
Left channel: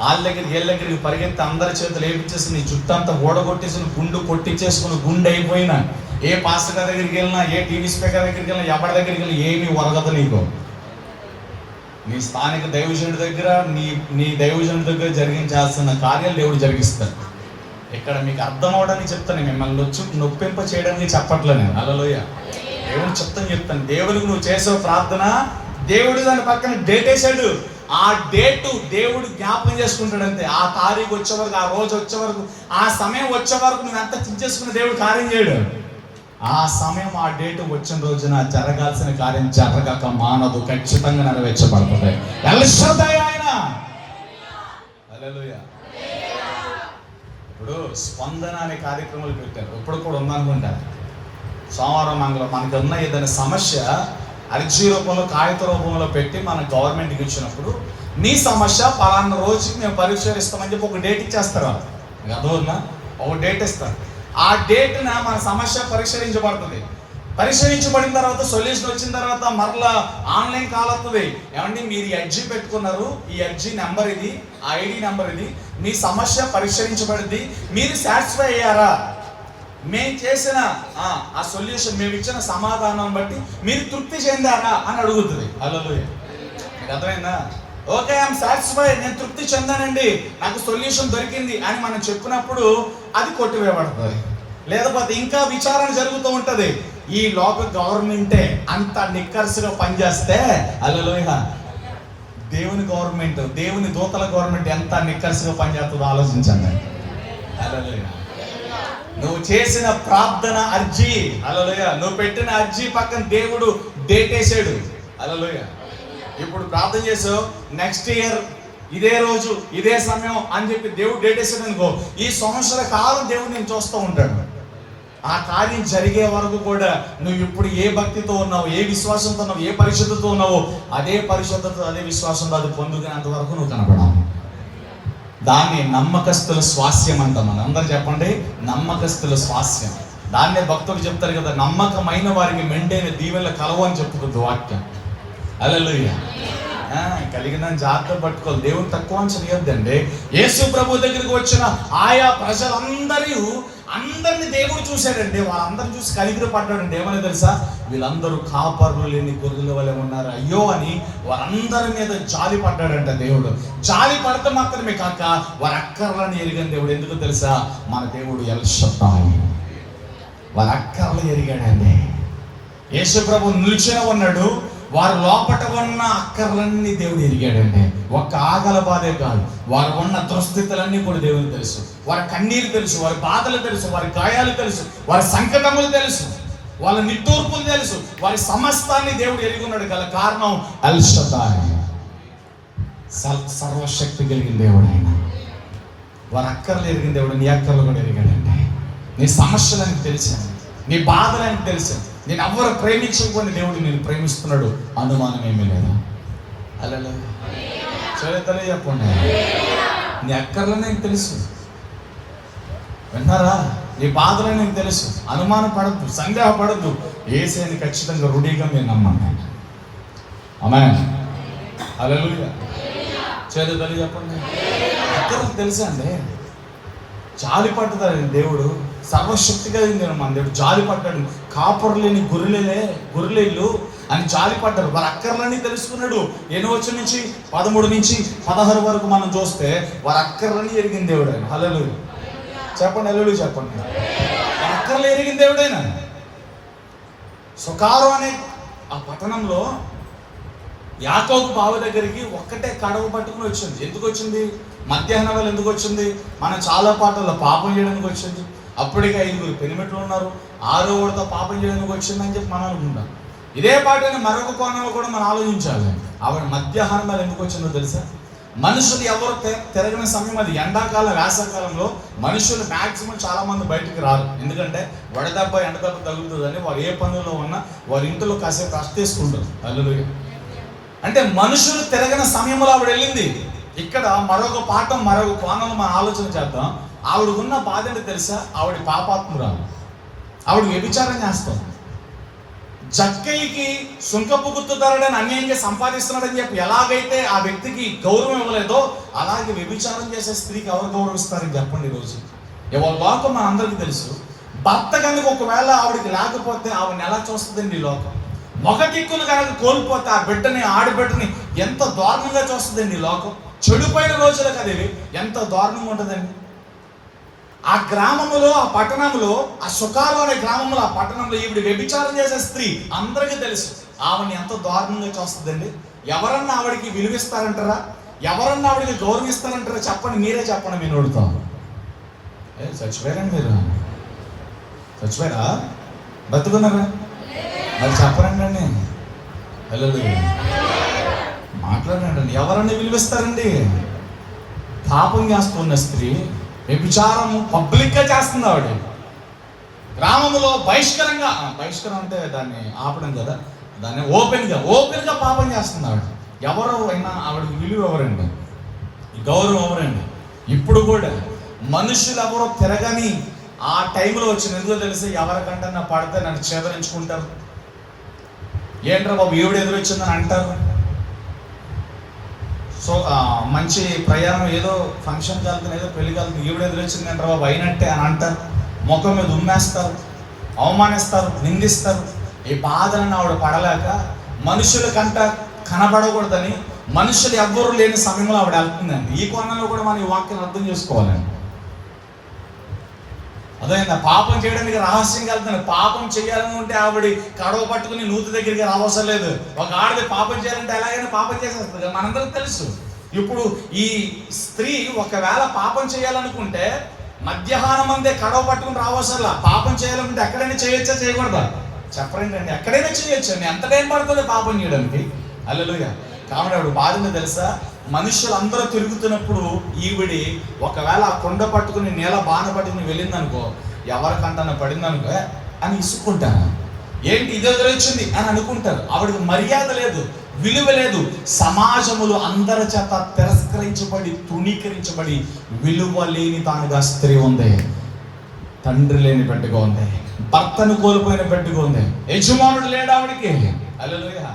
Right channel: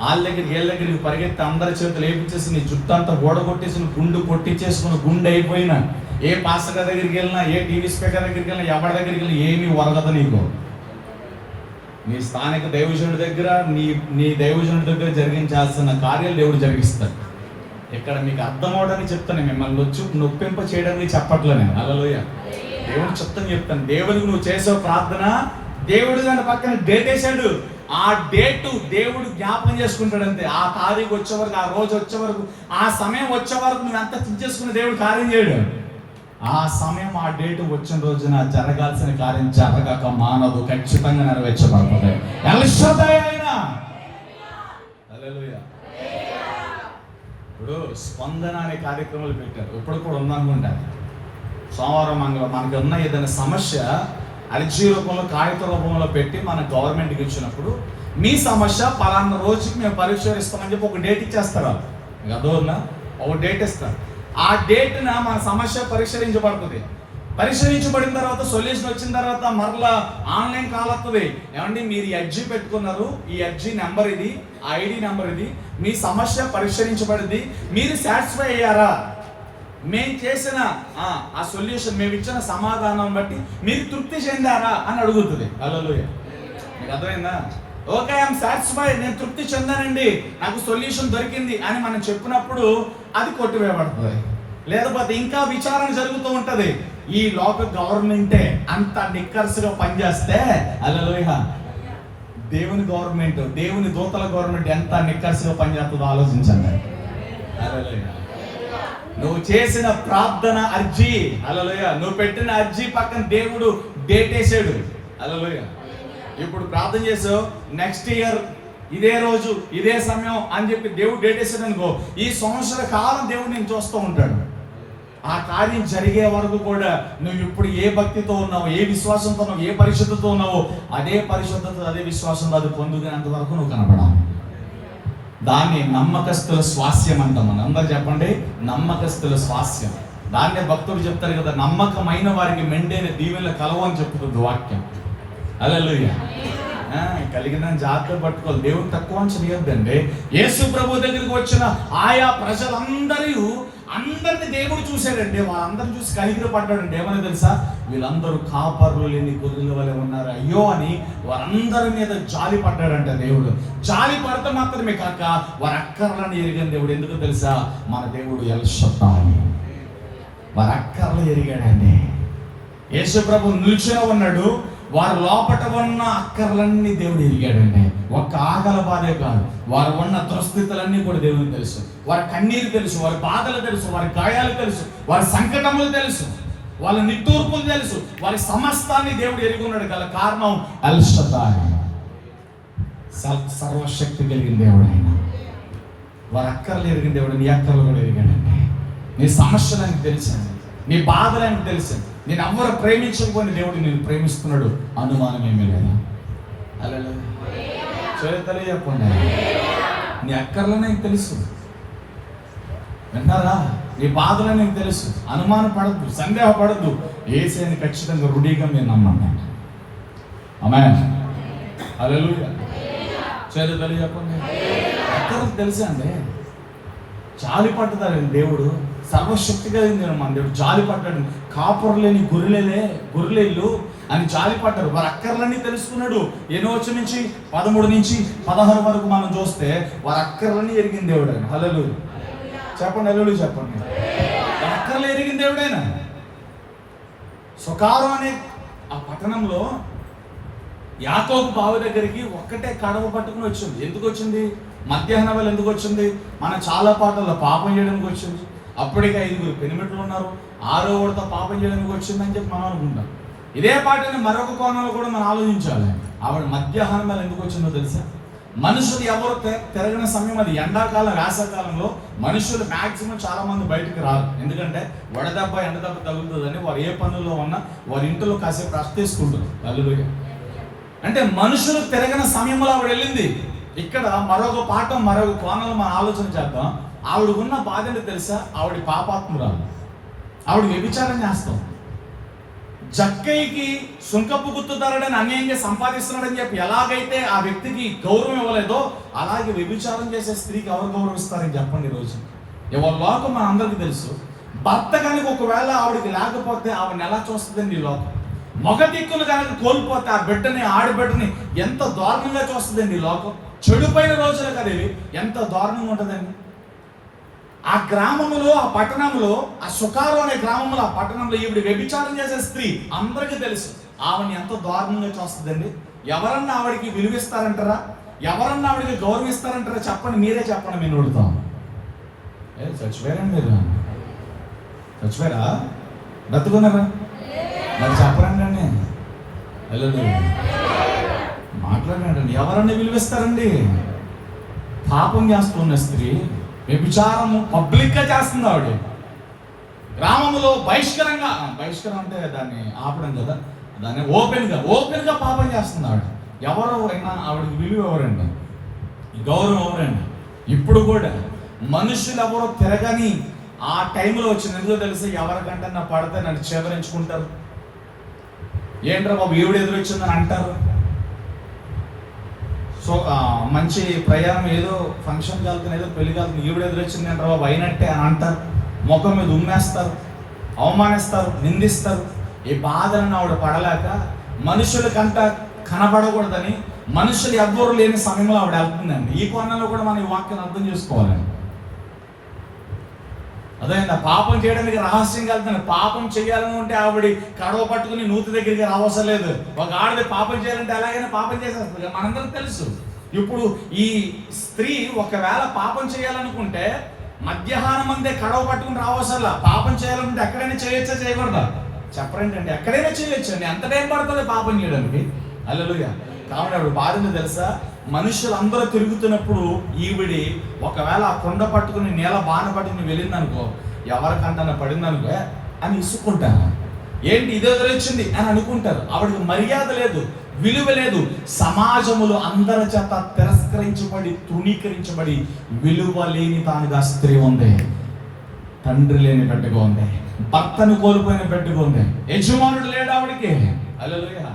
వాళ్ళ దగ్గరికి వీళ్ళ దగ్గరికి పరిగెత్తి అందరి చేతులు వేపించేసి నీ జుట్టు అంతా ఓడగొట్టేసి గుండు కొట్టించేసుకుని గుండె అయిపోయినా, ఏ పాస్టర్ దగ్గరికి వెళ్ళినా, ఏ టీవీ స్పీకర్ దగ్గరికి వెళ్ళినా, ఎవరి దగ్గరికి వెళ్ళినా ఏమీ ఒరగదు నీకు. నీ స్థానిక దైవజనుడి దగ్గర, నీ దైవజనుడి దగ్గర జరిగించాల్సిన కార్యాలు దేవుడు జరిగిస్తాడు. ఇక్కడ మీకు అర్థం అవడానికి చెప్తాను, మిమ్మల్ని వచ్చి నొప్పింప చేయడానికి చెప్పట్లే నేను. హల్లెలూయా. దేవుడు చెప్తాను. దేవుడికి నువ్వు చేసే ప్రార్థన దేవుడు దాని పక్కన డేట్ వేసాడు. ఆ డేటు దేవుడు జ్ఞాపకం చేసుకుంటాడు అంతే. ఆ తారీఖు వచ్చే వరకు, ఆ రోజు వచ్చే వరకు, ఆ సమయం వచ్చే వరకు నువ్వు ఎంత చించేసుకుని దేవుడు కార్యం చేయడు. ఆ సమయం, ఆ డేటు వచ్చిన రోజున జరగాల్సిన కార్యం జరగక మానదు, ఖచ్చితంగా నెరవేర్చబడుతుంది. హల్లెలూయా. ఇప్పుడు స్పందన అనే కార్యక్రమాలు పెట్టారు, ఇప్పుడు కూడా ఉందనుకుంటా. సోమవారం మంగళం మనకి ఉన్న ఏదైనా సమస్య అర్జీ రూపంలో, కాగిత రూపంలో పెట్టి మన గవర్నమెంట్కి ఇచ్చినప్పుడు మీ సమస్య పలానా రోజుకి మేము పరిష్కరిస్తామని చెప్పి ఒక డేట్ ఇచ్చేస్తారు. అదో ఒక డేట్ ఇస్తారు. ఆ డేట్న మన సమస్య పరిష్కరించబడుతుంది. పరిశీలించబడిన తర్వాత సొల్యూషన్ వచ్చిన తర్వాత మరలా ఆన్లైన్ కాల్ వస్తుంది. ఏమండి మీరు ఈ అర్జీ పెట్టుకున్నారు, ఈ అర్జీ నెంబర్ ఇది, ఆ ఐడి నెంబర్ ఇది, మీ సమస్య పరిష్కరించబడింది, మీరు సాటిస్ఫై అయ్యారా, మేము చేసిన ఆ సొల్యూషన్, మేము ఇచ్చిన సమాధానం బట్టి మీరు తృప్తి చెందారా అని అడుగుతుంది. హల్లెలూయా. మీకు అర్థమైందా? ఓకే, ఐఎమ్ సాటిస్ఫై, నేను తృప్తి చెందానండి, నాకు సొల్యూషన్ దొరికింది అని మనం చెప్పినప్పుడు అది కొట్టివేయబడుతుంది. లేకపోతే ఇంకా విచారణ జరుగుతూ ఉంటది. ఈ లోక గవర్నమెంటే అంత నిక్కర్స్గా పనిచేస్తే, హల్లెలూయా, దేవుని గవర్నమెంట్, దేవుని దూతల గవర్నమెంట్ ఎంత నిక్కర్స్గా పనిచేస్తుందో ఆలోచించండి. హల్లెలూయా. నువ్వు చేసిన ప్రార్థన అర్జీ, హల్లెలూయా, నువ్వు పెట్టిన అర్జీ పక్కన దేవుడు డేట్ వేసాడు. హల్లెలూయా. ఇప్పుడు ప్రార్థన చేసావు, నెక్స్ట్ ఇయర్ ఇదే రోజు ఇదే సమయం అని చెప్పి దేవుడు డేట్ వేసాడు అనుకో, ఈ సంవత్సర కాలం దేవుడు నేను చూస్తూ ఉంటాడు. ఆ కార్యం జరిగే వరకు కూడా నువ్వు ఇప్పుడు ఏ భక్తితో ఉన్నావు, ఏ విశ్వాసంతో ఉన్నావు, ఏ పరిశుద్ధతో ఉన్నావో అదే పరిశుద్ధత, అదే విశ్వాసంతో అది పొందుకునేంత వరకు నువ్వు కనపడాలి. దాన్ని నమ్మకస్తుల స్వాస్యం అంటాం. మనం అందరూ చెప్పండి, నమ్మకస్తుల స్వాస్యం. దాన్నే భక్తుడు చెప్తారు కదా, నమ్మకమైన వారికి మెండైన దీవెనలు కలవు అని చెప్పుకుంది వాక్యం. హల్లెలూయా. కలిగిన జాగ్రత్త పట్టుకోవాలి, దేవుడు తక్కువ చేయొద్దండి. యేసు ప్రభు దగ్గరికి వచ్చిన ఆయా అందరిని దేవుడు చూశాడండి. వాళ్ళందరిని చూసి కలిగిన పడ్డాడండి. ఏమని తెలుసా? వీళ్ళందరూ కాపర్లు లేని గొర్రెల వలె ఉన్నారు, అయ్యో అని వారందరి మీద జాలి పడ్డాడంట దేవుడు. జాలి పడటం మాత్రమే కాక వారి అక్కర్లను ఎరిగిన దేవుడు. ఎందుకు తెలుసా? మన దేవుడు ఎల్ షద్దాయి, వారి అక్కర్లు ఎరిగాడండి. యేసు ప్రభు నిల్చునే ఉన్నాడు, వారి లోపట ఉన్న అక్కర్లన్నీ దేవుడు ఎరిగాడండి. ఒక్క ఆకల బాధే కాదు, వారు ఉన్న దుస్థితులన్నీ కూడా దేవుడికి తెలుసు. వారి కన్నీరు తెలుసు, వారి బాధలు తెలుసు, వారి గాయాలు తెలుసు, వారి సంకటములు తెలుసు, వాళ్ళ నిట్టూర్పులు తెలుసు, వారి సమస్తాన్ని దేవుడు ఎరిగి ఉన్నాడు. గల కారణం ఎల్ షద్దాయి, సర్వశక్తి కలిగిన దేవుడు ఆయన. వారి అక్కర్లు ఎరిగిన దేవుడు నీ అక్కర్లు కూడా ఎరిగాడండి. నీ సమస్యలని తెలిసాను, నీ బాధలని తెలిసాను. నేను ఎవరు ప్రేమించకపోయిన దేవుడు నేను ప్రేమిస్తున్నాడు, అనుమానం ఏమీ లేదు. అలా చేతలే చెప్పండి, నీ అక్కర్లని నాకు తెలుసు. వింటారా? నీ బాధలని నాకు తెలుసు. అనుమానం పడద్దు, సందేహపడద్దు. యేసుని ఖచ్చితంగా రుడిగా మీరు నమ్మండి. ఆమేన్. హల్లెలూయా. చేతలే చెప్పండి. అక్కర్లు తెలుసా అండి? జాలి పట్టుతాడండి దేవుడు. సర్వశక్తి కలిగింది మన దేవుడు. జాలి పడ్డాడు. కాపురు లేని గొర్రెలు అని జాలి పడ్డాడు. వారి అక్కర్లన్నీ తెలుసుకున్నాడు. 8 నుంచి 13 నుంచి 16 వరకు మనం చూస్తే వారి అక్కర్లన్నీ ఎరిగిన దేవుడు ఆయన. హల్లెలూయా చెప్పండి, హల్లెలూయా చెప్పండి. వారి అక్కర్లు ఎరిగిన దేవుడైన. సుకారు అనే ఆ పట్టణంలో యాకోబు బావి దగ్గరికి ఒక్కటే కడవ పట్టుకుని వచ్చింది. ఎందుకు వచ్చింది? మధ్యాహ్నం వేళ ఎందుకు వచ్చింది? మనం చాలా పాటల్లో పాపం చేయడానికి వచ్చింది. అప్పటికే 5 పెనిమిట్లు ఉన్నారు, 6వ వాడితో పాపం చేయడానికి వచ్చిందని చెప్పి మనం అనుకుంటాం. ఇదే పాటని మరొక కోణంలో కూడా మనం ఆలోచించాలి. ఆవిడ మధ్యాహ్నం వేళ ఎందుకు వచ్చిందో తెలుసా? మనుషులు ఎవరు తిరగని సమయం అది. ఎండాకాలం, వేసవకాలంలో మనుషులు మ్యాక్సిమం చాలా మంది బయటకు రారు. ఎందుకంటే వడదెబ్బ ఎండదెబ్బ తగులుతుందని వారు ఏ పనుల్లో ఉన్నా వారి ఇంట్లో కాసేపు రెస్ట్ తీసుకుంటారు. హల్లెలూయా. అంటే మనుషులు తిరగని సమయంలో ఆవిడ వెళ్ళింది. ఇక్కడ మరొక పాఠం, మరొక కోణంలో మనం ఆలోచన చేద్దాం. ఆవిడకున్న బాధ ఏంటో తెలుసా? ఆవిడ పాపాత్మురాలు, ఆవిడ వ్యభిచారం చేస్తాం. జక్కయ్యకి సుంకపు గుర్తుదారుడని అన్యాయంగా సంపాదిస్తున్నాడని చెప్పి ఎలాగైతే ఆ వ్యక్తికి గౌరవం ఇవ్వలేదో అలాగే వ్యభిచారం చేసే స్త్రీకి ఎవరు గౌరవిస్తారని చెప్పండి. ఈరోజు ఎవరి లోకం మన అందరికీ తెలుసు. భర్త కనుక ఒకవేళ ఆవిడకి లేకపోతే ఆవిడని ఎలా చూస్తుందండి ఈ లోకం? మగ దిక్కులు కనుక కోల్పోతే ఆ బిడ్డని, ఆడబిడ్డని ఎంత దారుణంగా చూస్తుందండి ఈ లోకం. చెడిపోయిన రోజులు కదేవి ఎంత దారుణంగా ఉంటుందండి. ఆ గ్రామంలో, ఆ పట్టణంలో, ఆ సుకారు అనే గ్రామంలో, ఆ పట్టణంలో ఈవిడ వ్యభిచారం చేసే స్త్రీ అందరికీ తెలుసు. ఆవిడని ఎంత దారుణంగా చూస్తుందండి. ఎవరన్నా ఆవిడకి విలువిస్తారంటారా? ఎవరన్నా ఆవిడకి గౌరవిస్తారంటారా? చెప్పండి, మీరే చెప్పండి. మేము అడుగుతాం. చచ్చిపోయారండి మీరు? చచ్చిపోయారా? బతుకున్నారా? మరి చెప్పరండి అండి. హల్లెలూయా. మాట్లాడండి. ఎవరన్నా విలువిస్తారండి? పాపం చేస్తున్న స్త్రీ వ్యభిచారం పబ్లిక్గా చేస్తుంది. ఆవిడ గ్రామంలో బహిష్కరం అంటే దాన్ని ఆపడం కదా, దాన్ని ఓపెన్గా పాపం చేస్తుంది ఆవిడ. ఎవరు అయినా ఆవిడకి విలువ ఎవరండి? గౌరవం ఎవరండి? ఇప్పుడు కూడా మనుషులు ఎవరో తిరగని ఆ టైంలో వచ్చిన ఎందుకో తెలిసి ఎవరికంటే నా పడితే నన్ను చేదరించుకుంటారు. ఏంట్రా బాబు ఈవిడ ఎదురొచ్చిందని అంటారు. సో మంచి ప్రయాణం ఏదో ఫంక్షన్కి వెళ్తాను, ఏదో పెళ్లికి వెళ్తాను, ఈవిడ ఎదురొచ్చింది అంటారు బాబు అయినట్టే అని అంటారు. ముఖం మీద ఉమ్మేస్తారు, అవమానిస్తారు, నిందిస్తారు. ఈ బాధలను ఆవిడ పడలేక మనుషులకంట కనబడకూడదని మనుషులు ఎవ్వరూ లేని సమయంలో ఆవిడ వెళ్తుందండి. ఈ కోణంలో కూడా మనం ఈ వాక్యాన్ని అర్థం చేసుకోవాలండి. అదేందా పాపం చేయడానికి రహస్యంగా వెళ్తాను. పాపం చేయాలని ఉంటే ఆవిడ కడవ పట్టుకుని నూతి దగ్గరికి రావసరం లేదు. ఒక ఆడది పాపం చేయాలంటే ఎలాగైనా పాపం చేసేస్తుంది కదా, మనందరికి తెలుసు. ఇప్పుడు ఈ స్త్రీ ఒకవేళ పాపం చేయాలనుకుంటే మధ్యాహ్నం అందే కడవ పట్టుకుని రావసరంలా. పాపం చేయాలనుకుంటే ఎక్కడైనా చేయొచ్చా చేయకూడదా చెప్పరండి అండి. ఎక్కడైనా చేయొచ్చండి. ఎంత టైం పడుతుంది పాపం చేయడానికి? హల్లెలూయా. కాబట్టి ఆవిడ బాధను తెలుసా, మనుషులందరూ తిరుగుతున్నప్పుడు ఈవిడి ఒకవేళ ఆ కొండ పట్టుకుని నేల బాణ పట్టుకుని వెళ్ళిందనుకో, ఎవరికంటన్నా పడిందనుకో అని ఇసుక్కుంటాను. ఏంటి ఇది ఎదురొచ్చింది అని అనుకుంటారు. ఆవిడకి మర్యాద లేదు, విలువ లేదు. సమాజములు అందరి చేత తిరస్కరించబడి తృణీకరించబడి విలువ లేని తానుగా స్త్రీ ఉంది. తండ్రి లేని బిడ్డగా ఉంది, భర్తను కోల్పోయిన బిడ్డగా ఉంది, యజమానుడు లేడు ఆవిడికి. హల్లెలూయా.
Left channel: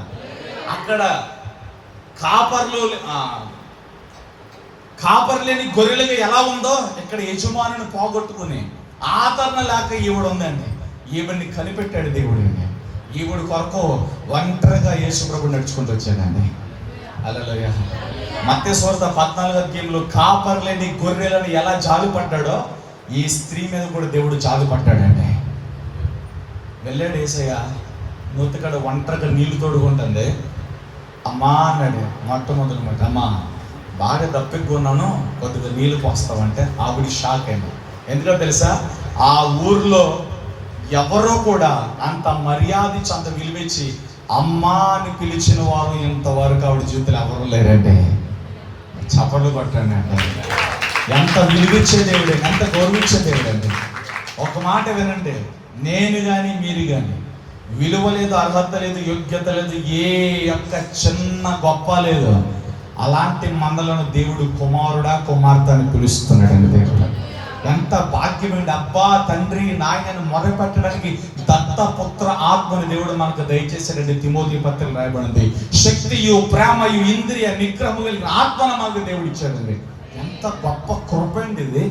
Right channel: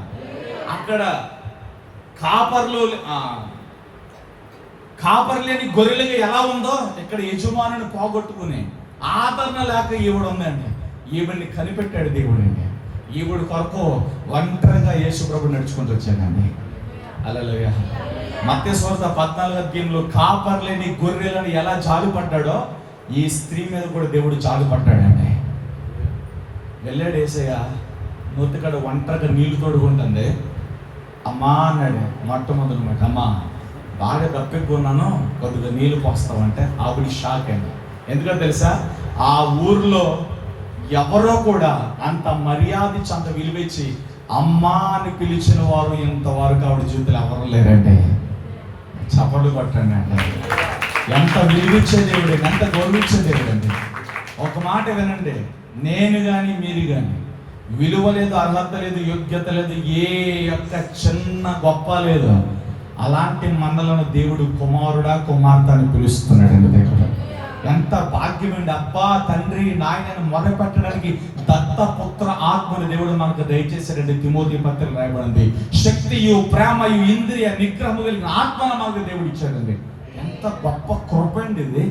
అక్కడ కాపరు లేని గొర్రెలుగా ఎలా ఉందో ఇక్కడ యజమానుని పోగొట్టుకుని ఆదరణ లేక ఈవిడ ఉందండి. ఈవిడ్ని కనిపెట్టాడు దేవుడండి. ఈవిడ కొరకు ఒంటరిగా యేసు ప్రభు నడుచుకుంటూ వచ్చాడండి. హల్లెలూయా. మత్తయి సువార్త 14వ అధ్యాయంలో కాపరు లేని గొర్రెలను ఎలా జాలిపడ్డాడో ఈ స్త్రీ మీద కూడా దేవుడు జాలిపడ్డాడండి. వెళ్ళాడు యేసయ్య, నూతికడ ఒంటరిగా నీళ్లు తోడుకుంటుంది. అమ్మా అన్నాడు మొట్టమొదటి మాట, అమ్మా బాగా దప్పిక్కున్నాను, కొద్దిగా నీళ్ళు పోస్తామంటే ఆవిడ షాక్ అయింది. ఎందుకంటే తెలుసా, ఆ ఊర్లో ఎవరో కూడా అంత మర్యాద అంత విలువిచ్చి అమ్మా అని పిలిచిన వారు ఇంతవరకు ఆవిడ జీవితంలో ఎవరు లేరండి. చప్పట్లు కొట్టండి అంటే ఎంత విలువిచ్చే దేవుడు, ఎంత గౌరవించే దేవుడు అండి. ఒక మాట వినండి, నేను కానీ మీరు కానీ విలువ లేదు, అర్హత లేదు, యోగ్యత లేదు, ఏ యొక్క చిన్న గొప్ప లేదు. అలాంటి మందలను దేవుడు కుమారుడా కుమార్తె అని పిలుస్తున్నాడు. దేవుడు ఎంత భాగ్యమండి. అబ్బా తండ్రి నాయనను మొరపెట్టడానికి దత్తపుత్ర ఆత్మని దేవుడు మనకు దయచేశాడండి. తిమోతి పత్రిక రాయబడింది, శక్తియు ప్రేమయు ఇంద్రియ నిగ్రహము కలిగిన ఆత్మను మనకు దేవుడు ఇచ్చాడండి. ఎంత గొప్ప కృప అండి ఇది.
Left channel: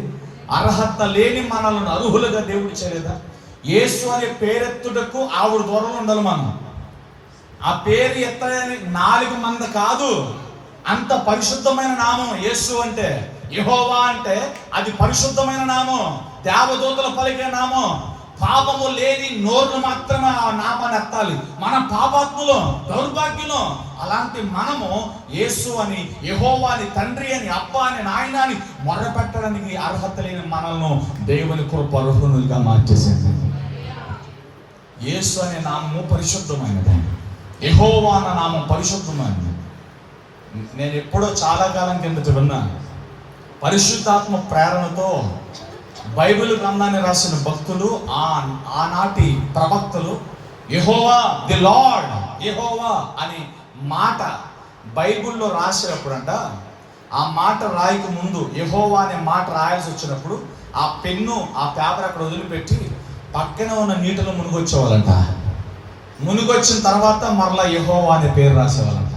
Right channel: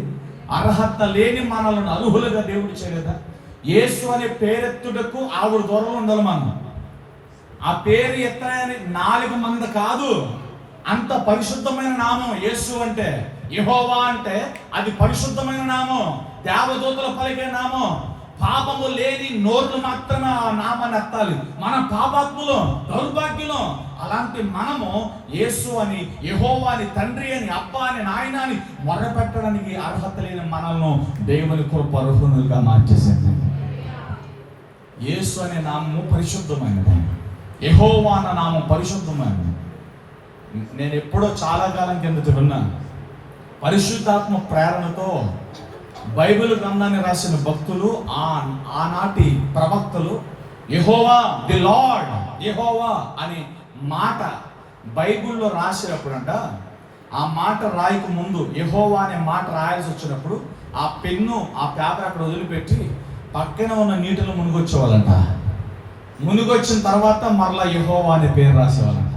అర్హత లేని మనలను అర్హులుగా దేవుడు చేయలేదా? యేసు అనే పేరెత్తుటకు ఆవిడ దూరంలో ఉండాలి మనం. ఆ పేరు ఎత్తాయని 4 మంది కాదు, అంత పరిశుద్ధమైన నామం యేసు అంటే. యెహోవా అంటే అది పరిశుద్ధమైన నామం, దేవదూతలు పలికే నామం. పాపము లేని నోరు మాత్రమే ఆ నామాన్ని ఎత్తాలి. మనం పాపాత్ములు, దౌర్భాగ్యులు. అలాంటి మనము యేసు అని, యెహోవా అని, తండ్రి అని, అబ్బా అని, నాయన అని మొరపెట్టడానికి అర్హత లేని మనల్ని దేవుని కృప అర్హులుగా మార్చేసింది. యేసు అనే నామము పరిశుద్ధమైనది, యెహోవా అన్న నామం పరిశుద్ధమైనది. నేను ఎప్పుడో చాలా కాలం కిందట విన్నా, పరిశుద్ధాత్మ ప్రేరణతో బైబిల్ గ్రంథాన్ని రాసిన భక్తులు, ఆనాటి ప్రవక్తలు యెహోవా ది లార్డ్, యెహోవా అని మాట బైబిల్లో రాసినప్పుడంట, ఆ మాట రాయక ముందు యెహోవా అనే మాట రాయాల్సి వచ్చినప్పుడు ఆ పెన్ను ఆ పేపర్ అక్కడ వదిలిపెట్టి పక్కన ఉన్న నీటిలో మునిగొచ్చేవాళ్ళంట. మునిగొచ్చిన తర్వాత మరలా యెహోవా అనే పేరు రాసేవాళ్ళంట.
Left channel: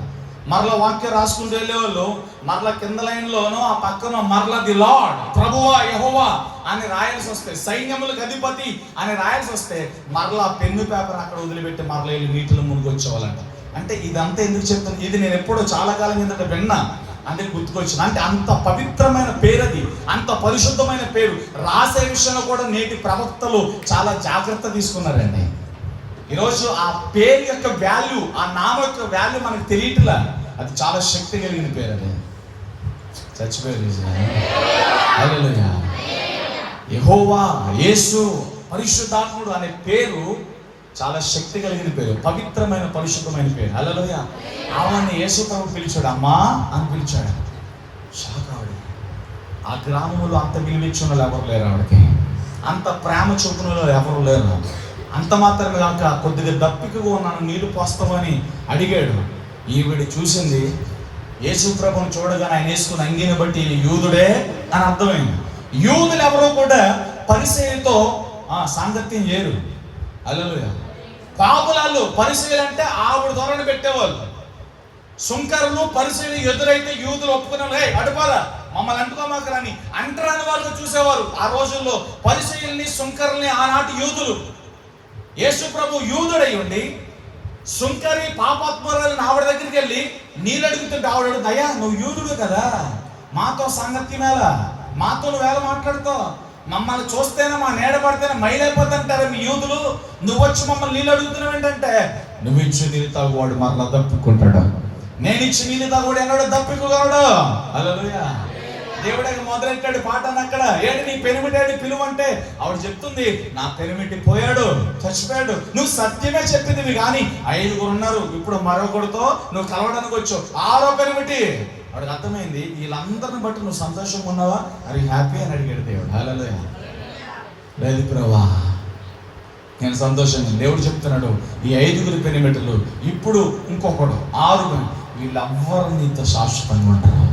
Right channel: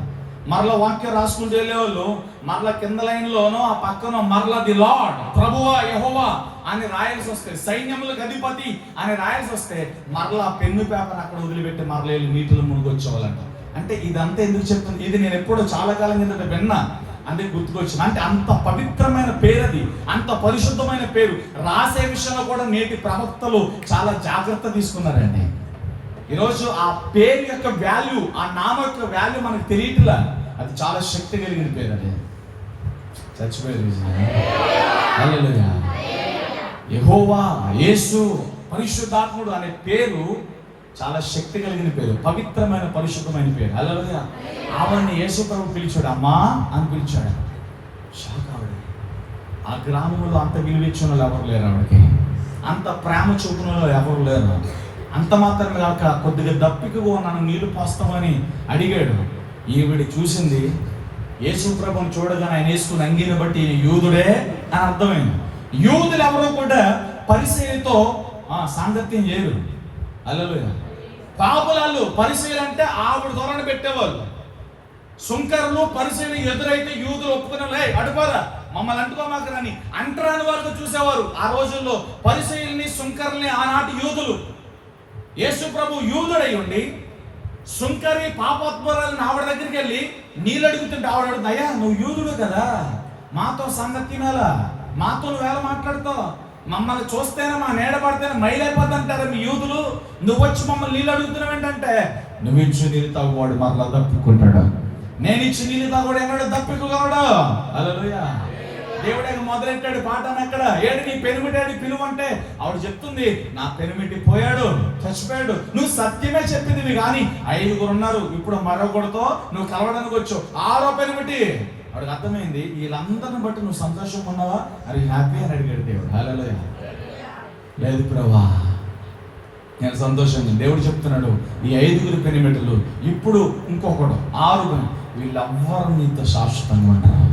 మరలా వాక్యం రాసుకుంటూ వెళ్ళేవాళ్ళు మరలా కింద లైన్లోనో ఆ పక్కన మరలా ది లార్డ్, ప్రభువా యెహోవా అని రాయాల్సి వస్తే, సైన్యములకు అధిపతి అని రాయాల్సి వస్తే మరలా పెన్ను పేపర్ అక్కడ వదిలిపెట్టి మరలా వెళ్ళి నీటిలో మునిగొచ్చేవాళ్ళంట. అంటే ఇదంతా ఎందుకు చెప్తాను, ఇది నేను ఎప్పుడో చాలా కాలం కిందట విన్నా, అందుకే గుర్తుకొచ్చింది. అంటే అంత పవిత్రమైన పేరు అది, అంత పరిశుద్ధమైన పేరు. రాసే విషయంలో కూడా నేటి ప్రవక్తలు చాలా జాగ్రత్త తీసుకున్నారండి. ఈరోజు ఆ పేరు యొక్క వాల్యూ, ఆ నామం యొక్క వాల్యూ మనకు తెలియట్లా. అది చాలా శక్తి కలిగిన పేరు. అది చచ్చిపోయారు. హల్లెలూయా. యెహోవా, యేసు, పరిశుద్ధాత్ముడు అనే పేరు చాలా శక్తి కలిగిన పేరు, పవిత్రమైన పరిశుద్ధమైన పేరు. హల్లెలూయా. ఆవిడ్ని యేసు ప్రభు పిలిచాడు, అమ్మా అని పిలిచాడు. షాక్ ఆవిడ. ఆ గ్రామంలో అంత విలువిచ్చిన వాళ్ళు ఎవరు లేరు ఆవిడకి, అంత ప్రేమ చూపున వాళ్ళు ఎవరు లేరు. అంత మాత్రమే కాక కొద్దిగా దప్పికగా ఉన్నాను, నీళ్లు పోస్తామని అడిగాడు. ఈవిడ చూసింది, యేసు ప్రభుని చూడగానే ఆయన వేసుకున్న అంగీని బట్టి యూదుడే అని అర్థమైంది. యూదులు ఎవరో కూడా పరిసయ్యులతో సాంగత్యం చేయరు. హల్లెలూయా. పాపులాళ్ళు పరిసయ్యులు అంటే ఆవిడ ధోరణి పెట్టేవాళ్ళు. సుంకరులు పరిసయ్యులు ఎదురైతే యూదులు ఒప్పుకునే అడుపారా మమ్మల్ని అంటుకోమాకరని అంటరాని వాళ్ళతో చూసేవారు. ఆ రోజుల్లో పరిసయ్యుల్ని సుంకరుల్ని ఆనాటి యూదులు. యేసు ప్రభు యూదుడై ఉండి సుంకరి పాపాత్మరాలని ఆవిడ దగ్గరికి వెళ్ళి నీళ్ళు అడుగుతుంటే ఆవిడ అయ్యా నువ్వు యూదుడు కదా, మాతో సాంగత్యమేలా, మాతో నువ్వు వేళ మాట్లాడుతావు, మమ్మల్ని చూస్తేనే మా నీడ పడితేనే మైలైపోతుంటారా మీ యూదులు, నువ్వు వచ్చి మమ్మల్ని నీళ్ళు అడుగుతున్నావు ఏంటంటే, నువ్వు ఇచ్చి నీళ్ళు తాగువాడు మరలా తప్పుకుంటాడు, నేను ఇచ్చి నీళ్ళు తాగువాడు ఎన్నడూ తప్పుకోగలడు. హల్లెలూయా. దేవుడే మొదలెట్టాడు పాటను. అక్కడ ఏంటి నీ పెనిమిటాడు పిలువంటే ఆవిడ చెప్తుంది, నా పెనిమిటి పోయాడు, చచ్చిపోయాడు, నువ్వు సత్యమే చెప్పింది కానీ 5 ఉన్నారు, ఇప్పుడు మరొకడితో నువ్వు కలవడానికి వచ్చావు, 6వ పెనిమిటి. వాడికి అర్థమైంది వీళ్ళందరిని బట్టి నువ్వు సంతోషంగా ఉన్నావా, అరే హ్యాపీ అని అడిగాడు దేవుడు. హల్లెలూయా. లేదు ప్రభా నేను సంతోషంగా. దేవుడు చెప్తున్నాడు ఈ 5 పెనిమిటలు ఇప్పుడు ఇంకొకడు 6 వీళ్ళెవ్వరు నీతో శాశ్వతంగా ఉంటారు.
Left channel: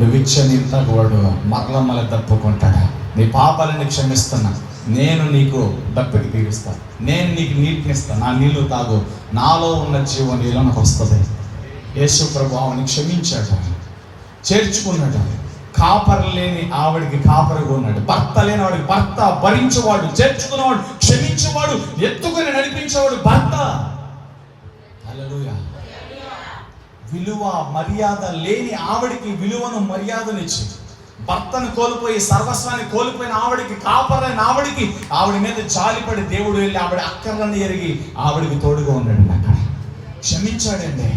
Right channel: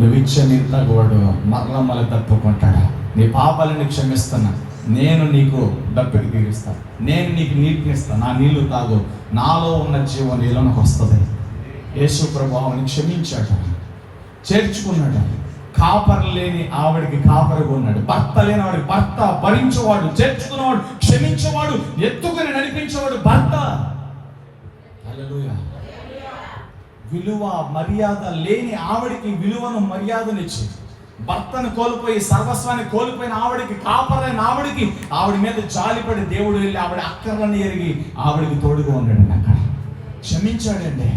నువ్వు ఇచ్చే నీళ్ళు తాగువాడు మరల మళ్ళీ తప్పుకుంటాడు. నీ పాపాలని క్షమిస్తున్నా, నేను నీకు దప్పికి తీరుస్తా, నేను నీకు నీటిని ఇస్తాను, నా నీళ్లు తాగు, నాలో ఉన్న జీవం నీళ్ళకి వస్తుంది. యేసు ప్రభు ఆవిడని క్షమించాడు, చేర్చుకున్నాడు. కాపరి లేని ఆవిడికి కాపరిగా ఉన్నాడు, భర్త లేని వాడికి భర్త, భరించేవాడు, చేర్చుకున్నవాడు, క్షమించేవాడు, ఎత్తుకుని నడిపించేవాడు భర్త. హల్లెలూయా. విలువ మర్యాద లేని ఆవిడికి విలువను మర్యాదనిచ్చి, భర్తను కోల్పోయి సర్వస్వాన్ని కోల్పోయిన ఆవిడికి, కాపరైన ఆవిడికి ఆవిడ మీద జాలిపడి దేవుడు వెళ్ళి ఆవిడ అక్కర్లని ఎరిగి ఆవిడికి తోడుగా ఉన్నాడు. అక్కడ క్షమించాడండి.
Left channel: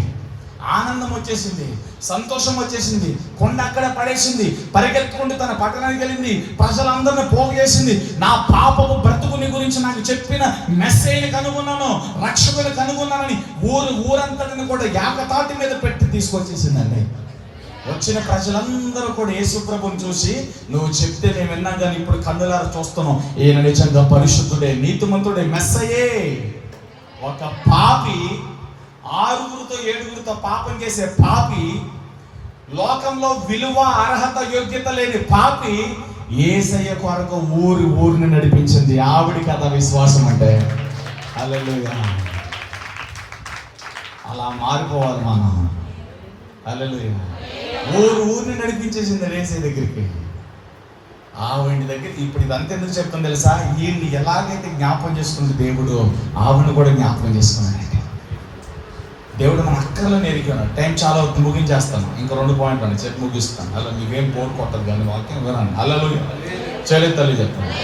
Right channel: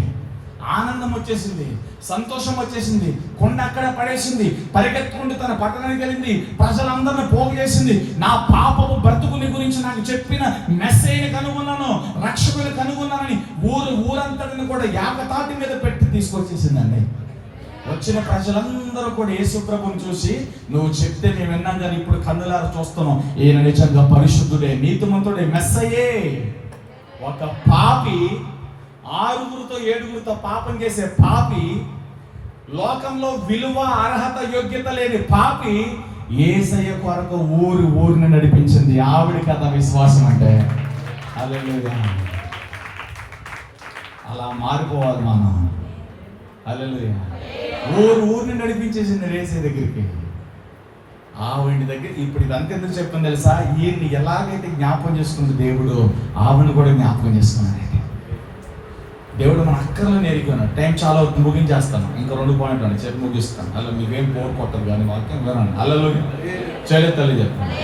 ఆనందం వచ్చేసింది, సంతోషం వచ్చేసింది. కొండ అక్కడ పడేసింది, పరిగెత్తుకుంటూ తన పట్టణానికి వెళ్ళింది, ప్రజలందరినీ పోగు చేసింది. నా పాపము బ్రతుకుని గురించి నాకు చెప్పిన మెసేజ్ని కనుగొన్నాను, రక్షకుని కనుగొన్నానని ఊరంతటిని కూడా ఏకతాటి మీద పెట్టి తీసుకొచ్చేసిందండి. వచ్చిన ప్రజలందరూ కూడా యేసు ప్రభువుని చూసి, నువ్వు చెప్తే నేను విన్నాం కానీ ఇప్పుడు కన్నులారా చూస్తున్నాం, ఈయన నిజంగా పరిశుద్ధుడే, నీతిమంతుడే, మెస్సయే. ఒక పాపి 6 7 పాపం చేసే పాపి, లోకంలో విలువ అర్హత యోగ్యత లేని పాపి యేసయ్య కొరకు ఊరిని నడిపించింది. ఆవిడ కథ విశ్వాసం అంటే. హల్లెలూయా. అలా మారిపోవాలి మనం. హల్లెలూయా. ఊరిని నడిపించేసింది యేసయ్య దగ్గరికి. ఆవిడ దగ్గర ఇప్పుడు ఇదంతా ఎందుకు చెప్తాను తెలుసా, ఈయన్ని ఎలాగైతే జ్ఞాపకం చేసుకుంది దేవుడు, ఆవిడని కూడా జ్ఞాపకం చేసుకున్నాడు. దేవుడు మన అక్కర్లను ఎరిగినాడు. టైం చాలా అవుతుంది, ముగించేస్తాను. ఇంకా 2 పాయింట్లు అండి చెప్పి ముగిస్తాను. అలా మీకేం బోర్ కొట్టదు కానీ వాక్యం వినండి. అల్లలో చేయలేదు తల్లి చెప్పండి.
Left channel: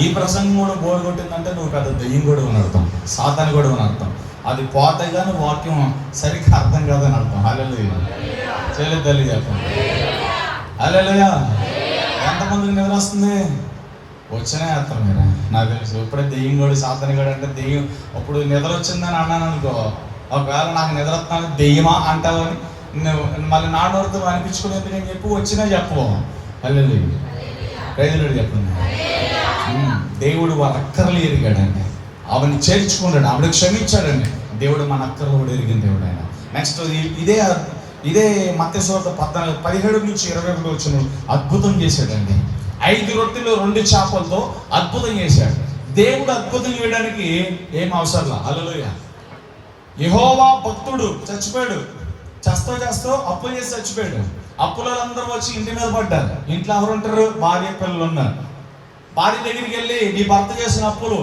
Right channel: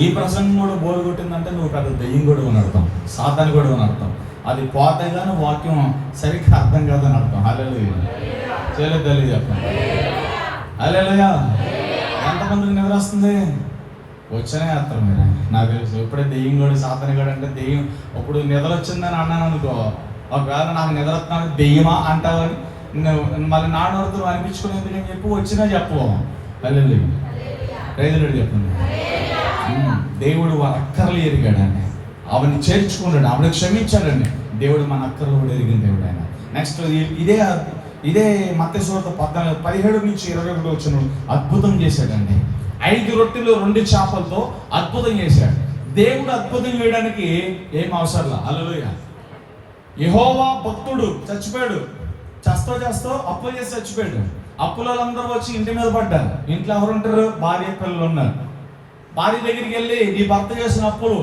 ఈ ప్రసంగం కూడా బోర్ కొట్టిందంటే నువ్వు పెద్ద దెయ్యం కూడా అని అర్థం, సాతాను కూడా అని అర్థం. అది పోతే కానీ వాక్యం సరిగ్గా అర్థం కాదని అర్థం. అల్లెలు చేయలేదు తల్లి చెప్పండి. అల్లెలుగా ఎంతమందికి నిద్ర వస్తుంది? వచ్చనే వేస్తాం మీరు, నాకు తెలుసు. ఎప్పుడే దెయ్యం కూడా సాతాను కూడా అంటే దెయ్యం, అప్పుడు నిద్ర వచ్చిందని అన్నాను అనుకో, ఒకవేళ నాకు నిద్ర వస్తాను దెయ్యమా అంటావు అని మళ్ళీ నాడొడుతూ అనిపించుకునేది నేను చెప్పు వచ్చినా చెప్పు. అల్లెలు రైతులు చెప్పండి. దేవుడు వారి అక్కర్లు ఎరిగాడండి, ఆవిడని చేర్చుకున్నాడు, ఆవిడ క్షమించాడండి. దేవుడు మన అక్కర్లు కూడా ఎరిగిన దేవుడు ఆయన. నెక్స్ట్ ఇదే మత్తయి సువార్త 17-21 వచ్చిన అద్భుతం చేశాడండి. 5 రొట్టెలు 2 చేపలతో అద్భుతం చేశాడు. దేవుడు అద్భుతం చేయడానికి ఏం అవసరంలా. హల్లెలూయా. యెహోవా భక్తుడు చచ్చిపోయాడు, చేస్తూ అప్పులు చేసి చచ్చిపోయాడు. అప్పుల వాళ్ళందరూ వచ్చి ఇంటి మీద పడ్డారు. ఇంట్లో ఎవరు ఉంటారు? భార్య పిల్లలు ఉన్నారు. భార్య దగ్గరికి వెళ్ళి, నీ భర్త చేసిన అప్పులు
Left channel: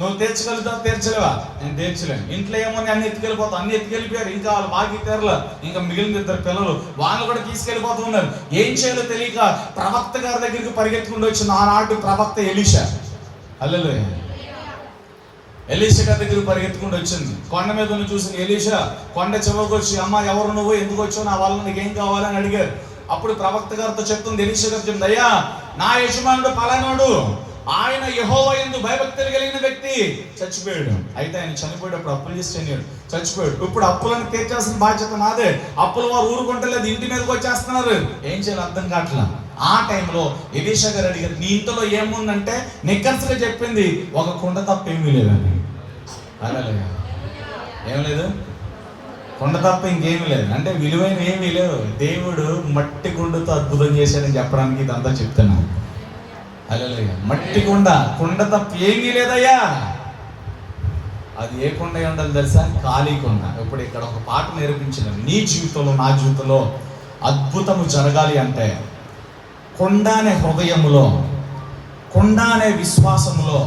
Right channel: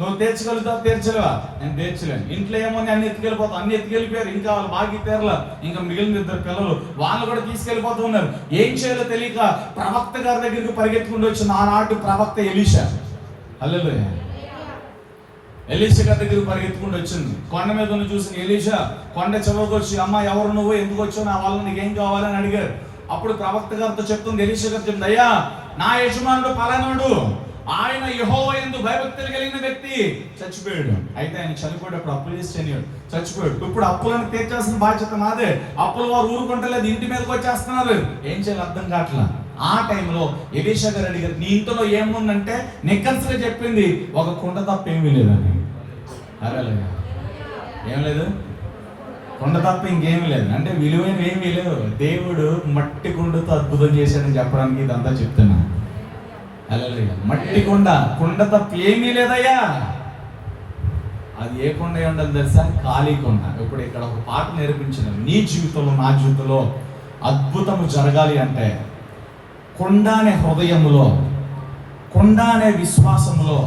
నువ్వు తీర్చగలుగుతావు? తీర్చలేవా? నేను తీర్చలేను. ఇంట్లో ఏమో అన్ని ఎత్తుకెళ్ళిపోతావు. అన్ని ఎత్తుకెళ్ళిపోయారు. ఇంకా వాళ్ళు బాగా తీరలా. ఇంకా మిగిలిన 2 పిల్లలు వాళ్ళు కూడా తీసుకెళ్ళిపోతూ ఉన్నారు. ఏం చేయాలో తెలియక ప్రవక్త గారి దగ్గరికి పరిగెత్తుకుంటూ వచ్చిన ఆనాటి ప్రవక్త ఎలీషా. హల్లెలూయా. ఎలీషా గారి దగ్గరికి పరిగెత్తుకుంటూ వచ్చింది. కొండ మీద ఉన్న చూసిన ఎలీషా కొండ చివరికి వచ్చి, అమ్మ ఎవరు నువ్వు, ఎందుకు వచ్చావు, నా వల్ల నీకు ఏం కావాలని అడిగారు. అప్పుడు ప్రవక్త గారితో చెప్తుంది, ఎలీషా గారు చెప్తుంది, అయ్యా నా యజమానుడు పలానాడు, ఆయన యెహోవా యందు భయభక్తులు కలిగిన వ్యక్తి, చచ్చిపోయాడు. అయితే ఆయన చనిపోయేటప్పుడు అప్పులు చేసి చచ్చిపోయాడు. ఇప్పుడు అప్పులను తీర్చాల్సిన బాధ్యత నాదే. అప్పులు వారు ఊరుకుంటలేదు, ఇంటి మీదకి వచ్చేస్తున్నారు. ఏం చేయాలి అర్థం కావట్లా. ఆ టైంలో ఎలీషా గారు అడిగారు, నీ ఇంట్లో ఏముందంటే నిక్కన్స్గా చెప్పింది, ఒక కుండ తప్ప ఏమీ లేదని. అలాగే ఏం లేదు, కొండ తప్ప ఇంకేమీ లేదు. అంటే విలువైన ఏమీ లేవు. దేవుడు మట్టి కుండతో అద్భుతం చేశాడని చెప్పడానికి ఇదంతా చెప్తాను. హల్లెలూయా. మట్టి కుండ, కుండ తప్ప ఏమీ లేదయ్యా. అది ఏ కొండ ఉండాలి తెలుసా? ఖాళీ కొండ. ఇప్పుడు ఇక్కడ ఒక పాట నేర్పించిన, నీ జీవితంలో నా జీవితంలో అద్భుతము జరగాలి అంటే కొండ అనే హృదయములో, కొండ అనే విశ్వాసములో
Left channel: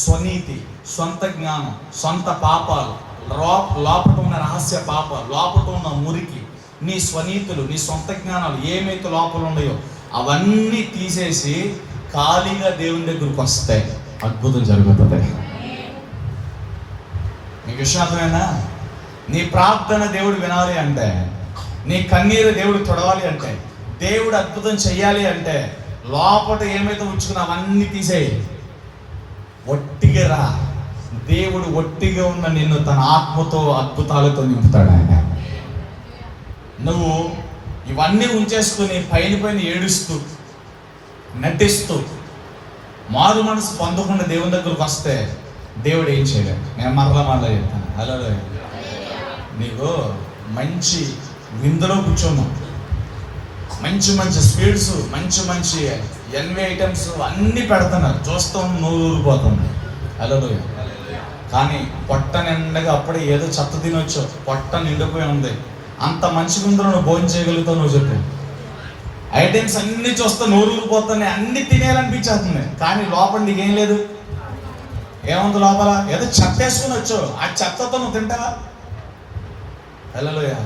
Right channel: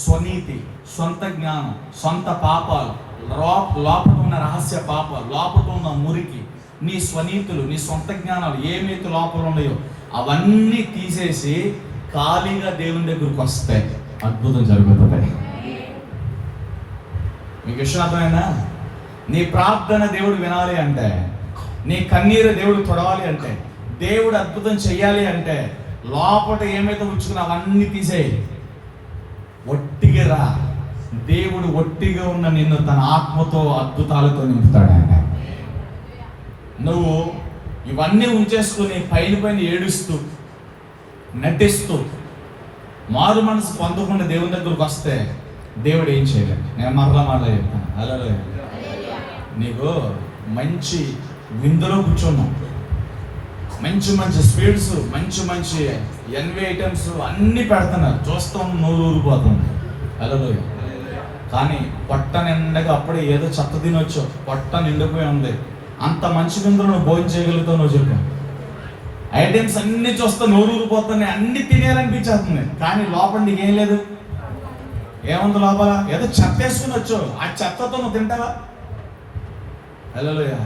స్వనీతి, సొంత జ్ఞానం, సొంత పాపాలు, లోపట ఉన్న రహస్య పాపాలు, లోపట ఉన్న మురికి, నీ స్వనీతులు, నీ సొంత జ్ఞానాలు ఏమైతే లోపల ఉన్నాయో అవన్నీ తీసేసి ఖాళీగా దేవుని దగ్గరకు వస్తే అద్భుతం జరుగుతుంది. నీకు విషయార్థమైనా? నీ ప్రార్థన దేవుడు వినాలి అంటే, నీ కన్నీరు దేవుడు తొడవాలి అంటే, దేవుడు అద్భుతం చెయ్యాలి అంటే లోపల ఏమైతే ఉంచుకున్నా అవన్నీ తీసేయి. ఒట్టిగా రా. దేవుడు ఒట్టిగా ఉన్న నిన్ను తన ఆత్మతో అద్భుతాలతో నింపుతాడు. నువ్వు ఇవన్నీ ఉంచేసుకుని పైన ఏడుస్తూ నటిస్తూ మారు మనసు పొందకుండా దేవుని దగ్గరకు వస్తే దేవుడు ఏం చేయలేడు. నేను మరలా చెప్తాను. అలా నీకు మంచి విందులో కూర్చోను, మంచి మంచి స్వీట్స్, మంచి ఎన్వే ఐటమ్స్ అన్నీ పెడుతున్నారు, చూస్తాం నూరు ఊరిపోతుంది. అలా కానీ పొట్ట నిండగా అప్పుడే ఏదో చెత్త తినొచ్చు, పొట్ట నిండిపోయి ఉంది. అంత మంచి విందులో నువ్వు భోజనం చేయగలుగుతావు? నువ్వు చెప్పు. ఐటమ్స్ అన్ని చూస్తా నూరు ఊరిపోతున్నాయి, అన్ని తినేయాలనిపించేస్తుంది. కానీ లోపల నీకేం లేదు. ఏముంది లోపల? ఏదో చెత్త వేసుకుని వచ్చు, ఆ చెత్తతో నువ్వు తింటావా? హల్లెలూయా.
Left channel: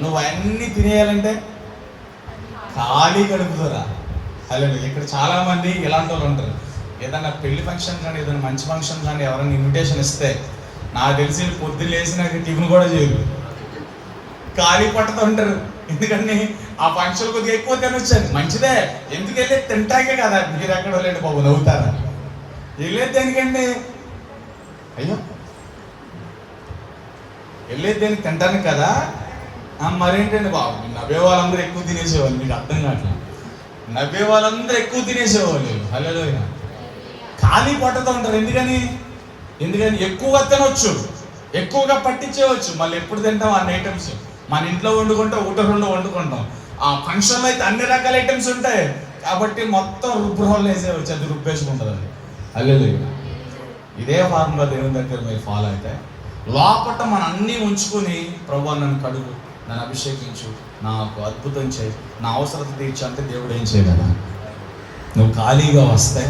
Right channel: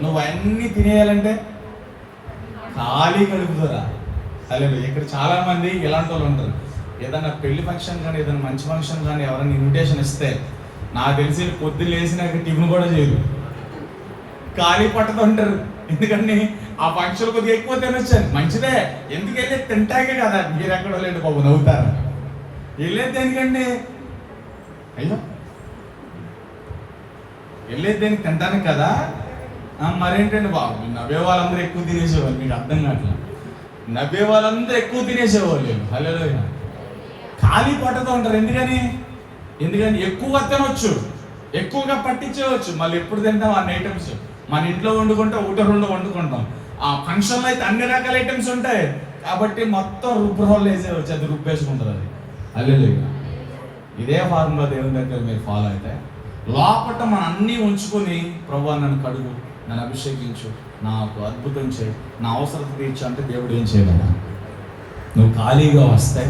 నువ్వు అన్నీ తినేయాలంటే ఖాళీ కడుపుతారా? హల్లెలూయా. ఇక్కడ చాలా మంది ఇలాంటి వాళ్ళు ఉంటారు. ఏదైనా పెళ్లి ఫంక్షన్ కానీ, ఏదైనా మంచి ఫంక్షన్ కానీ ఎవరైనా ఇన్విటేషన్ ఇస్తే నాకు తెలిసి పొద్దున్న లేచినాక టిఫిన్ కూడా చేయరు, ఖాళీ పట్టుతూ ఉంటారు. ఎందుకంటే ఆ ఫంక్షన్ కొద్దిగా ఎక్కువ తినొచ్చాను, మంచిదే, ఎందుకు వెళ్ళేది తింటాకే కదా. మీరు ఎక్కడ లేండి బాబు, నవ్వుతారా? వెళ్ళేది దేనికండి? అయ్యో, వెళ్ళేది దేనికి? తింటానికి కదా. మరేంటండి బాబు, నవ్వే వాళ్ళందరూ ఎక్కువ తినేసేవాళ్ళు. మీకు అర్థం కావట్లేదు. నవ్వే వాళ్ళందరూ ఎక్కువ తినేసేవాళ్ళు. హల్లెలూయా. ఖాళీ పట్టుతూ ఉంటారు. ఎందుకని ఎక్కువగా తినొచ్చు, ఎక్కువగా పట్టించేవచ్చు. మళ్ళీ ఎప్పుడు తింటాం అన్ని ఐటమ్స్? మన ఇంట్లో వండుకుంటాం, ఒకటో రెండో వండుకుంటాం. ఆ ఫంక్షన్లో అయితే అన్ని రకాల ఐటమ్స్ ఉంటాయి కాబట్టి మొత్తం రుబ్బురోళ్ళు వేసేవచ్చు, అది రుబ్బేసుకుంటుంది. అది హల్లెలూయా. ఇదే ఫార్ములా దేవుని దగ్గర మీరు ఫాలో అయితే లోపట మన అన్నీ ఉంచుకొని, ప్రభువా నన్ను కడుగు, నన్ను అభిషేకించు, నాకు అద్భుతం చేయి, నా అవసరత తీర్చు అంటే దేవుడు ఏం చేయలేడు. నువ్వు ఖాళీగా వస్తే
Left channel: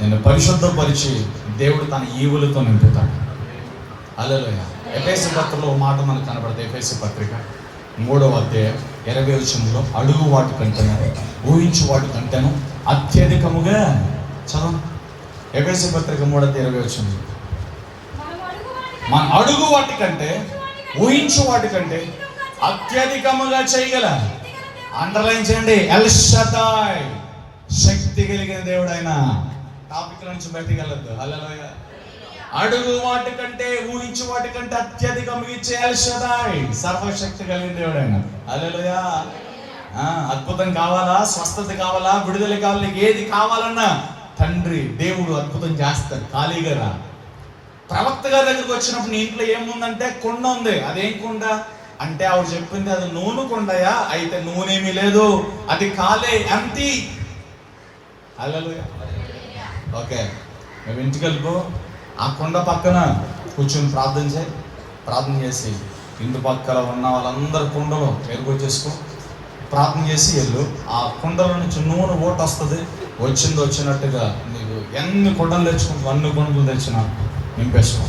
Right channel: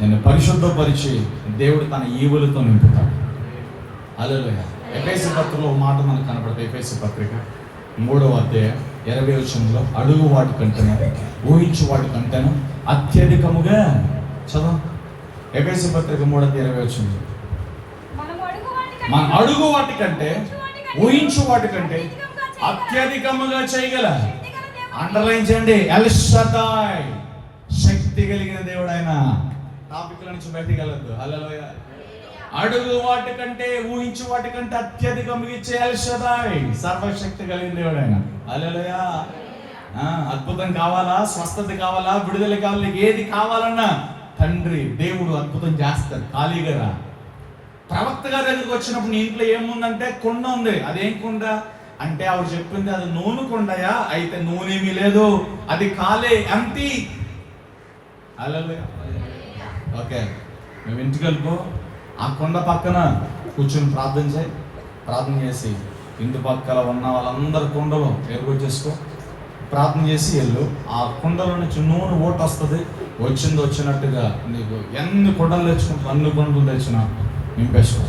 నేను పరిశుద్ధపరిచి దేవుడు తన ఈవులతో నింపుతాడు. హల్లెలూయా. ఎఫెసీ పత్రికలో మాట మనకు కనబడతాయి. ఎఫెసీ పత్రిక 3వ అధ్యాయం 20వ వచనంలో, అడుగు వాటి కంటేను, ఊహించు వాటి కంటేను అత్యధికముగా, చదువు. ఎఫెసీ పత్రిక 3:20 వచనం, మన అడుగు వాటి కంటే, ఊహించు వాటి కంటే అత్యధికముగా చేయగల, అండర్లైన్ చేయండి, ఎల్ షదాయ్, శక్తి కలిగిన దేవుడు ఆయన. టాపిక్ల నుంచి బయటికి వెళ్ళొద్దు. హల్లెలూయా. అడుగు వాటి కంటే, ఊహించు వాటి కంటే అత్యధికంగా ఇచ్చే ఎల్ షదాయ్, సర్వశక్తి కలిగిన దేవుడు ఆయన. హల్లెలూయా. అద్భుతం కావాలా, స్వస్థత కావాలా, విడుదల కావాలి, ఏది కావాలన్నా తండ్రి దేవుడు అద్భుతం చేస్తారు. ఖాళీగా రా. ప్రవక్త గారి దగ్గరికి వచ్చినప్పుడు నీ ఇంట్లో ఏముందంటే కుండ ఉంది. అదేం కుండ అంటే ఆవిడ చెప్పింది అది నూనె కుండయా, అయితే నూనెమీ లేదు, అది ఖాళీ, ఎంప్టీ. హల్లెలూయా. ఓకే, మేము ఇంటికి వెళ్ళిపో, ఆ కుండ పక్కన కూర్చొని ప్రార్థన చేసి ఇంటి పక్కల ఉన్న వాళ్ళందరి కుండలో ఎరుగొచ్చేసుకో, ప్రార్థన చేసి వెళ్ళు. ఆ కుండలో నుంచి నూనె ఓటు వస్తుంది. వచ్చినట్టుగా నీకు ఎన్ని కుండలు తెచ్చుకుంటా, అన్ని కుండలు తెచ్చినా నింపేసుకో.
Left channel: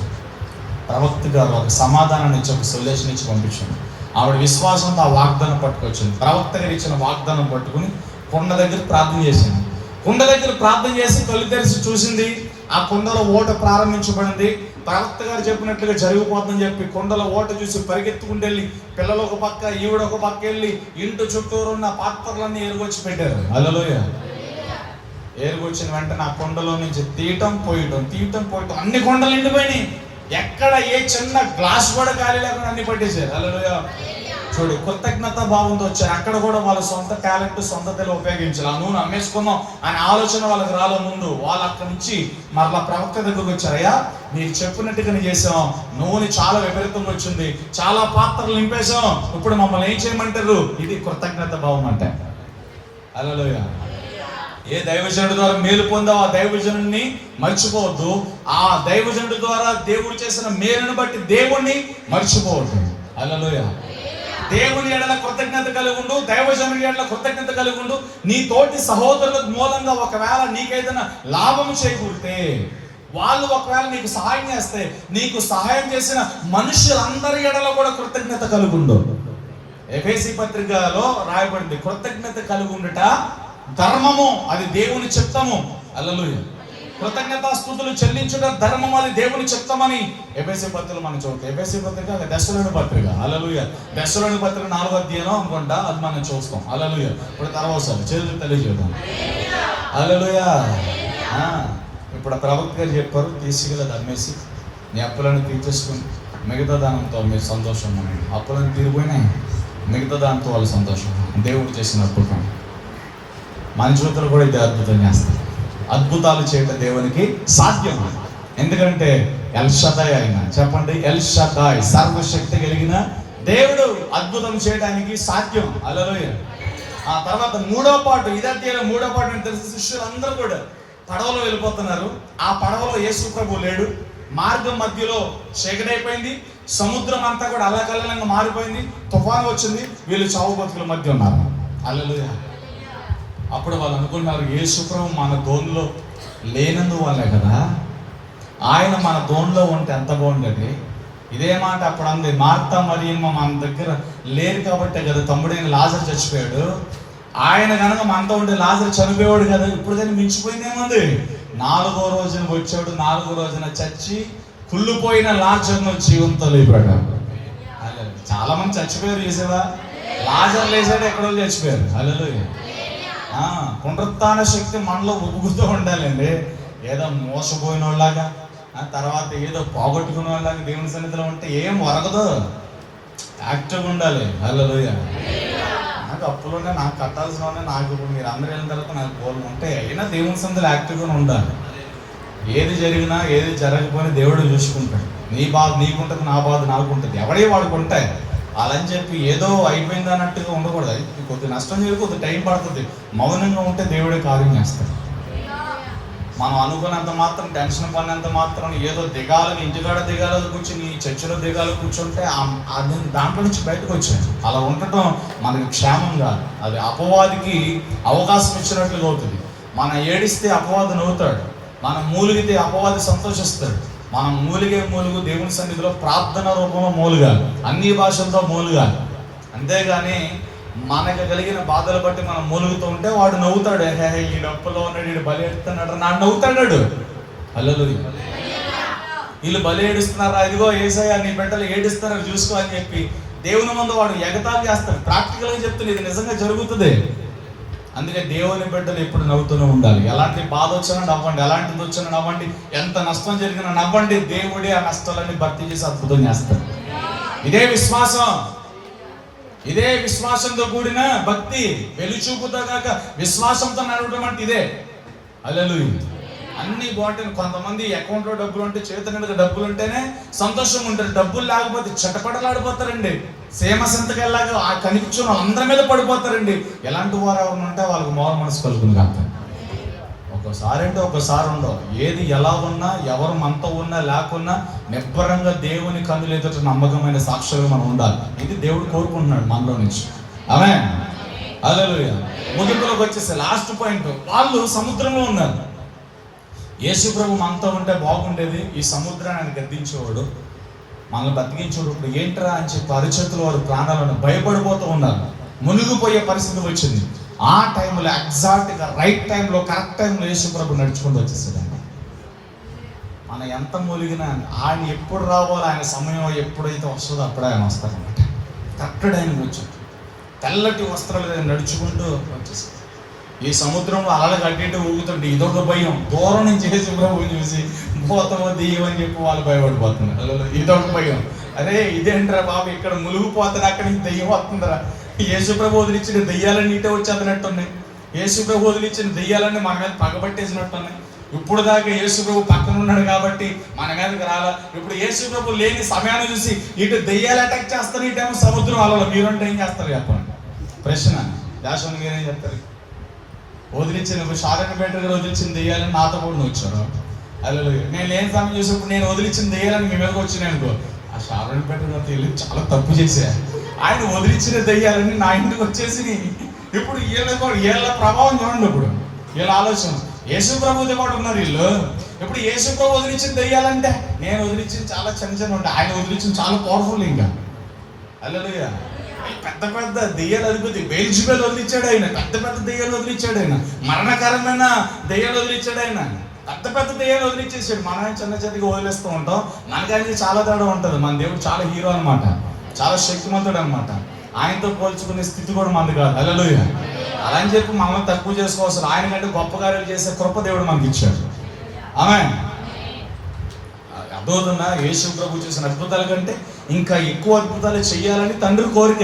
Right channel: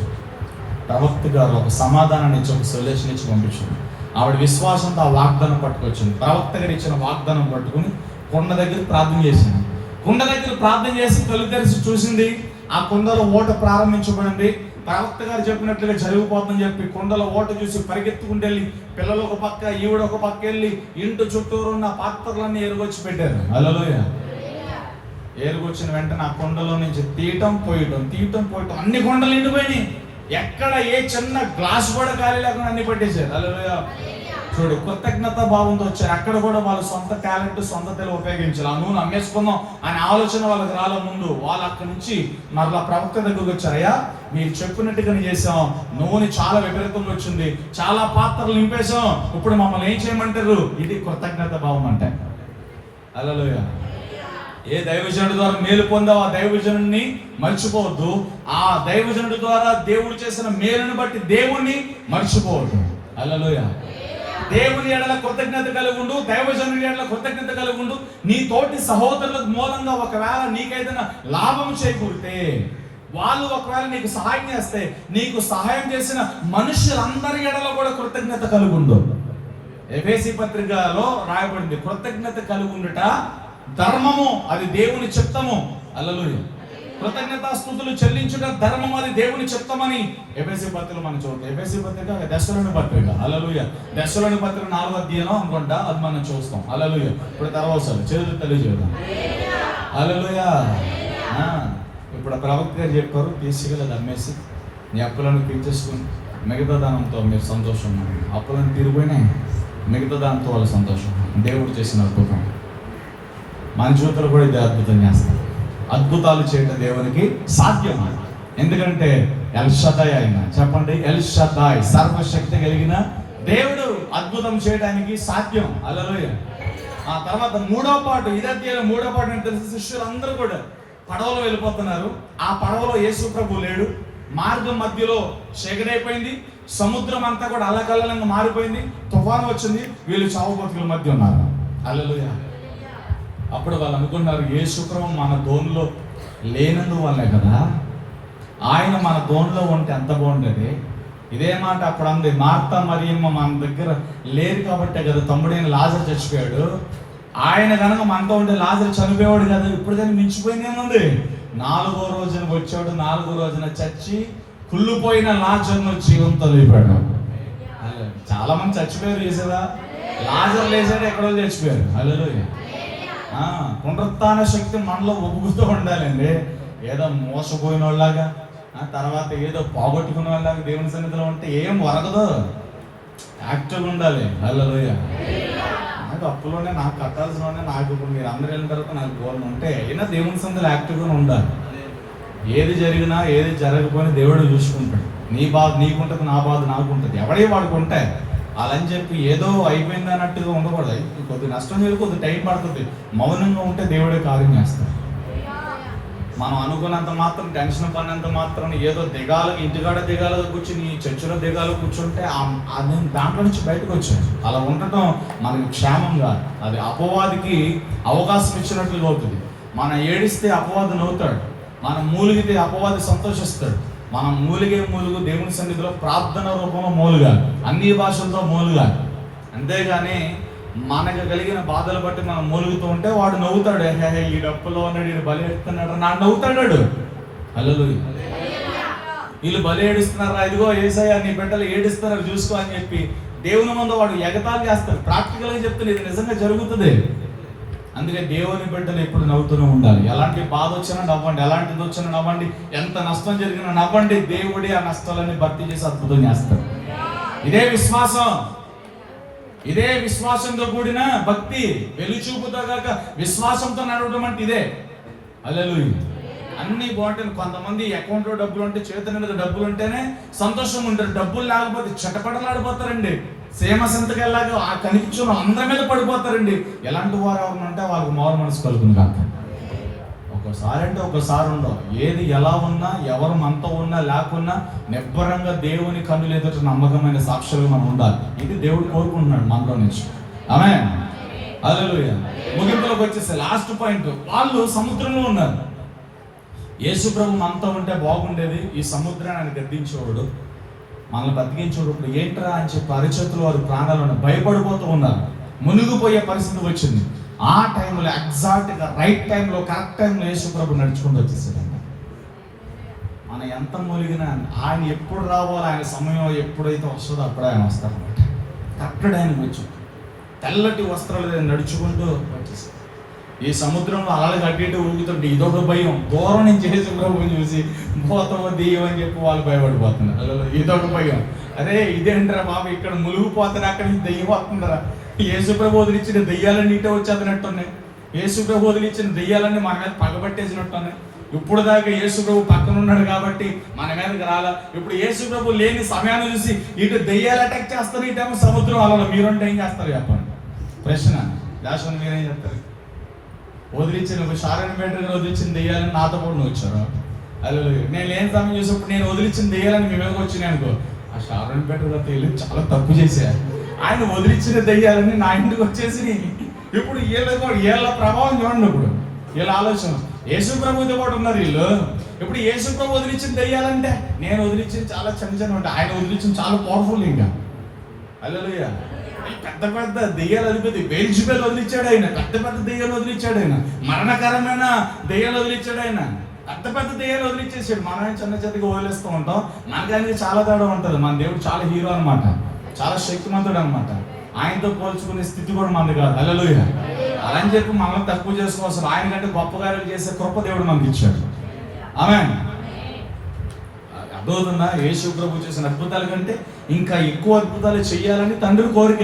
ప్రవక్త గారు ఒక సమాధానాన్ని ఇచ్చి, ఒక సొల్యూషన్ ఇచ్చి పంపించింది. ఆవిడ విశ్వాసంతో ఆ వాగ్దానం పట్టుకొచ్చింది. ప్రవక్త గారు ఇచ్చిన వాగ్దానం పట్టుకుని కుండ దగ్గర ప్రార్థన చేసింది. కుండ దగ్గర ప్రార్థన చేసి తొలి తెరిచి చూసింది. ఆ కుండలో ఓట ప్రారంభించబడింది. ప్రవక్త గారు చెప్పినట్లుగా జరిగిపోతుందని చెప్పి కుండలో ఓట చూసి పరిగెత్తుకుంటూ వెళ్ళి, పిల్లలు ఒక పక్క, ఈవిడ ఒక పక్క వెళ్ళి ఇంటి చుట్టూరు ఉన్న పాత్రలన్నీ ఎరుగొచ్చి పెట్టారు. హల్లెలూయా. ఏరుకొచ్చిన వెంటనే ఆ కొండలో నుంచి తీయటం పోయటం అన్ని కొండలు నిండిపోయినాయి. ఎక్కడ ఏ చిన్న గ్లాస్ కూడా ఖాళీ లేకుండా అన్ని పట్టేశారు. హల్లెలూయా. చూడు, కృతజ్ఞత భావంతో వచ్చారు. అక్కడ కూడా వాళ్ళ సొంత టాలెంట్, సొంత తెలివి ఉపయోగించాలి. ఆ నూనె అమ్మేసుకుందాం అనే ఆలోచన వాళ్ళకి రాలే ముందు. వాళ్ళు అక్కడి నుంచి మరలా ప్రవక్త దగ్గరకు వచ్చారు. అయ్యా, మీరు చెప్పినట్టుగానే చేసాం, నూనె చాలా విపరీతంగా వచ్చింది, చాలా పాత్రలు నింపేశాం, ఇప్పుడు మమ్మల్ని ఏం చేయమంటారు? ఇది కృతజ్ఞత భావం అంటే. హల్లెలూయా. ఏ దైవజనుడి ద్వారా మేలు పొందావు ఆ దైవజనుడిని మర్చిపోవద్దు. ఆ దైవజనుడి ద్వారా దేవుడు చేసిన మేలును బట్టి దేవుణ్ణి మర్చిపోవద్దు. హల్లెలూయా. దేవుని ఎడల కృతజ్ఞత కలిగి ఉండు, దైవజనుడి ఎడల కృతజ్ఞత కలిగి ఉండు. నీ తోటి సహోదరుల మూలంగా ఒకవేళ నీకేదైనా లాభం చేకూరితే, వాళ్ళు ఒకవేళ నీకు సహాయం చేస్తే, నీకు సహాయం చేసిన మనుషులందరి ఎడల కూడా కృతజ్ఞత కలిగి ఉండు. ఎఫెసీ పత్రికలో రాయబడింది, కృతజ్ఞత కలిగి ఉండుట ధర్మము, అది దేవుని చిత్తము. హల్లెలూయా. కృతజ్ఞతా స్తుతులు చెల్లించుట ధర్మం, అది దేవుని చిత్తమని ఎఫెసీ పత్రిక మనం చూస్తాం. ఎఫెసీ పత్రిక దశలోని పత్రిక. హల్లెలూయా. దశలోని పత్రిక 4వ అధ్యాయం అనుకుంటా, అది మనం చూస్తాం. హల్లెలూయా. ఇప్పుడు తర్వాత చేతులు తెలియజేద్దాం. హల్లెలూయా. ఇప్పుడు ప్రవక్త గారు చెప్పారు, తీసుకెళ్ళి అమ్మేసి నీ అప్పులను తీర్చేసుకుని మిగతా దానంతో మీరు సంతోషం. అప్పులను తీరిపోయినాయి, మిగతా దాంతో వాళ్ళ సంతోషం. దేవుడు చేసిన అద్భుతం. మన జీవితంలో కూడా ఇది అద్భుతం చేస్తాం. అద్భుతాలు చేయటం దేవునికి సాధ్యం. ఎందుకంటే ఎల్ షదాయ్ ఆయన, చెప్పండి, ఎల్ షదాయ్, సర్వశక్తి కలిగిన దేవుడు అద్భుతం చేయడానికి సాధ్యం. హల్లెలూయా. ఆ తర్వాత 3వ పాటు, ఇదే అధ్యాయం 3వ పాటు అని తెలిసి శిష్యులు అందరూ కూడా పడవలో వెళ్ళిపోతున్నారు. ఆ పడవలో యేసు ప్రభు లేడు. మార్గం మధ్యలో చీకటైపోయింది, సముద్రం అంతా కూడా అల్లకల్లంగా మారిపోయింది, తుఫాను వచ్చింది, వీళ్ళు చావు బతుకుల మధ్య ఉన్నారు. హల్లెలూయా. అప్పుడు వాళ్ళు అనుకున్నారు, యేసు ప్రభు మన దోణిలో లేనందువల్లే కదా, ఆయన మన దోణిలో ఉంటే ఎంత బాగుండేది. ఇదే మాట అప్పుడు అంది మార్తా మరియమ్మ, మన దగ్గర లేరు కాబట్టే కదా తమ్ముడైన లాజరు చచ్చిపోయాడు. ఆయన కనుక మనతో ఉంటే లాజరు చనిపోయాడు కదా. ఇప్పుడు కానీ మించిపోయింది ఏముంది. 4వ రోజున వచ్చాడు, 4వ రోజున చచ్చి కుళ్ళిపోయిన లాజరును జీవంతో లేపాడు. చాలా మంది చచ్చిపోయారు చూసావా. లాజరు లేచాడు, ఎక్కడో చచ్చిపోయారు. హల్లెలూయా. పునరుత్థాన శక్తి మనలో ఒప్పుకుతూ ఉండాలండి. ఏదో మోసపోయిన వాళ్ళలాగా, తర్వాత ఏదో పోగొట్టుకునే వాళ్ళలాగా దేవుని సన్నిధిలో ఉంటే ఏం వరగదు. యాక్టివ్గా ఉండాలి. హల్లెలూయా. నాకు అప్పులోనే, నాకు కట్టాల్సినవనే, నాకు ఇప్పుడు మీరు అందరూ వెళ్ళిన తర్వాత నాకు గోల్ ఉంటే అయినా దేవుని సన్నిధిలో యాక్టివ్గా ఉండాలి. ఏది జరిగినా ఏది జరగకపోయినా దేవుడు చూసుకుంటాడు. నీ బాధ నీకుంటుంది, నా బాధ నాకుంటుంది, ఎవడే వాడుకుంటే అలా అని చెప్పి ఏదో అయిపోయింది అన్నట్టుగా ఉండకూడదు. కొద్ది నష్టం జరిగి కొద్ది టైం పడుతుంది. మౌనంగా ఉంటే దేవుడే కార్యం చేస్తాడు. మనం అనుకున్నంత మాత్రం, టెన్షన్ పడినంత మాత్రం, ఏదో దిగాలకు ఇంటికాడ దిగాలకు కూర్చుని చర్చిలో దిగాలకు కూర్చుంటే అది దాంట్లో నుంచి బయటకు వచ్చాయి. అలా ఉండటం మనకి క్షేమంగా, అది అపవాదికి అవకాశం ఇచ్చినట్లుగా అవుతుంది. మనం ఏడిస్తే అపవాది నవ్వుతాడు, మనం మూలిగితే అపవాది సంతోషిస్తాడు. మనం మూలుగు దేవుని సన్నిధిలో ప్రార్థన రూపంలో మూలుగాలి, అన్ని భాషలతో మూలుగాలి. అంతేగాని మనకు కలిగిన బాధలు బట్టి మనం మూలుగుతూ ఉంటే వాడు నవ్వుతాడు. ఈ డప్పులో ఉన్నాడు, వీడు బలి ఎడుతున్నాడు, నాడు నవ్వుతాడు. హల్లెలూయా. వీళ్ళు బలి ఏడుస్తున్నారా, ఇదిగో యేసయ్య నీ బిడ్డలు ఏడుస్తున్నారు చూసుకో అని చెప్పి దేవుని ముందు వాడు ఎగతాళి చేస్తాడు. ప్రాక్టికల్గా చెప్తుంది, ఇది నిజంగా జరుగుతుంది. అందుకే దేవుని బిడ్డలు ఎప్పుడు నవ్వుతూనే ఉండాలి. ఎలాంటి బాధ వచ్చినా నవ్వండి, ఎలాంటిది వచ్చినా నవ్వండి, ఎంత నష్టం జరిగినా నవ్వండి. దేవుడే ఆ నష్టాలన్నీ భర్తీ చేసి అద్భుతం చేస్తాడు. ఇదే విశ్వాసం, ఇదే విశ్వాసంతో కూడిన భక్తి. వెలుచూపుతో కాక విశ్వాసంతో నడవడం అంటే ఇదే. హల్లెలూయా. అన్ని బాగుంటాయి. కొంతమంది అకౌంట్లో డబ్బులు ఉంటే, చేతి నిండా డబ్బులు ఉంటేనే సంతోషంగా ఉంటారు. డబ్బులు లేకపోతే చటపటలాడిపోతారండి. సేమ సంతకెళ్ళాక ఆ కనిపించిన అందరి మీద పడిపోతారండి. ఎలాంటి వారు ఎవరు ఉంటే వాళ్ళకి మారు మనసు కలుగుతుంది కాక. ఒక్కోసారి అంటే ఒక్కోసారి ఉండవు. ఏది ఎలా ఉన్నా, ఎవరు మనతో ఉన్నా లేకున్నా నిబ్బరంగా దేవుని కన్నులు ఎదుట నమ్మకమైన సాక్షులుగా మనం ఉండాలి. ఇది దేవుడు కోరుకుంటున్నాడు మనలో నుంచి. ఆమేన్. హల్లెలూయా. ముగింపులోకి వచ్చేసి లాస్ట్ పాయింట్, వాళ్ళు సముద్రంలో ఉన్నారు. యేసు ప్రభు మనతో ఉంటే బాగుండేది. ఈ సముద్రాన్ని ఆయన గద్దించేవాడు, మనల్ని బతికించేవాడు. ఇప్పుడు ఏంట్రా అని చెప్పి అరిచేతులు వారు ప్రాణాలను భయపడిపోతూ ఉన్నారు. మునిగిపోయే పరిస్థితి వచ్చింది. ఆ టైంలో ఎగ్జాక్ట్గా రైట్ టైంలో, కరెక్ట్ టైంలో యేసు ప్రభు నడుచుకుంటూ వచ్చేసాడండి. మనం ఎంత మూలిగినా ఆయన ఎప్పుడు రావాలో, ఆయన సమయం ఎప్పుడైతే వస్తుందో అప్పుడే ఆయన వస్తారనమాట. కరెక్ట్ టైంకి వచ్చి తెల్లటి వస్త్రాలు నడుచుకుంటూ వచ్చేసాడు. ఈ సముద్రంలో అలలు కట్టింటూ ఊగుతుంటే ఇదొక భయం. దూరం నుంచి యేసు ప్రభువుని చూసి పోతామో దెయ్యం అని చెప్పి వాళ్ళు భయపడిపోతున్నారు. ఇదొక భయం. అరే ఇదేంట్రా బాబు, ఇక్కడ మునిగిపోతాను, అక్కడి నుంచి దెయ్యం వస్తుందిరా. యేసు ప్రభు వదిలిచ్చిన దెయ్యాలన్నీ ఇటే వచ్చేదనట్టున్నాయి. యేసు ప్రభు వదిలిచ్చిన దెయ్యాలన్నీ మన మీద పగబట్టేసినట్టున్నాయి. ఇప్పుడు దాకా యేసు ప్రభు పక్కన ఉన్నాడు కాబట్టి మన మీదకి రాల. ఇప్పుడు యేసు ప్రభు లేని సమయాన్ని చూసి ఇటు దెయ్యాలు అటాక్ చేస్తారు, ఇటేమో సముద్రం అలలు. మీరంటే ఏం చేస్తారు చెప్పండి? ప్రశ్న. దాశం మీరేం చెప్తారు? వదిలించిన షారోన్ పేటర్ గారు వదిలించిన దెయ్యాలని నాతో కూడా నువ్వు వచ్చాను. హల్లెలూయా. నేను లేని సమయం చూసినప్పుడు నేను వదిలించిన దెయ్యాలని మీ మీదకి వచ్చినాయి అనుకో, ఆ షారోన్ పేటర్ గారు తెలియదు చాలా తప్పు చేశారు. ఆయన వదిలించిన దెయ్యాలని నా ఇంటికి వచ్చేసి ఇప్పుడు వీళ్ళ ప్రభావం చూడండి. ఇప్పుడు వీళ్ళ ఆలోచన యేసు ప్రభుతో పాటు ఉన్నారు వీళ్ళు. ఇప్పుడు యేసు ప్రభు వదిలించిన దెయ్యాలంటే నేను వదిలించిన చాలా చిన్న ఉంటాయి, ఆయన వదిలించిన చాలా పవర్ఫుల్. ఇంకా హల్లెలూయా. పెద్ద పెద్ద దెయ్యాలు అధిపతి బెల్జబూల్ వదిలించాడు ఆయన, పెద్ద పెద్ద దెయ్యాలు వదిలించాడు ఆయన, మరణకరమైన దెయ్యాలు వదిలించాడు ఆయన, పెద్ద పెద్ద దెయ్యాలు వదిలించేసాడు. మనం చిన్న చిన్నగా వదిలేస్తూ ఉంటాం, మనకనేది చాలా తేడా ఉంటుంది. మన దేవుడు చాలా హీరో అనమాట, చాలా శక్తిమంతుడు అనమాట. ఆయనతో పోల్చుకునే స్థితి కూడా మనది కాదు. హల్లెలూయా. అలా అని చెప్పి మనల్ని తక్కువ చేసుకోవాల్సిన, ఆయన కంటే గొప్ప కార్యాలు చేసే కృప దేవుడు మనకి ఇచ్చాడు. ఆమేన్. అర్థమవుతుందా? యేసు ప్రభు చేసిన అద్భుతాల కంటే ఇంకా ఎక్కువ అద్భుతాలు చెయ్యాలని తండ్రి కోరిక.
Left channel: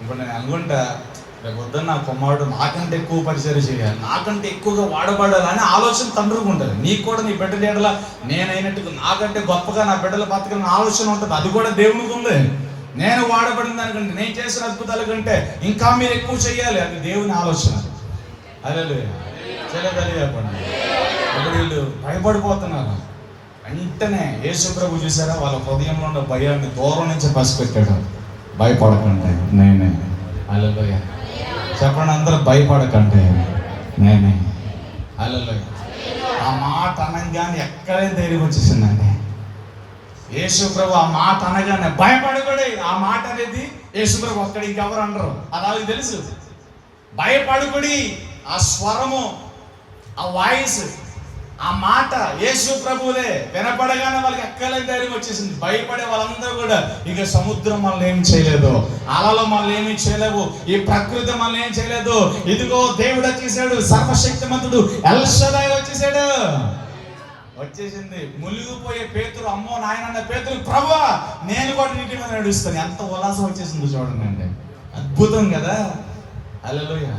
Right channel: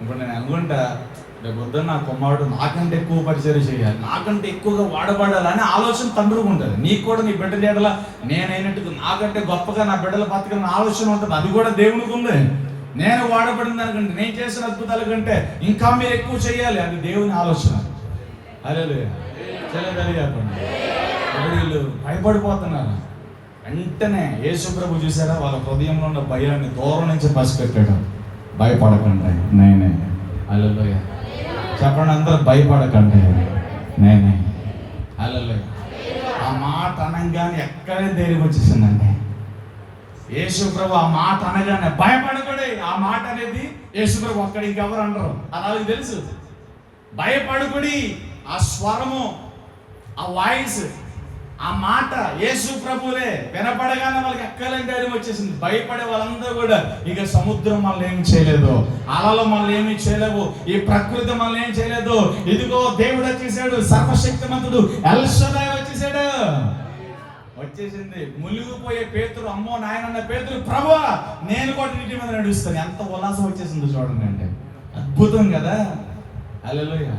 ఇప్పుడు నేను అనుకుంటా, రేపు పొద్దున్న నా కుమారుడు నాకంటే ఎక్కువ పరిచయం చేయాలి, నాకంటే ఎక్కువగా వాడబడాలని ఆలోచన తండ్రికి ఉంటుంది. నీకు కూడా నీ బిడ్డ నీడలా నేనైనట్టుగా నాకంటే గొప్పగా నా బిడ్డల బతకాలని ఆలోచన ఉంటుంది. అది కూడా దేవునికి ఉంది. నేను వాడబడిన దానికంటే, నేను చేసిన అద్భుతాల కంటే ఇంకా మీరు ఎక్కువ చేయాలి, అది దేవుని ఆలోచన. హల్లెలూయా. చెప్పండి. ఇప్పుడు వీళ్ళు భయపడిపోతున్నారు. వెంటనే యేసు ప్రభు చూసారా, వాళ్ళ హృదయంలో ఉన్న భయాన్ని దూరం నుంచి పసిపెట్టాడు. భయపడకండి నేనే. హల్లెలూయా. చెప్పండి అందరూ, భయపడకండి నేనే. హల్లెలూయా. ఆ మాట అనగానే ఎక్కడే ధైర్యం వచ్చేసిందండి. యేసు ప్రభు ఆ మాట అనగానే భయపడకూడదు. ఆ మాట అనేది యేసు ప్రభు అక్కడ ఇంకెవరు అనరు, అది వాళ్ళకి తెలుసు. భయపడకుడి, ఆ స్వరము, ఆ వాయిస్, ఆ మాట యేసు ప్రభువులే వినపడగానే వాళ్ళకి ఎక్కలేని ధైర్యం వచ్చేసింది. భయపడే వాళ్ళందరూ కూడా ఇక సముద్రం మనల్ని ఏమి చేయలేదు, అలలు మనల్ని ఏమి చేయలేవు, ఈ ప్రకృతి మనల్ని ఏం చేయలేదు. ఇదిగో దేవుడు వచ్చేసాడు, సర్వశక్తిమంతుడు ఎల్ షదాయ్ వచ్చేసాడు. వచ్చేసింది. మునిగిపోయే పేతురు, అమ్మో నాయన పేతురు, ప్రభువా నేను కూడా నీటి మీద నడుస్తాను. ఎంత ఉల్లాసం వచ్చేసిందో చూడండి అండి. అద్భుతం కదా. హల్లెలూయా.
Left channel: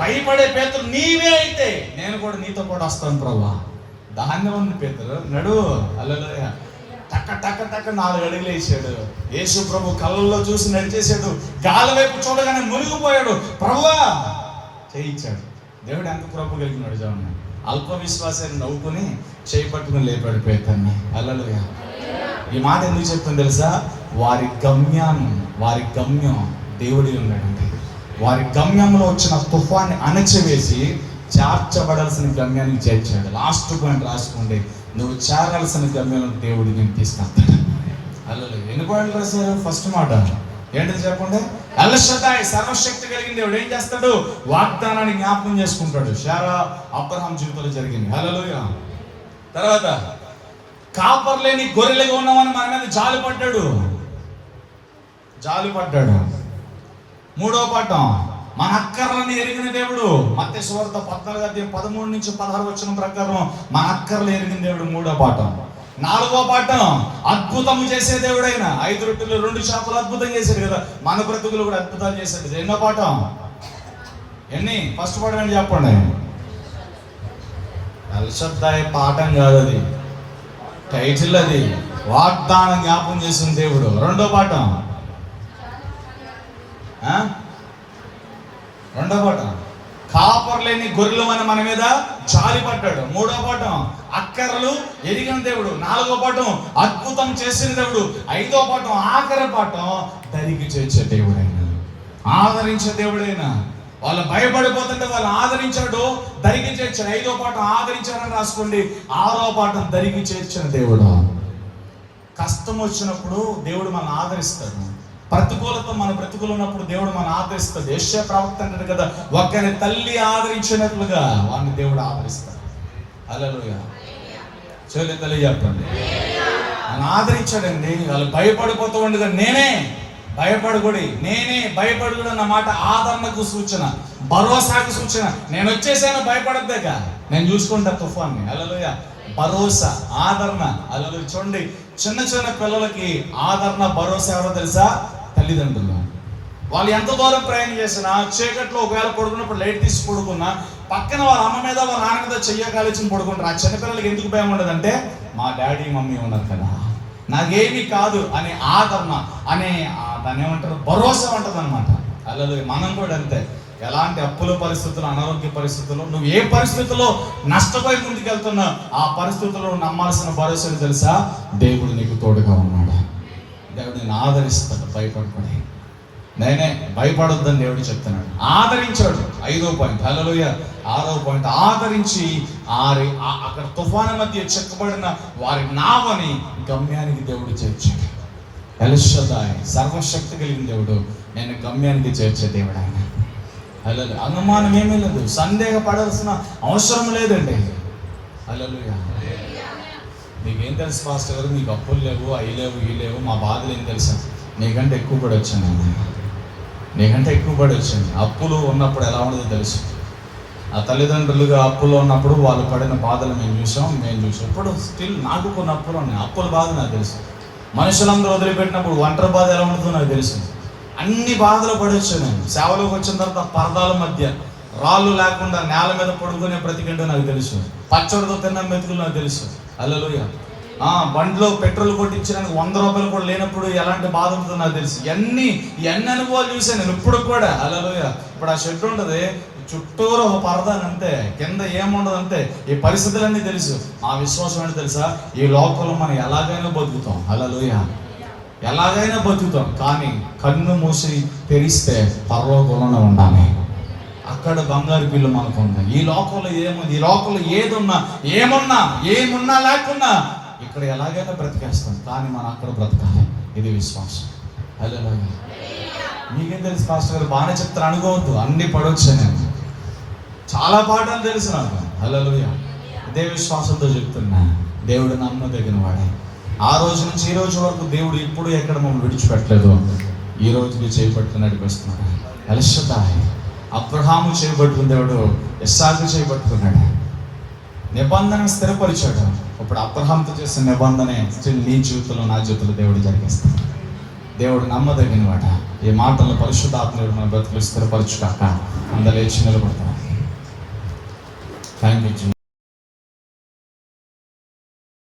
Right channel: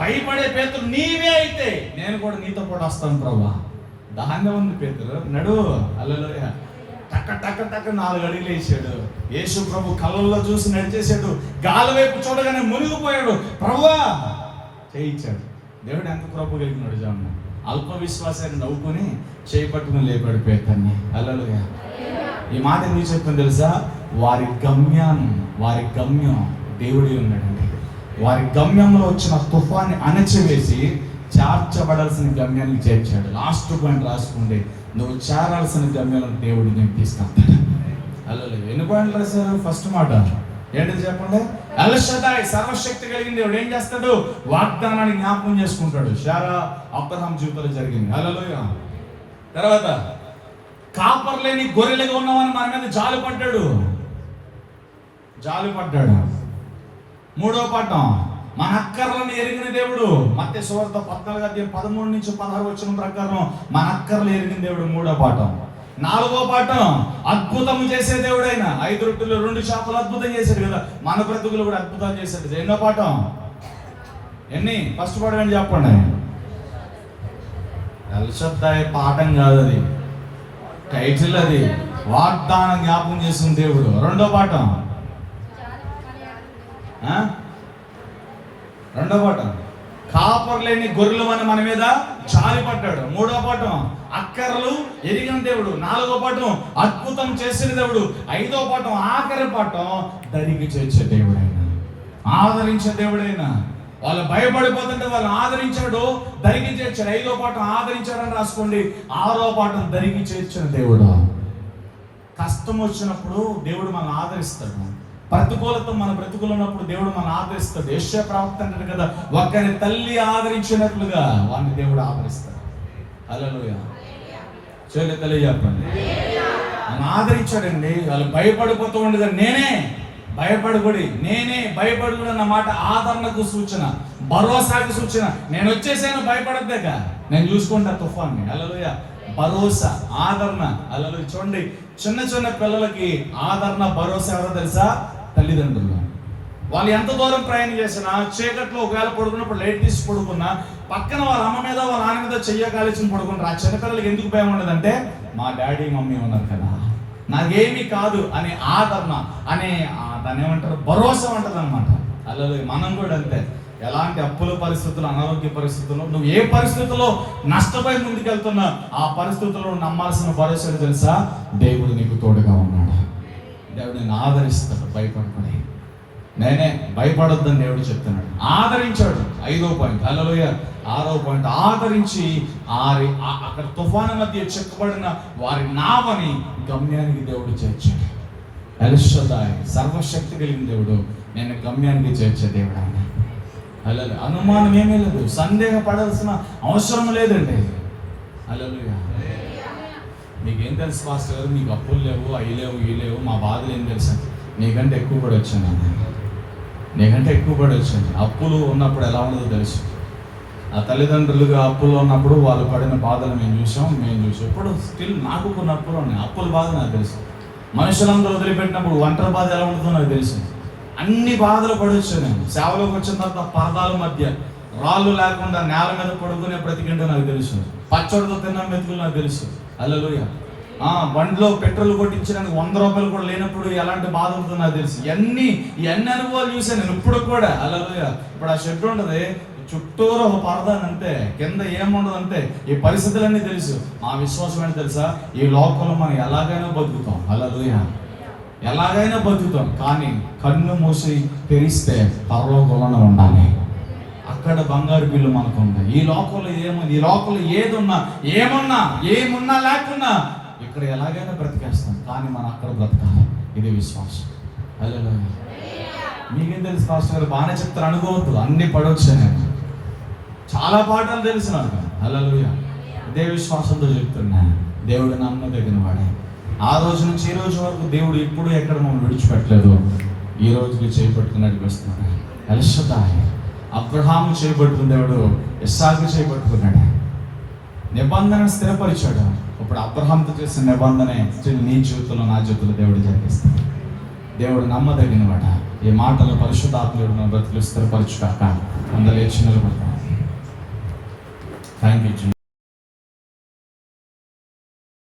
భయపడే పేతురు, నీవే అయితే నేను కూడా నీతో కూడా వస్తాను ప్రభువా. దాన్నే ఉంది పేతురు, నడు. హల్లెలూయా. టక్క టక్క టక్క 4 అడుగులు వేసాడు. యేసు ప్రభు కళ్ళల్లో చూసి నడిచేసాడు. గాలి వైపు చూడగానే మునిగిపోయాడు. ప్రభువా చేయించాడు. దేవుడు ఎంత కృప కలిగినాడు చూడండి. అల్ప విశ్వాసాన్ని నవ్వుకుని చేయి పట్టుకుని లేపాడు పేతుర్ని. హల్లెలూయా. ఈ మాట ఎందుకు చెప్తాను తెలుసా? వారి గమ్యం దేవుడి ఉన్నాడండి. వారి గమ్యంలో వచ్చిన తుఫాన్ని అణచివేసి చేర్చబడాల్సిన గమ్యానికి చేర్చాడు. లాస్ట్ పాయింట్ రాసుకోండి, నువ్వు చేరాల్సిన గమ్యం దేవుడు నేను తీసుకెళ్తాడు. హల్లెలూయా. ఎన్ని పాయింట్లు రాశారు? ఫస్ట్ మాట ఏంటో చెప్పండి. ఎల్ షదాయ్ సర్వశక్తి కలిగిన దేవుడు ఏం చేస్తాడు? వాగ్దానాన్ని జ్ఞాపకం చేసుకుంటాడు. శారా అబ్రహాం జీవితంలో జరిగింది. హల్లెలూయా. తర్వాత కాపర్లేని గొర్రెలుగా ఉన్నామని మన మీద జాలి పడ్డాడు. 3వ పాఠం, మన అక్కర్లని ఎరిగిన దేవుడు. మత్తయి సువార్త 14:13-16 ప్రకారం మన అక్కర్లు ఎరిగిన దేవుడు 3వ పాఠం. 4వ పాఠం, అద్భుతం చేసే దేవుడైన 5 రొట్టెలు 2 చేపలు అద్భుతం చేశాడు కదా, మన బ్రతుకులు కూడా అద్భుతాలు చేశాడు. ఎన్నో పాఠం? ఎన్ని? ఫస్ట్ పాఠం ఏంటి చెప్పండి. ఎల్ షదాయ్ పాఠం కాదు, అది టైటిల్. అది వాగ్దానం జ్ఞాపకం చేసిన దేవుడు. 2వ పాఠం, 2వ పాఠం, కాపర్లేని గొర్రెలు మన మీద జాలి పడ్డాడు. 3వ పాఠం, అక్కర్లు ఎరిగిన దేవుడు. 4వ పాఠం, అద్భుతం చేసిన దేవుడు. 5వ పాఠం, ఆఖరి పాఠం, దరికి చేర్చే దేవుడైనా, ఆదరించే దేవుడైనా. వాళ్ళు భయపడిపోతుంటే వాళ్ళు ఆదరించాడు, దరికి చేర్చాడు. 5వ పాఠం ఆదరించాడని రాసుకోండి. 6వ పాఠం, దరికి చేర్చిన దేవుడు. కష్టం వచ్చినప్పుడు దేవుడు మనల్ని ఆదరిస్తాడు. ప్రతికూలత మన బ్రతుకులు ఉన్నప్పుడు దేవుడు మనం ఆదరిస్తాడు. యెషయా ప్రవక్త అంటాడు కదా, ఒకరి తల్లి ఆదరించినట్లుగా వాడిని దేవుడు ఆదరిస్తాడు. హల్లెలూయా. తల్లి చెప్పండి, నన్ను ఆదరించాడండి. వాళ్ళు భయపడిపోతూ ఉండగా నేనే భయపడకూడి అన్న మాట ఆదరణకు సూచన, భరోసాకు సూచన. నేను వచ్చేసాను, భయపడద్దేగా, నేను చూసుకుంటా తుఫాన్ని. హల్లెలూయా. భరోసా, ఆదరణ. హల్లెలూయా. చూడండి, చిన్న పిల్లలకి ఆదరణ, భరోసా ఎవరో తెలుసా? తల్లిదండ్రులు. వాళ్ళు ఎంత దూరం ప్రయాణం చేసినా, చీకట్లో ఒకవేళ పడుకున్నప్పుడు లైట్ తీసి పడుకున్నా, పక్కన వాళ్ళ అమ్మ మీద వాళ్ళ నాన్న మీద చెయ్యకాలించి పడుకుంటారు. ఆ చిన్నపిల్లలకి ఎందుకు భయం ఉండదంటే, మా డాడీ మమ్మీ ఉన్నారు కదా, నాకేమీ కాదు అనే ఆదరణ, అనే దాన్ని ఏమంటారు, భరోసా ఉంటుంది అనమాట. అలాగే మనం కూడా అంతే. ఎలాంటి అప్పుల పరిస్థితులు, అనారోగ్య పరిస్థితుల్లో, నువ్వు ఏ పరిస్థితుల్లో నష్టపోయి ముందుకెళ్తున్నా ఆ పరిస్థితుల్లో నమ్మాల్సిన భరోసా తెలుసా? దేవుడు నీకు తోడుగా ఉన్నాడు. దేవుడు నేను ఆదరిస్తాడు. భయపడుకుని నేనే భయపడొద్దని దేవుడు చెప్తున్నాడు. ఆదరించాడు. 5వ పాయింట్. హల్లెలూయా. 6వ పాయింట్. ఆదరించి అక్కడ తుఫాను మధ్య చెక్కబడిన వారి నావని గమ్యానికి దేవుడు చేర్చాడు. ఎల్ షదాయ్, సర్వశక్తి కలిగిన దేవుడు నేను గమ్యానికి చేర్చే దేవుడు ఆయన. హల్లెలూయా. అనుమానం ఏమీ లేదు, సందేహపడాల్సిన అవసరం లేదండి. హల్లెలూయా. నీకేం తెలుసు పాస్టర్ గారు, మీకు అప్పులు లేవు, అవి లేవు, ఇవి లేవు, మా బాధలు ఏం తెలుసు? నీకంటే ఎక్కువ పడి వచ్చింది. నీకంటే ఎక్కువ పడి వచ్చింది. అప్పులు ఉన్నప్పుడు ఎలా ఉండదో తెలుసు. ఆ తల్లిదండ్రులుగా అప్పులు ఉన్నప్పుడు వాళ్ళు పడిన బాధలు మేము చూసాం. ఇప్పుడు స్టిల్ నాకు కొన్ని అప్పులు ఉన్నాయి. అప్పుల బాధ నాకు తెలుసు. మనుషులందరూ వదిలిపెట్టినప్పుడు ఒంటరి బాధ ఎలా ఉంటుందో నాకు తెలుసు. అన్ని బాధలు పడి వచ్చాను నేను. సేవలోకి వచ్చిన తర్వాత పరదాల మధ్య రాళ్ళు లేకుండా నేల మీద పడుకునే బ్రతికింటో నాకు తెలుసు. పచ్చడితో తిన్న మెతుకులు నాకు తెలుసు. హల్లెలూయా. బండిలో పెట్రోల్ కొట్టించడానికి 100 రూపాయలు కూడా లేనప్పుడు ఎలాంటి బాధ ఉంటుందో నాకు తెలుసు. ఇవన్నీ అనుభవాలు చూసాను నేను ఇప్పుడు కూడా. హల్లెలూయా. ఇప్పుడు ఆ షెడ్ ఉంటుంది, చుట్టూరు ఒక పరదాని అంతే, కింద ఏముండదు అంతే. ఈ పరిస్థితులన్నీ తెలుసు. మా విశ్వాసం ఏంటో తెలుసా? ఈ లోకంలో మనం ఎలాగైనా బతుకుతాం. హల్లెలూయా. ఎలాగైనా బతుకుతాం. కానీ కన్ను మూసి తెరిస్తే పరలోకంలోనే ఉండాలి. అక్కడ బంగారు బిల్లు మనకు ఉంది. ఈ లోకంలో ఏముంది? ఈ లోకంలో ఏమున్నా లేకున్నా ఇక్కడ ఎలాగైనా బ్రతికేస్తాం. కానీ మనం అక్కడ బ్రతకాలి. ఇది విశ్వాసం. హల్లెలూయా. మీకేం తెలుసు పాస్టర్ గారు, బాగానే చెప్తారు అనుకోవద్దు. అన్ని పడవచ్చు. నేను చాలా పాఠాలు తెలుసు నాకు. హల్లెలూయా. ఇదే విశ్వాసంతో చెప్తున్నా. దేవుడు నమ్మదగిన వాడు. ఆ రోజు నుంచి ఈ రోజు వరకు దేవుడు ఎప్పుడు ఎక్కడ మమ్మల్ని విడిచిపెట్టలేదు. ఈ రోజుకి చేపట్టుకుని నడిపిస్తున్నాడు. ఎల్ షదాయ్. అబ్రహాము చేయబట్టుకున్న దేవుడు ఇస్సాకు చేయబట్టుకున్నాడు. నిబంధన స్థిరపరిచాడు. ఇప్పుడు అబ్రహాంతో చేసిన నిబంధన స్టిల్ నీ జీవితంలో, నా జీవితంలో దేవుడు జరిగిస్తాడు. దేవుడు నమ్మదగిన వాడ. ఈ మాటలను పరిశుద్ధాత్మడు మన బ్రతుకులు స్థిరపరచుగాక. అందరూ లేచి నిలబడుతున్నాం. Thank you.